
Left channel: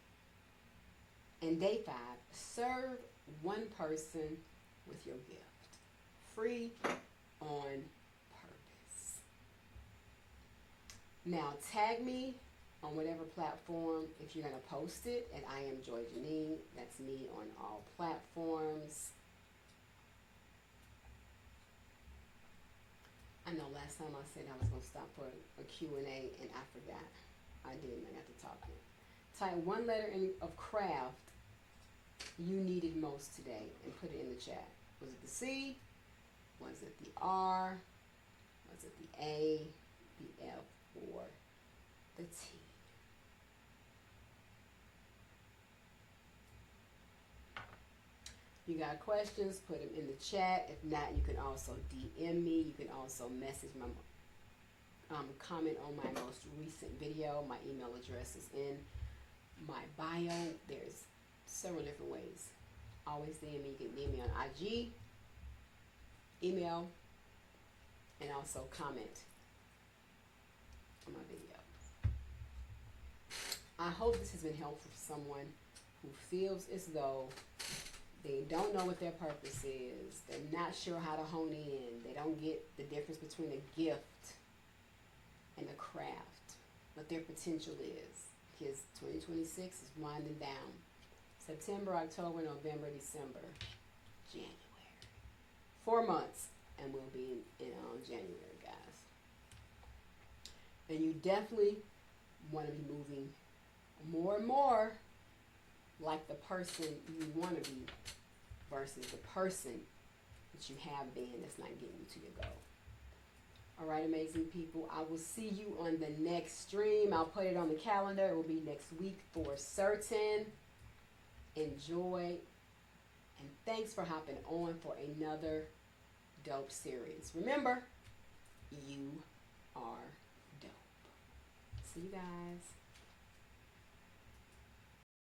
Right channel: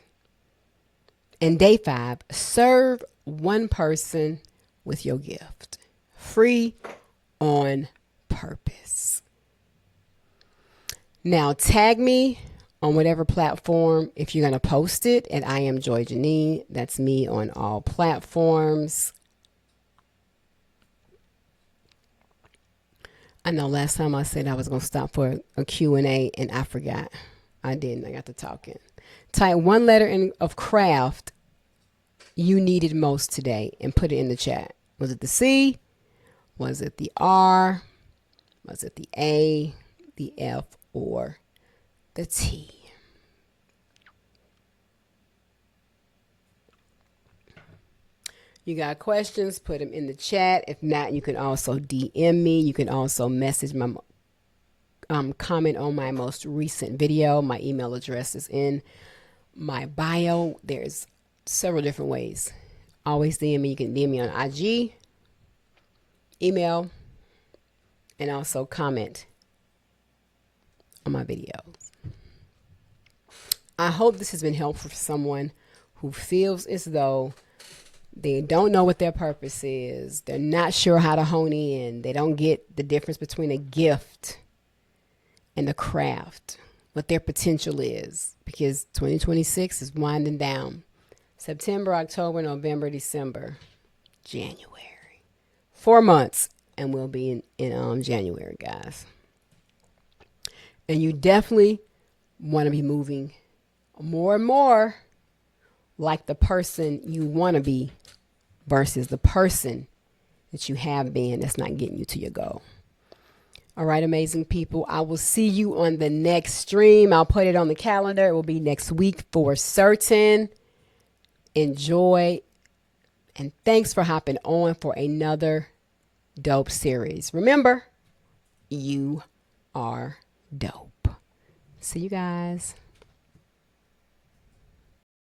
And day 5, serve one person with your gift. Free on purpose. Now tag me on whatever platform if you're going to post it, and I am Joye Janine. That's me on all platforms. I know last time I said I was going to stop for a Q&A, and I forgot. I didn't. I got to talking. Type one letter of craft you needed most today and put it in the chat. Was it the C? Was it the R? Was it the A, the F, or the T? You got questions, put them in the chat. If not, you can also DM me. You can also message my comment on my most recent video. My email address is in my bio. There's several different ways. Always DM me. You can DM me on IG, email, and also comment on my videos. I hope this has been helpful for someone who feels as though they don't know what their purpose is. They're not sure how to hone in. They don't get the difference between a gift and a craft, what their potential is, because 2026 is winding down. September, October, November, December, January. 4 months, and we'll be in January, guys. And you definitely want to be moving more and more like the person you want to be versus the person that you have been that's not getting you to your goal. All right, amazing people. I will see you on the next stream. I'll put it on the calendar. It will be next week for certain. Enjoy. And thanks for hopping on for another dope series. Remember, you are dope. See you guys.